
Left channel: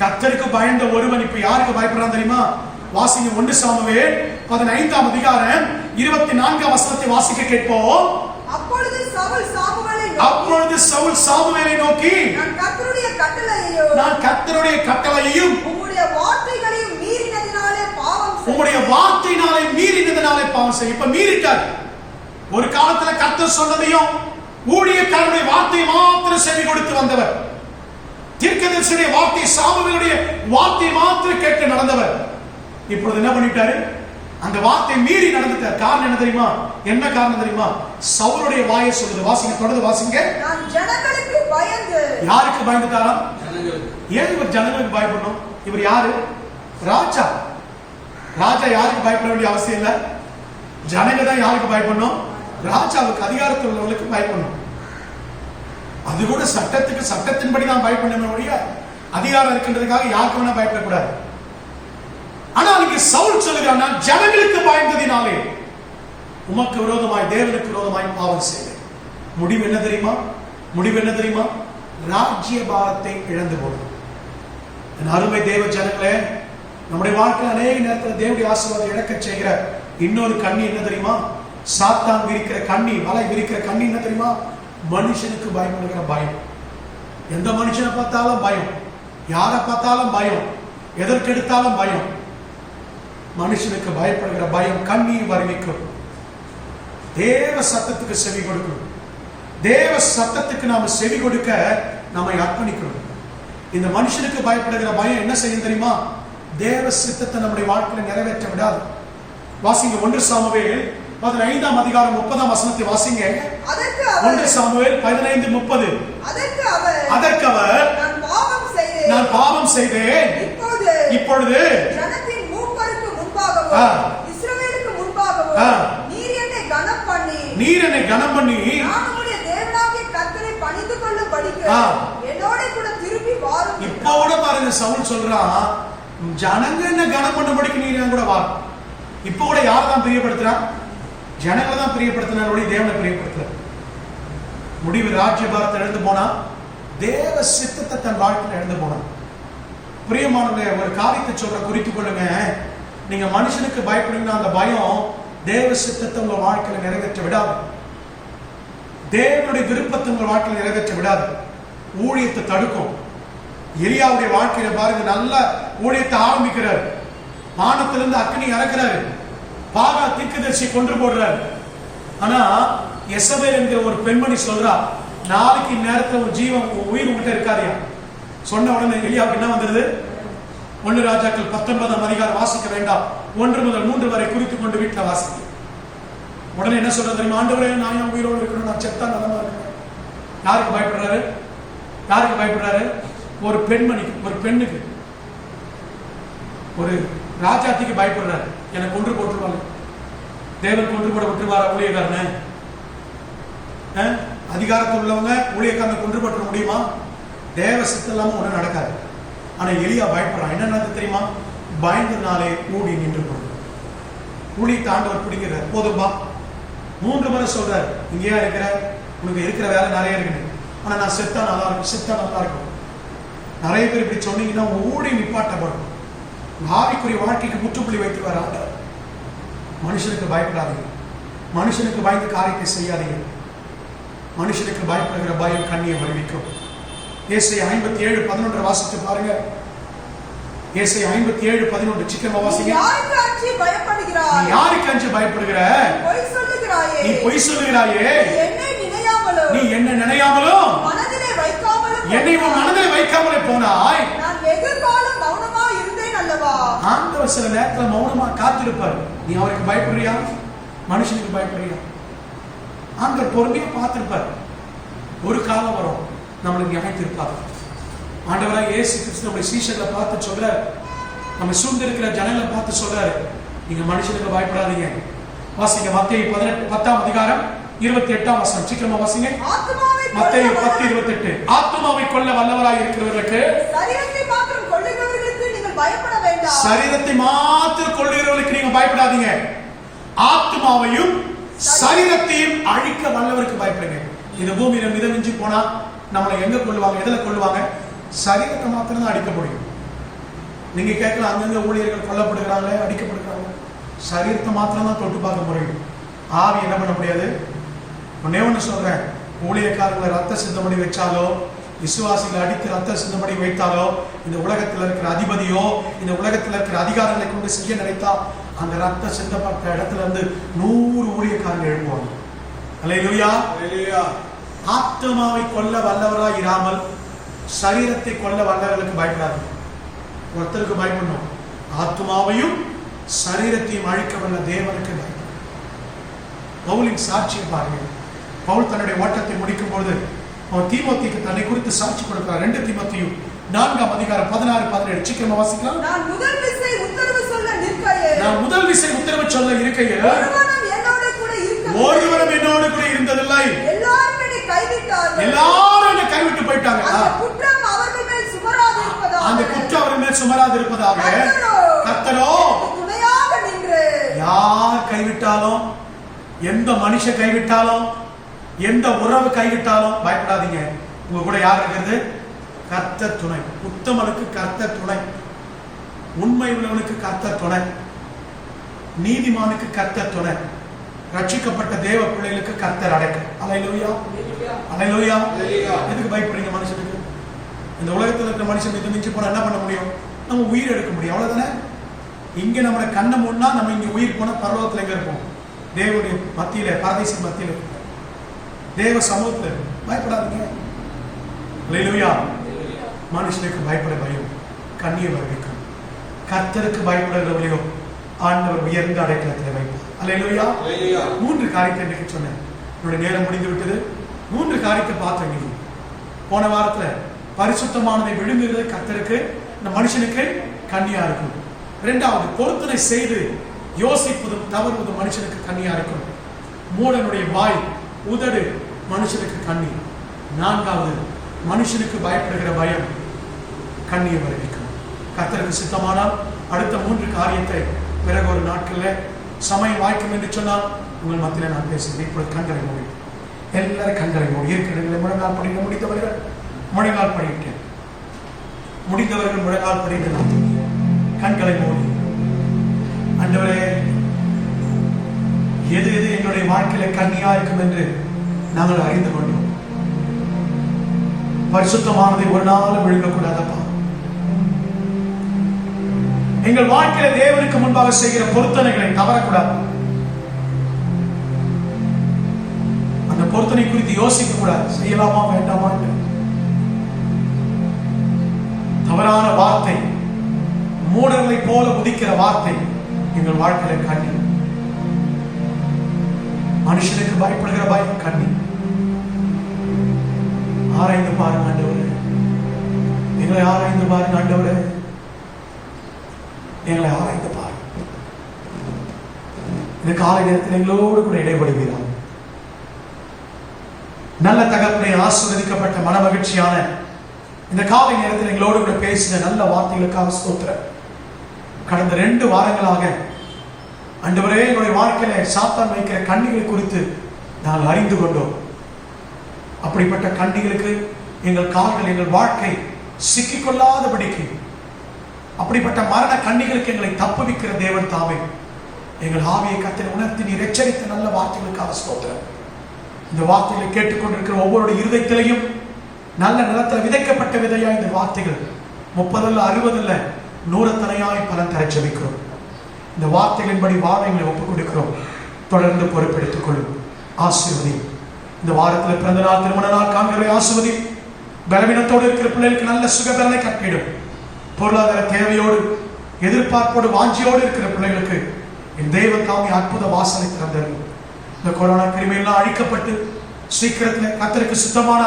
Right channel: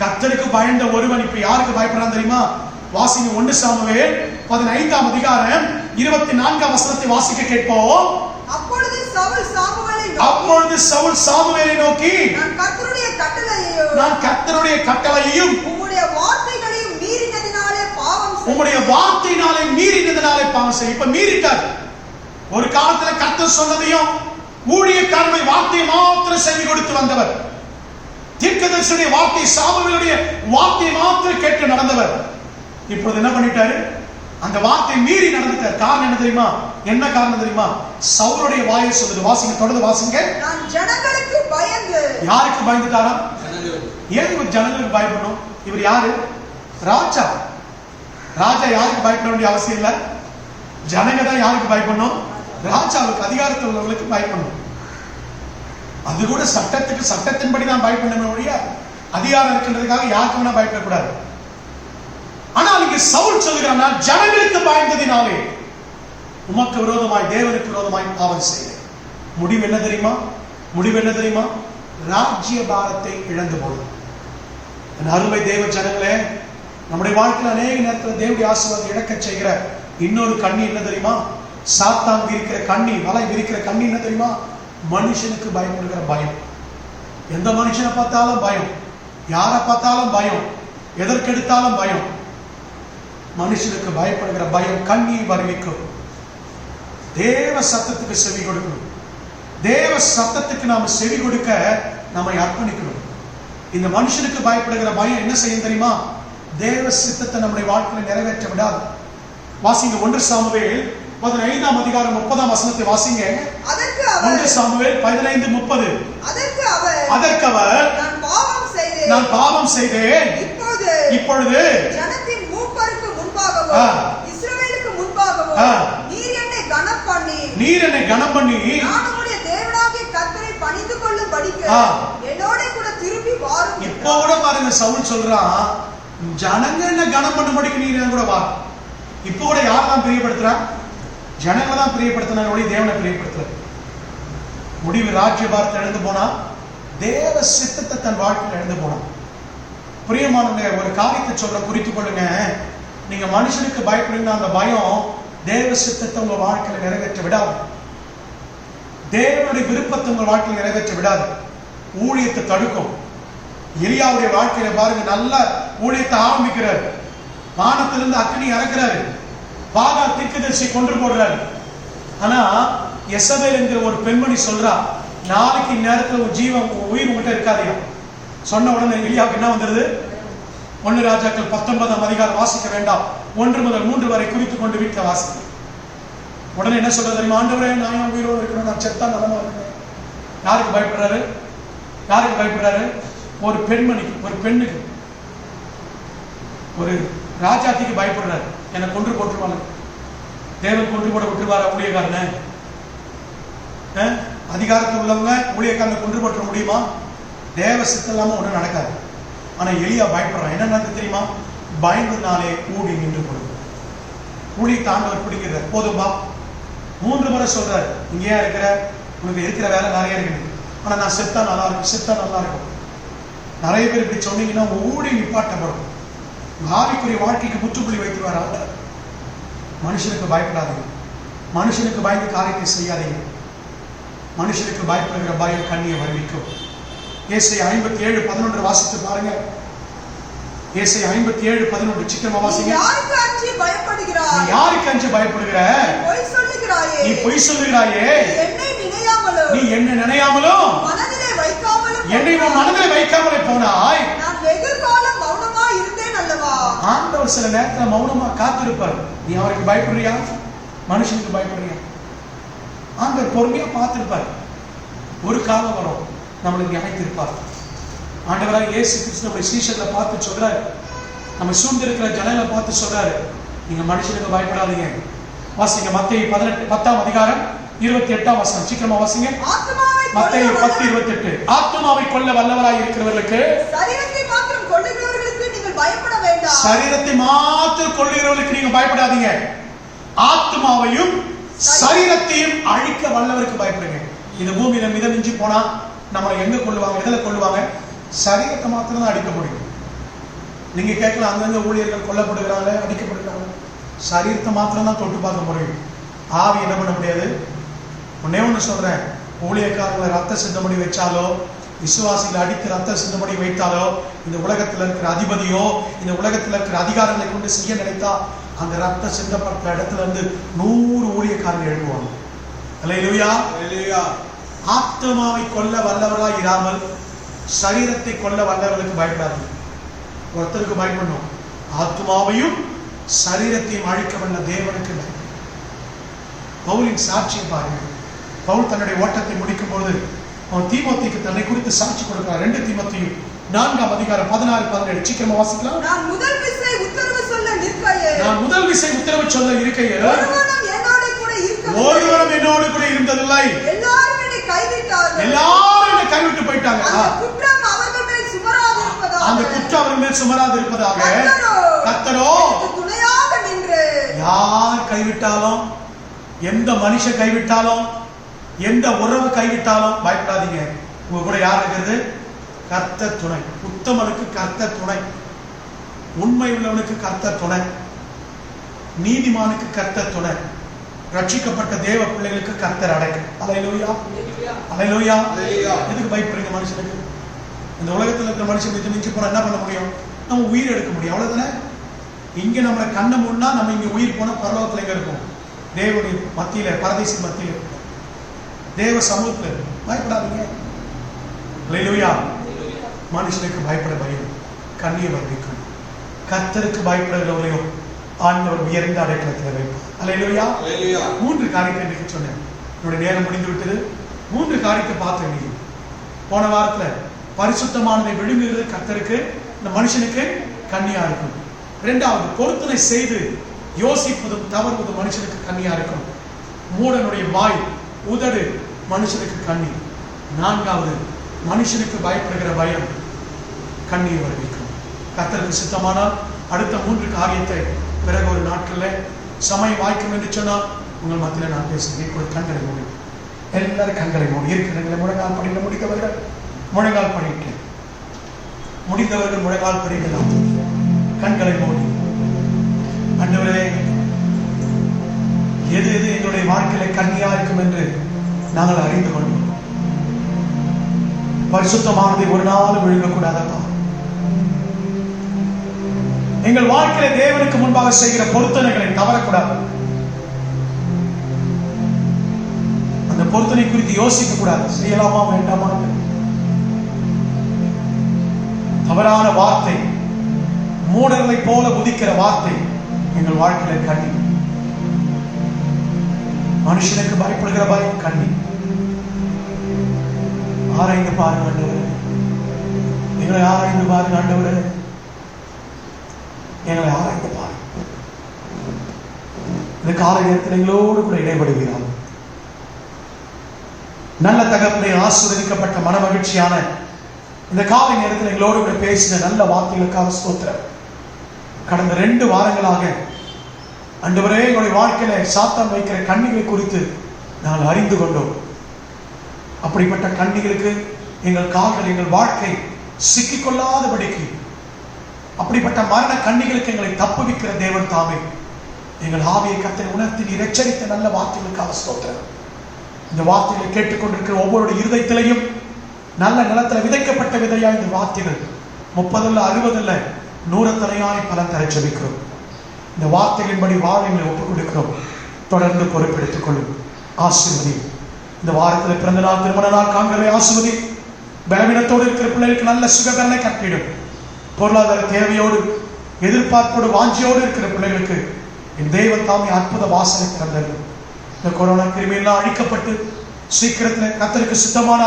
கர்த்தருக்கு பயந்த ஒருவன் இப்ப யாருக்கு பயப்படுறான் தெரியுமா? வாசிங்க 1 சாமுவேல் 15ஆம் அதிகாரம் 24ஆம் வசனத்தை வாசிக்க கேட்போம். அப்பொழுது சவுல் சாமுவேலை நோக்கி, நான் கர்த்தருடைய கட்டளையையும் உம்முடைய வார்த்தையினாலே மீறினதினாலே பாவம் செய்ய. இப்ப மீறிட்டார். ஒரு காலத்துல கர்த்தர் சொன்னதையும் ஊழியக்காரனுடைய வார்த்தை மாத்திரம் செவி கொடுத்து வந்தவர். தீர்க்கதரிசியுடைய வார்த்தை, சாமுவேலுடைய வார்த்தை மாத்திரம் கேட்டு நடந்தவர். இப்பொழுது என்ன பண்ணிட்டாரு? அந்த வார்த்தை மீறி நடந்துட்டார். காரணம் என்ன தெரியுமா? என்ன காரணம் தெரியுமா? சவுலுடைய வாயை சொல்லுது. வாசிங்க, தொடர்ந்து வாசிங்க. நான் ஜனங்களுக்கு பயந்து. யாருக்கு பயந்துட்டாரா? ஏன் இவர் ஜனங்களுக்கு பயப்படணும்? இவர் யாரு? ராஜா. ராஜா யாருக்கு பயப்பட வேண்டிய அவசியம் இல்ல. ஜனங்க தான் யாருக்கு பயப்படணும்? ராஜாவுக்கு, அதிகாரத்தில் உள்ளவர்களுக்கு பயப்படணும். அது கூட சட்டத்துக்கு, சட்டத்தின்படி தான் பயப்படணும் ஒழிய அதிகாரம் இருக்கின்றதுக்காக யாருக்கு வேணா பயப்படக்கூடாது. ஆனால் இங்கே சவுல் சொல்லுகிறான், நான் ஜனங்களுக்கு பயந்ததினாலே உமக்கு விரோதமாய், தேவனுக்கு விரோதமாய் பாவம் செய்தேன். முடிவு என்ன தெரியுமா? முடிவு என்ன தெரியுமா? ராஜ்ய பாரத்தை இழந்து போடும். என் அருமை தேவ ஜனங்களே, நம்முடைய வாழ்க்கையில் அநேக நேரத்தில் தேவனுடைய ஆசீர்வாதம் இழக்க செய்கிற இன்னொரு கண்ணி என்ன தெரியுமா? சாத்தான் விரிக்கிற கண்ணி, வலை விரிக்கிற கண்ணி என்ன தெரியுமா? மனுஷனுக்கு பயப்படுகிற பயம். எந்த மனுஷனை பார்த்தாலும் பயம், யாரை பார்த்தாலும் பயம், எதற்கெடுத்தாலும் பயம். மனுஷனுக்கு பயப்படுகிற பயம் கண்ணியை வருவிக்கும். தேவ சத்தத்துக்கு செவி கொடுக்கணும். தேவ சத்தத்துக்கு நாம செவி கொடுக்க நம்மை அர்ப்பணிக்கணும். இந்த மனுஷனுக்கு பயப்படுகிற பயம் என்ன செய்யும் தெரியுமா? தேவ சித்தத்தை நம்முடைய வாழ்க்கையில நிறைவேற்ற விடாது. வாசிங்க 1 சாமுவேல் 15ஆம் அதிகாரம் 30ஆம் வசனத்தை வாசிங்க. 1 சாமுவேல் 15:30. அதற்கு அவர் நான் பாவம் செய்தேன். இப்பொழுது ஜனத்தின் மூப்பருக்கு முன்பாகவும் இஸ்ரவேலுக்கு முன்பாகவும் நீர் என்னை கனம் பண்ணி நான் உம்முடைய தேவனாகிய கர்த்தரை பணிந்து கொள்ளும்படிக்கு என்னோட கூட திரும்பி வாரும். இப்போ கூட பாருங்க, சவுல் சொல்றான், ஜனங்க என்ன கனம் பண்ணும்படிக்கு நீர் என் கூட வா. இப்போ கூட யார் தான் பிரியப்படுத்துறான்? ஜனங்களை தான் பிரியப்படுத்தினாரோட தேவனை பிரியப்படுத்துற. முடிவு ராஜ்ய பாரத்தை இழந்து போனா, தேவ சித்தத்தை தன் வாழ்க்கையில் இழந்து போனான். பிரியமானவர்களே, ஒரு காரியத்தை சொல்ற, குறித்துக் கொள்ளுங்க. நீங்க மனுஷனுக்கு பயப்படுறீங்கன்னா அந்த பயம் தேவ சித்தத்தை உங்க வாழ்க்கையில நிறைவேற்ற விடாது. தேவனுடைய விருப்பத்தை உங்க வாழ்க்கையில நிறைவேற்ற விடாது. ஊழியத்தை தடுக்கும். எலியாவுடைய வாழ்க்கையில பாருங்க, நல்ல ஊழியத்தை ஆரம்பிக்கிறார். வானத்திலிருந்து அக்கினி இறக்குறாரு. பாகா தீர்க்கதரிசி கொன்று போடுறாரு. ஆனா எசபேல் என்கிற ஒரு பெண்மணி சொல்றா, நாளைக்கு நேரத்தில் ஒரு ஜீவன், உயிர் உங்ககிட்ட இருக்காதையா. சொன்ன உடனே எலியாவுக்கு என்ன வந்துருது? 1 ராஜாக்கள் 19ஆம் அதிகாரம் வாசிக்க வேண்டாம், 1 முதல் 3 வரை குறித்துக் கொண்டு வீட்டில் வாசிக்க. உடனே என்ன சொல்றது தெரியுமா? ஆண்டவரே, நான் என் உயிரோடு இருக்கணும், நான் செத்தா நலமா இருக்கணும். யாருக்கு பயப்படுறாரு? யாருக்கு பயப்படுறாரு? ஒரு பெண்மணிக்கு, ஒரு பெண்ணுக்கு, ஒரு ராஜாத்திக்கு பயப்படுறாரு, என்னை கொன்று போட்டுருவாங்க, தேவன் கொன்று போட விட்டுருவாரா ஊழியக்காரனை? அதிகாரத்தில் உள்ளவங்க ஊழியக்காரனை கொன்று போட்டுற முடியுமா? தேவ சித்தம் இல்லாம ஒன்றும் நடக்காது. ஆனா எலியா பயப்படுறான். என்ன நடக்குது தெரியுமா? பயந்தனாலே ஊடி நின்று போடுது. ஊழியத்தை ஆண்டவர் பிடிக்கிறார். போதும்பா, 3 முறை சொல்றாரு, இங்கேயா இருக்கிற, உனக்கு இருக்கிற வேலை நிறைய இருக்குது, ஆனா நான் செத்தா நல்லா இருக்கும், செத்தா நல்லா இருக்கும். நிறைய பேர் இப்படி சொன்னீங்கன்னா ஊடி நிப்பாட்டப்படும். ஆவிக்குரிய வாழ்க்கைக்கு முற்றுப்புள்ளி வைத்துருவார் ஆண்டவர். மனுஷனுக்கு பயப்படாதீங்க, மனுஷனுக்கு பயந்து காரியத்தை செய்யாதீங்க. மனுஷனுக்கு பயப்படுகிற பயம் கண்ணியை வருவிக்கும். ஏசாயா 57:11 வாசித்து பாருங்க. ஏசாயா 57:11 சீக்கிரமா வாசிங்க. யாருக்கு அஞ்சி பயப்படுகிறாய்? நீ யாருக்கு அஞ்சி பயப்படுகிற? பொய் சொல்லுகிறாயே. நீ பொய் சொல்லுகிறாயே. என்னை நினையாமலும், நீ என்ன நினையாமலும், மனதிலே வைக்காமலும், என்னை உன் மனதிலே வைக்காமலே போனாய். நான் வெகுகாலம் மௌனமா இருந்தேன் அல்லவா? ஆண்டவர் சில நேரத்துல மௌனமா காத்திருப்பார். நீ அவருக்கு பயப்படுறியா? மனுஷனுக்கு பயப்படுறியா? ஆண்டவர் பொறுமையா பார்த்திருப்பார். ஒரு காலம் வரும் நம்மளுக்கு நியாயத்திருப்பார். ஆண்டவராக இயேசு கிறிஸ்துவோட சீஷர்களை பார்த்து சொல்றாரு, நம்ம சூழ்ந்திருக்கிற ஜனங்களை பார்த்து சொல்றாரு, நீங்க மனுஷனுக்கு பயப்படாதீங்க. வாசிங்க மத்தேயு 10:28 சீக்கிரமா வாசிங்க. மத்தேயு 10:28. ஆத்துமாவை கொல்ல வல்லவராய் இருக்கிறவர்களுக்கு, சரீரத்தை மாத்திரம் கொல்லுகிறவர்களுக்கு நீங்கள் பயப்பட வேண்டாம். சரீரத்தை மாத்திரம் கொல்லுகிறவர்களுக்கு நீங்க பயப்படாதீங்க, ஆத்துமாவையும் சரீரத்தையும் அழிக்க வல்லவருக்கு பயப்படுங்க. இந்த பூமியில மிதமிஞ்சி போனா நம்மளை எங்க கொள்ளுவாங்க? எதுல கொள்ளுவாங்க? சரீரத்தை மாத்திரம் தான் அடிக்க முடியும். நீங்க கேட்கலாம், அங்கங்க ஊழியர்கள் கொல்லப்படுகிறாங்க, அடிக்கப்படுகிறாங்க. சரீரத்தை மாத்திரம் தான் தொட்டு பார்க்க முடியும். ஆவி என்ன பண்ண முடியாது. ஒன்னே ஒண்ணு சொல்றேன், ஊழியக்காரங்களை ரத்த சிந்தமணி வச்சாலோ, விசுவாசிகளை அடித்து ரத்த சிந்தமணி வைத்தாலோ, இந்த உலகத்தில் இருக்கிற அதிபதியோ இந்த உலகத்தில் இருக்கிற அதிகாரங்களை கொண்டு செய்ய நினைத்தா அந்த ரத்த சிந்தப்பட்ட இடத்துல இருந்து 100 ஊழியக்காரர்கள் எழுதுவாங்க. அல்லேலூயா. ஆத்மாவை கொல்ல வல்லவர்களாய் இராமல் சரீரத்தை கொல்ல வல்லவர்களுக்கு பயப்படாதீங்க. ஒருத்தருக்கு பயப்படணும், ஆத்மாவையும் சரீரத்தையும் அழிக்க வல்ல தேவனுக்கு பயப்படும். பவுலின் சாட்சியை பாருங்கள். பவுல் தன்னுடைய ஓட்டத்தை முடிக்கும் பொழுது அவன் தீமோத்தேயுக்கு தன்னை குறித்து சாட்சி கொடுக்கிறார். 2 தீமோத்தேயு 4:16-17 சீக்கிரமா வாசிக்கலாம். நான் முதல் விசை உத்தரவு சொல்ல இருக்கையில் ஒருவரும் என்னோடு கூட இருந்ததில்லை. எல்லாரும் என்னை கைவிட்டார்கள். எல்லாரும் என்னை கைவிட்டு போயிட்டாங்க. அந்த குற்றம் அவர்கள் மேல் சுமராது இருப்பதாக கர்த்தரோ துணையாக நின்று, யார் கைவிட்டாலும், எந்த மனுஷன் கைவிட்டாலும், எந்த உறவு கைவிட்டாலும் பயப்படாதீங்க. உங்க கூட யார் இருக்கிறது? கர்த்தர் துணை. உத்தமனுக்கு கர்த்தர் துணை, உண்மை உள்ளவனுக்கு கர்த்தர் துணை, நீதிமானுக்கு கர்த்தர் துணை, ரட்சிக்கப்பட்ட தேவ பிள்ளைகளுக்கு கர்த்தர் அடைக்கல். அல்லேலூயா, அல்லேலூயா. எதுக்கு பயப்படுறீங்க? மனுஷனுக்கு, இந்த உலகத்தில் இருக்கிற மனுஷன் இது மிஞ்சி போனா என்ன பண்ண முடியும்? நம்ம உயிர் எடுக்க முடியும், அவ்வளவுதானே. இங்க நம்மளை கண்ணை முன்னா நம்ம இங்க உயிர் போனா பரலோகத்துல எங்க இருப்போம்? தேவனுடைய மத்தியில, பரதேசி மத்தியில, தேவ சமூகத்துல. பயப்படாதீங்க. அல்லேலூயா. மனுஷனுக்கு பயப்பட பயம் கண்ணியை வருவிக்கும். கர்த்தருக்கு பயப்படுகிறவர்களையோ ஆண்டவர் உயர்ந்த அடைக்கலத்தில் வைப்பார். அல்லேலூயா. 3 காரியத்தை இன்றைக்கு சொன்னேன். என்னுடைய நேரம் முடிந்து விட்டது. 3 காரியத்தை பார்த்தேன். நீங்க போன வாரத்துல பரிசுத்தமானதை விழுங்குகிறது கர்த்தருக்கு, இந்த மனுஷனுக்கு கண்ணியா இருக்கும். 2வது, பொருத்தனை செய்து யோசிப்பதும் தவறுவதும் மனுஷனுக்கு கண்ணியா இருக்கும். மூடனுடைய வாய், உதடு மனுஷனுக்கு கண்ணி. 4வது, மனுஷனுக்கு பயப்படுகிற பயம் கண்ணியை வருவிக்கும். கர்த்தருக்கு சித்தமானால் அடுத்த 3 காரியத்தை பிறகு ஒரு நாட்கள்ல சமயம் வாய்க்கும் என்று சொன்னால் உங்கள் மத்தியில நான் பேசுகிறேன். இப்பொழுது கண்களை மூடி, எல்லாரும் கண்களை மூடி. இருக்கிற முழங்கால் படிக்க முடிந்தவர்கள் முழங்கால் படிக்க, முடிந்தவர்கள் முழங்கால் படிக்கலாம். கண்களை மூடி. ஆண்டவரே, எது எது எங்களுடைய வாழ்க்கையில கண்ணியா இருக்கும் என்று நாங்கள் அறிந்து கொண்டோம். பரிசுத்தமானதை ஒரு நாள் விழுங்கக்கூடாதப்பா. எங்கள் வாழ்க்கையில தேவனுக்கு முன்பாக செய்கிற பொருத்தனைகளை தவறக்கூடாது. அந்த பொருத்தனை குறித்து யோசிக்க கூடாது. செய்யலாமா வேண்டாமா? தவறான வார்த்தை, மூடர்களை போல உதிக்கிற வார்த்தை எங்கள் வாழ்க்கையில கண்ணி. மனுஷனுக்கு பயப்படுகிற பயம் கண்ணி. ஆராய்ந்து பாருங்க ஆண்டவரே, எங்களை காலை நேரத்தில் எங்களோடு கூட இடைபடுவீர்கள். நல்ல தகப்பனை, ஆசீர்வதிக்கப்பட்ட மனமகிழ்ச்சியான இந்த காலை நேரத்தில் எங்களோடு கூட பேசின நல்ல வார்த்தைகளுக்காக ஸ்தோத்திரம். கடந்த 2 வாரங்களாக ஆண்டவரே, எங்களுடைய வாழ்க்கையில சாத்தான் வைக்கிற கண்ணிகளை குறித்து நாங்கள் அறிந்து கொண்டோம். அப்படிப்பட்ட கண்ணிகளுக்கு எங்கள் கால்கள், எங்கள் வாழ்க்கை சிக்கிக்கொள்ளாதபடிக்கு, அப்படிப்பட்ட மரண கண்ணிகளுக்கு எங்களை தப்புவிக்கிற தேவன் தாமே எங்கள் ஆவியை கர்த்தர் உணர்த்தி நீர் எச்சரித்த நல்ல வார்த்தைகளுக்காக ஸ்தோத்திரம். இந்த வார்த்தைகளை கேட்டுக்கொண்டிருக்கிற ஒவ்வொரு இருதயத்திலையும் நல்ல நிலத்தில் விதைக்கப்பட்ட விதையா இந்த வார்த்தைகள் 30 அல்ல 60 அல்ல 100 தனையாய் பலன் தர ஜெபிக்கிறோம். இந்த வார்த்தைகளின்படி வாழ எங்களை ஒப்புக் கொடுக்கிறோம். தொடர்ந்து பொறுப்பெடுத்துக் கொள்ளும். ஆசீர்வதி. இந்த வாரத்தில் பிறந்த நாள், திருமண நாள் காண்களை ஆசீர்வதி. பலவீனத்தோடு இருக்கிற பிள்ளைகளுக்கு நல்ல சுகபலனை கட்டிடும். பொருளாதார தேவையோடு, எதிர்பார்ப்போடு, வாஞ்சியோடு இருக்கிற பிள்ளைகளுக்கு என் தெய்வ தாமி அற்புத வாசலை திறந்தது. இந்த கொரோனா கிருமியெல்லாம் அழிக்கப்பட்டு சீக்கிரத்தில் கர்த்தருக்கு சுத்தமான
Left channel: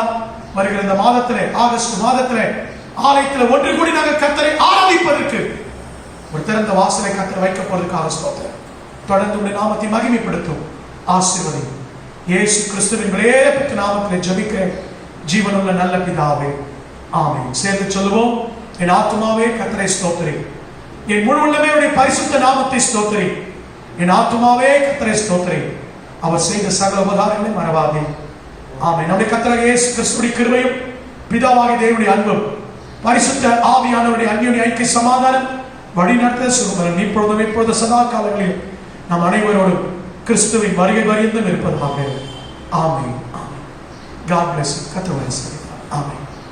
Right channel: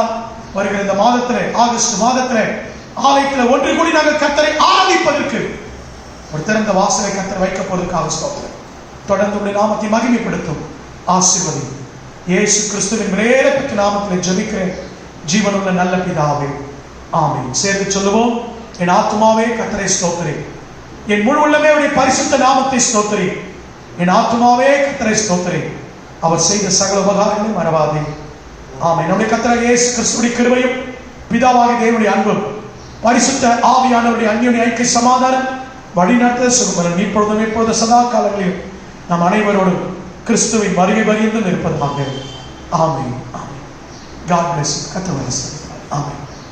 வருகிற இந்த மாதத்திலே, ஆகஸ்ட் மாதத்திலே ஆலயத்தில் ஒன்று கூடி நாங்கள் கர்த்தரை ஆராதிப்பதற்கு ஒரு திறந்த வாசலை கர்த்தர் வைக்கப்படுவதற்காக ஸ்தோத்திரம். தொடர்ந்து உடைய நாமத்தை மகிமைப்படுத்தும். ஆசீர்வதி. இயேசு கிறிஸ்துவின் விலையேறப்பட்ட நாமத்தில் ஜெபிக்கிறேன் ஜீவனுள்ள நல்ல பிதாவே, ஆமென். சேர்ந்து சொல்லுவோம். என் ஆத்துமாவே கர்த்தரை ஸ்தோத்திரி, என் முழு உள்ளமே அவருடைய பரிசுத்த நாமத்தை ஸ்தோத்திரி. என் ஆத்துமாவே கர்த்தரை ஸ்தோத்திரி, அவர் செய்த சகல உபகாரங்களை மறவாதே. ஆமென். நம்முடைய கர்த்தர் இயேசு கிறிஸ்துவின் கிருபையும் பிதாவாகிய தேவனுடைய அன்பும் பரிசுத்த ஆவியானவருடைய அன்யோன்ய ஐக்கிய சமாதானம் வழிநடத்த சுகபலன் இப்பொழுதும் இப்பொழுது சதா காலங்களிலும் நம் அனைவரோடும் கிறிஸ்துவின் வருகை வரைந்தும் இருப்பதாக. ஆமென். ஆமென். God bless you. கர்த்தர் ஆசீர்வதிப்பார். ஆமென்.